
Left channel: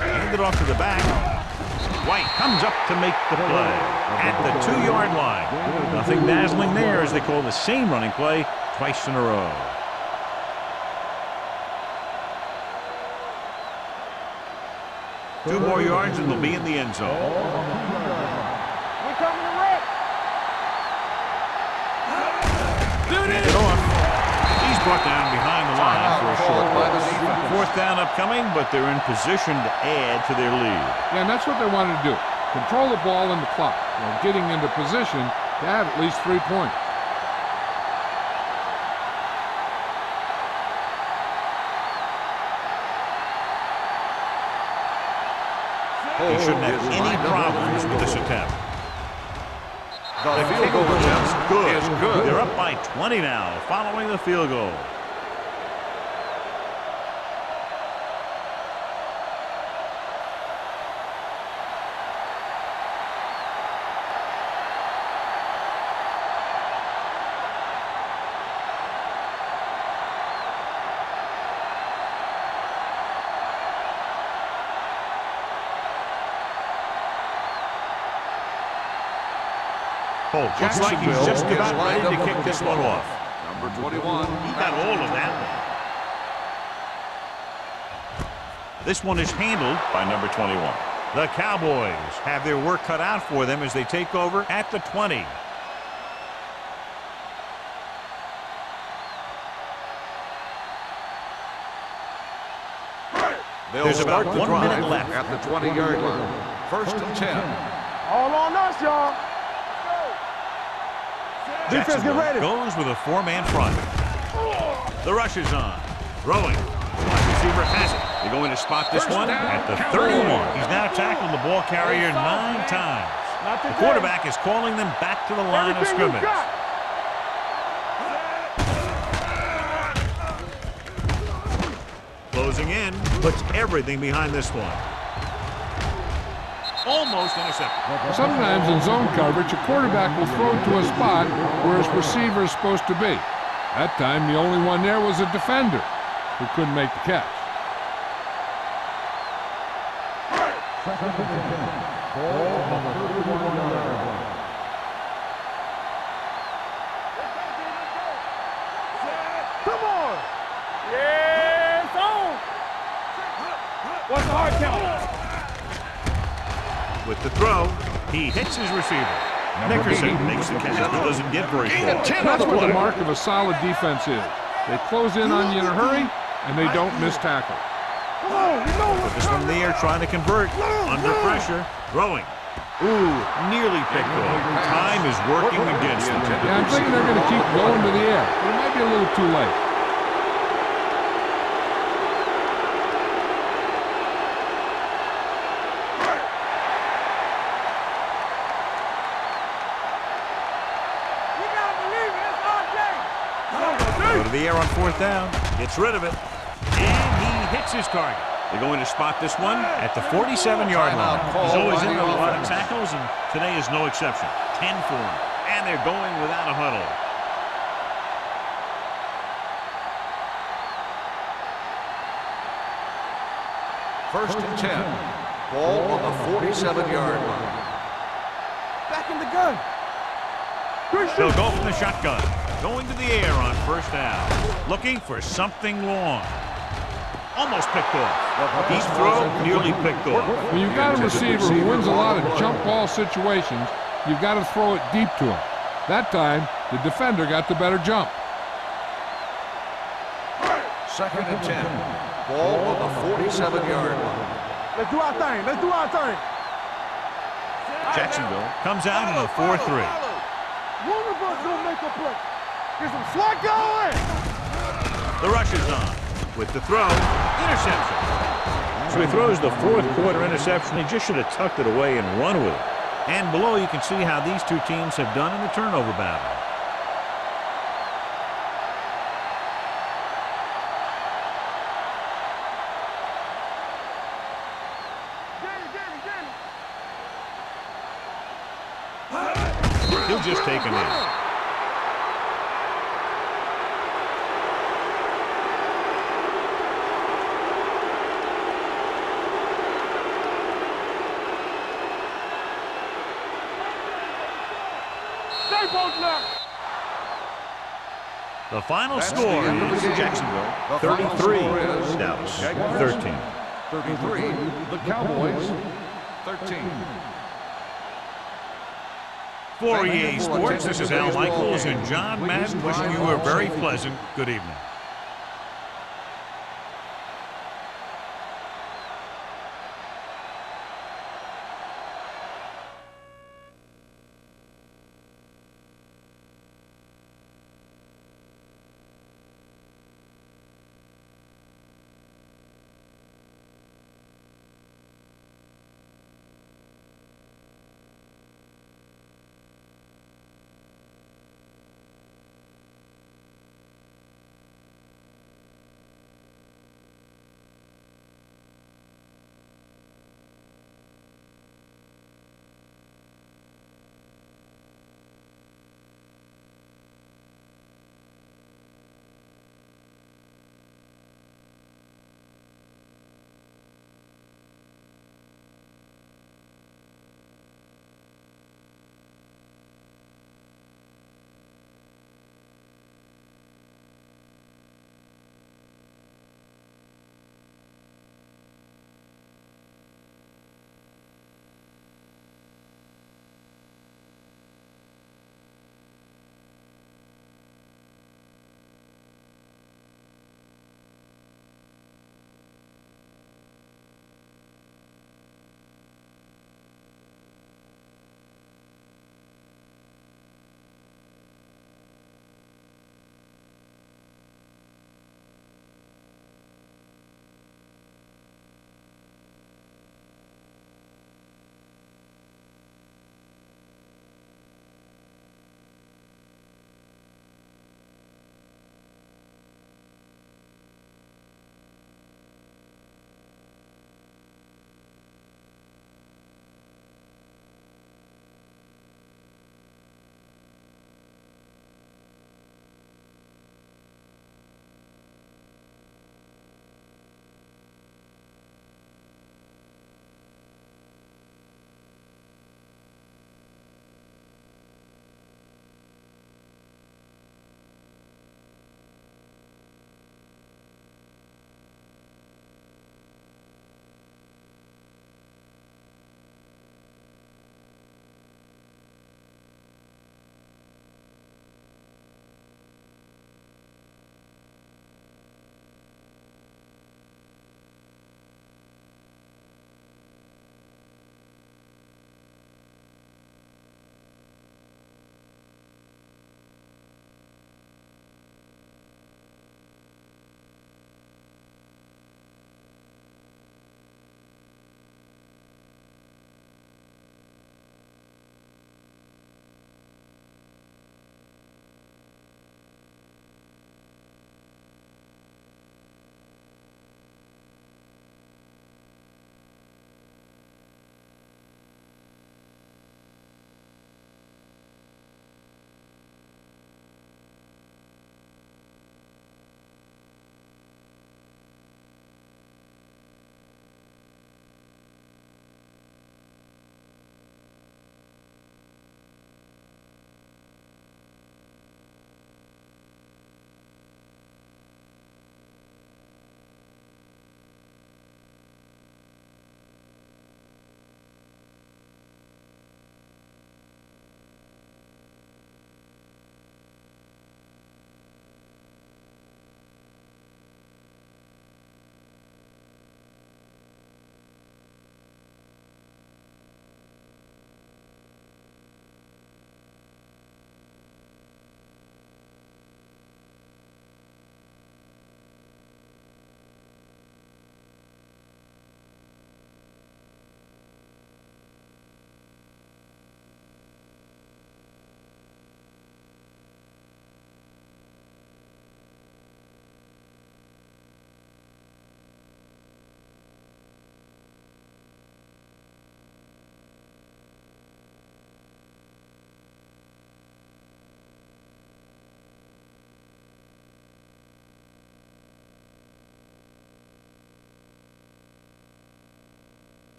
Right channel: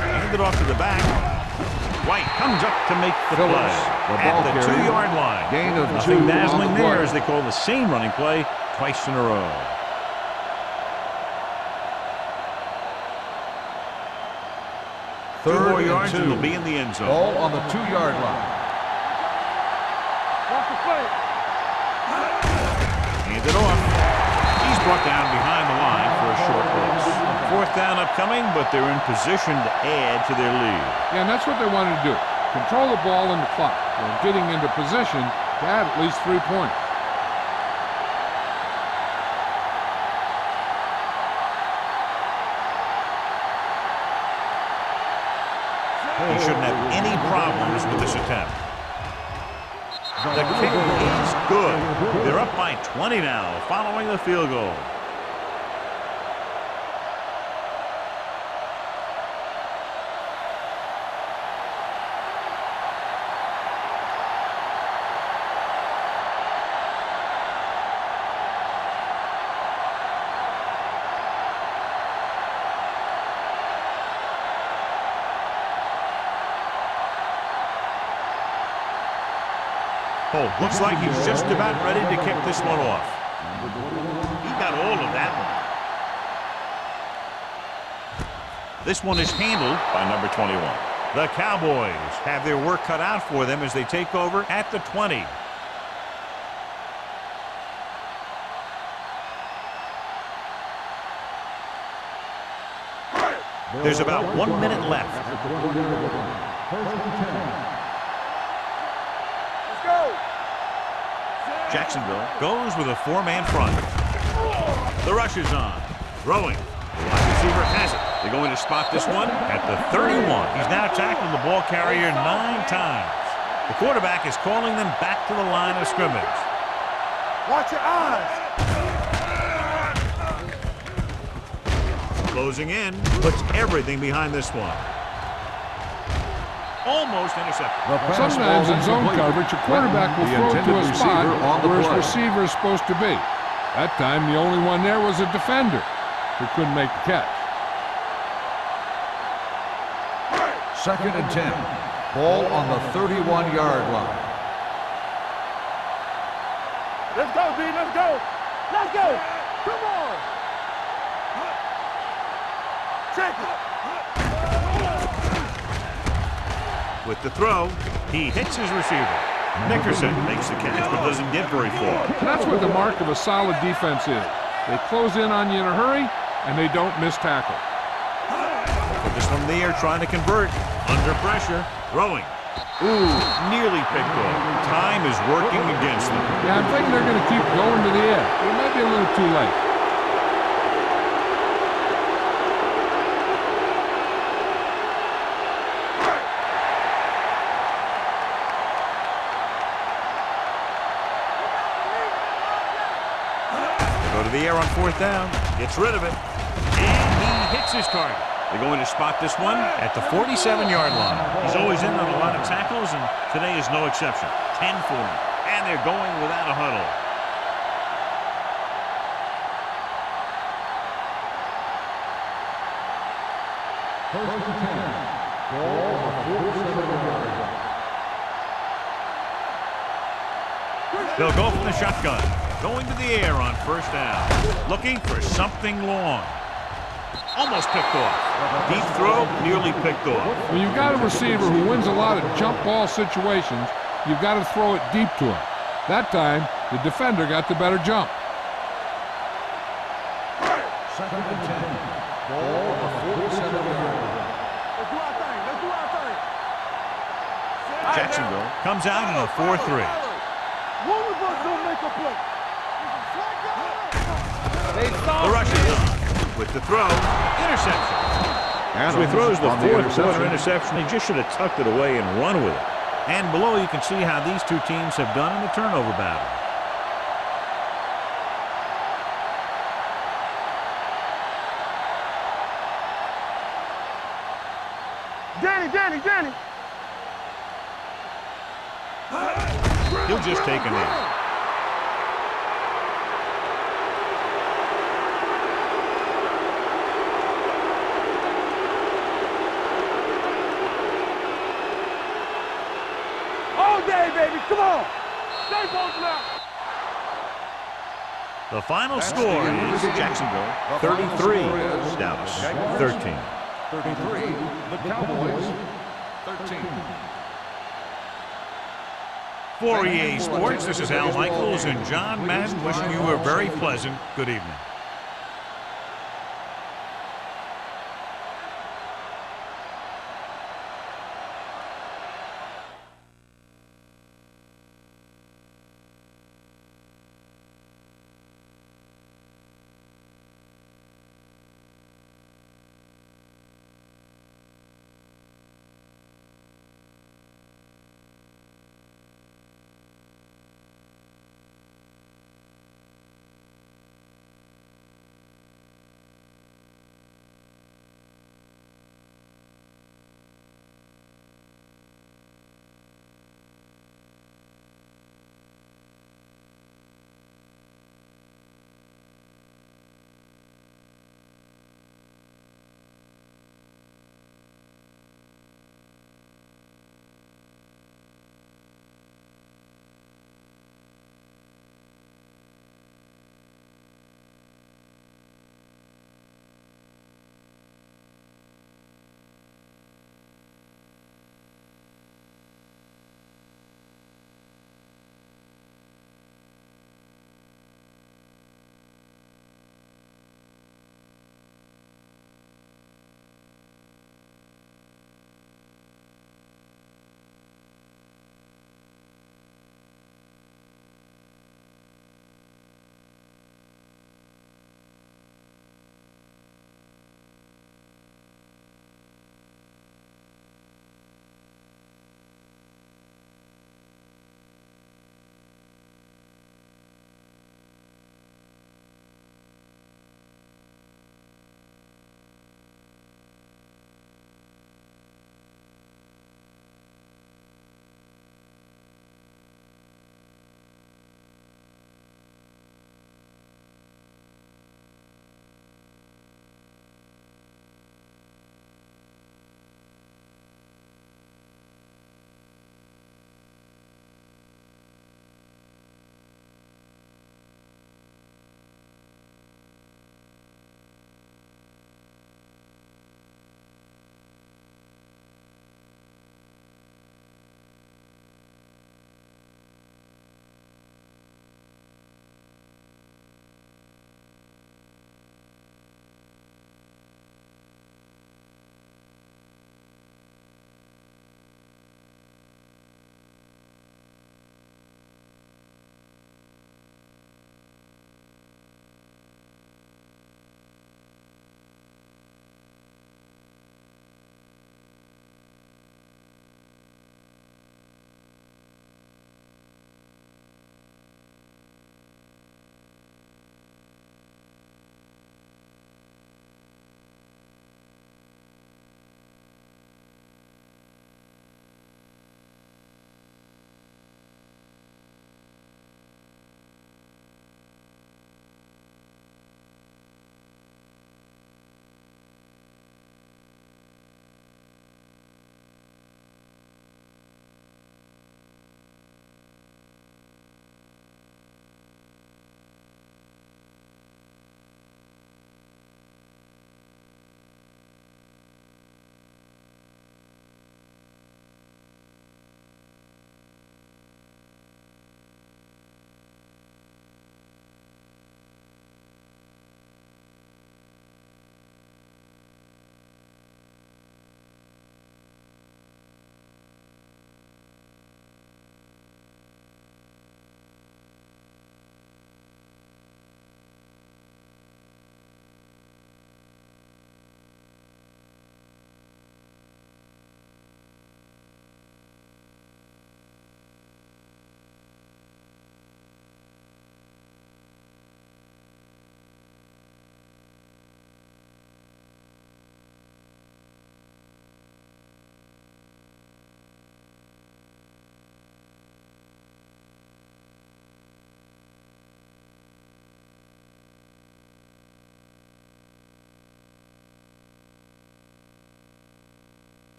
Hand it off to the back. White comes up to make the play at the 2-yard line. Gain of Nothing 2 dazzling on the there play. as they call the same running play twice in a row. Two more yards and they'll be in the end zone. Ball on the 2-yard line. We coming to red. Watch the play. Hand it off. He's brought down behind the line for a short loss. Fourth down upcoming, but they're in position to add to their lead. Yeah, and that's what they wanted to do. Control the ball and the clock while getting into position to add at least 3 points. He shouldn't have any problems with this attempt. The kick is good. They're up by 20 now following the field goal. Holt looks like he's just about ready to kick this one off. Number 21. He got all of that one. This one is handled by number 21. The Cowboys have their work cut out for them as they take over at the 20. There's about 1 minute left. At the 20-yard line. First and 10. All on us, y'all. Let's go. Jacksonville goes with a 4-man front. The rush is on. Throwing. The wide receiver has it. They're going to spot this one at the 31. He's now tackled the ball carrier 9 times. The quarterback is calling them back to the line of scrimmage. Watch your eyes. Closing in, puts everything behind this one. Almost intercepted. Sometimes in zone coverage, a quarterback will throw to a spot where his receiver is supposed to be. That time, the only one there was a defender who couldn't make the catch. Second and 10. Ball on the 31-yard line. Let's go, D. Let's go. Let's go. Come on. Yeah, it's on. Check it. 1 yard count. With the throw, he hits his receiver. Nickerson makes the catch but doesn't get very far. And that's what the mark of a solid defense is. They close in on you in a hurry, and they don't miss tackle. Put this one in the air, trying to convert. Under pressure, throwing. Ooh, nearly picked off. Time is working against them. Yeah, I'm thinking they're going to keep going to the air, but it might be a little too late. You gotta believe it. It's our day. Go to the air on 4th down. Gets rid of it. And he hits his target. They're going to spot this one at the 47-yard line. He's always in on a lot of tackles, and today is no exception. 10 for him. And they're going without a huddle. First and 10. Ball on the 47-yard line. Back in the gun. They'll go from the shotgun. Going to the air on 1st down. Looking for something long. Almost picked off. Deep throw, nearly picked off. When you've got a receiver who wins a lot of jump ball situations, you've got to throw it deep to him. That time, the defender got the better jump. Second and 10. Ball on the 47-yard line. Let's do our thing. Let's do our thing. Jacksonville comes out in a 4-3. One of us gonna make a play. Get some slack going. The rush is on. With the throw, interception. So he throws the 4th quarter interception. He just should have tucked it away and run with it. And below, you can see how these two teams have done in the turnover battle. Danny. He'll just take him in. baby. Come on. Stay post left. The final That's score the end of the is game. Jacksonville The final 33, score is Dallas Jaguars 13. 33, the Cowboys 13. For Thank you EA for Sports, attending this is Al today's ball Michaels game. and John Please Madden wishing drive you a home very safely. pleasant good evening.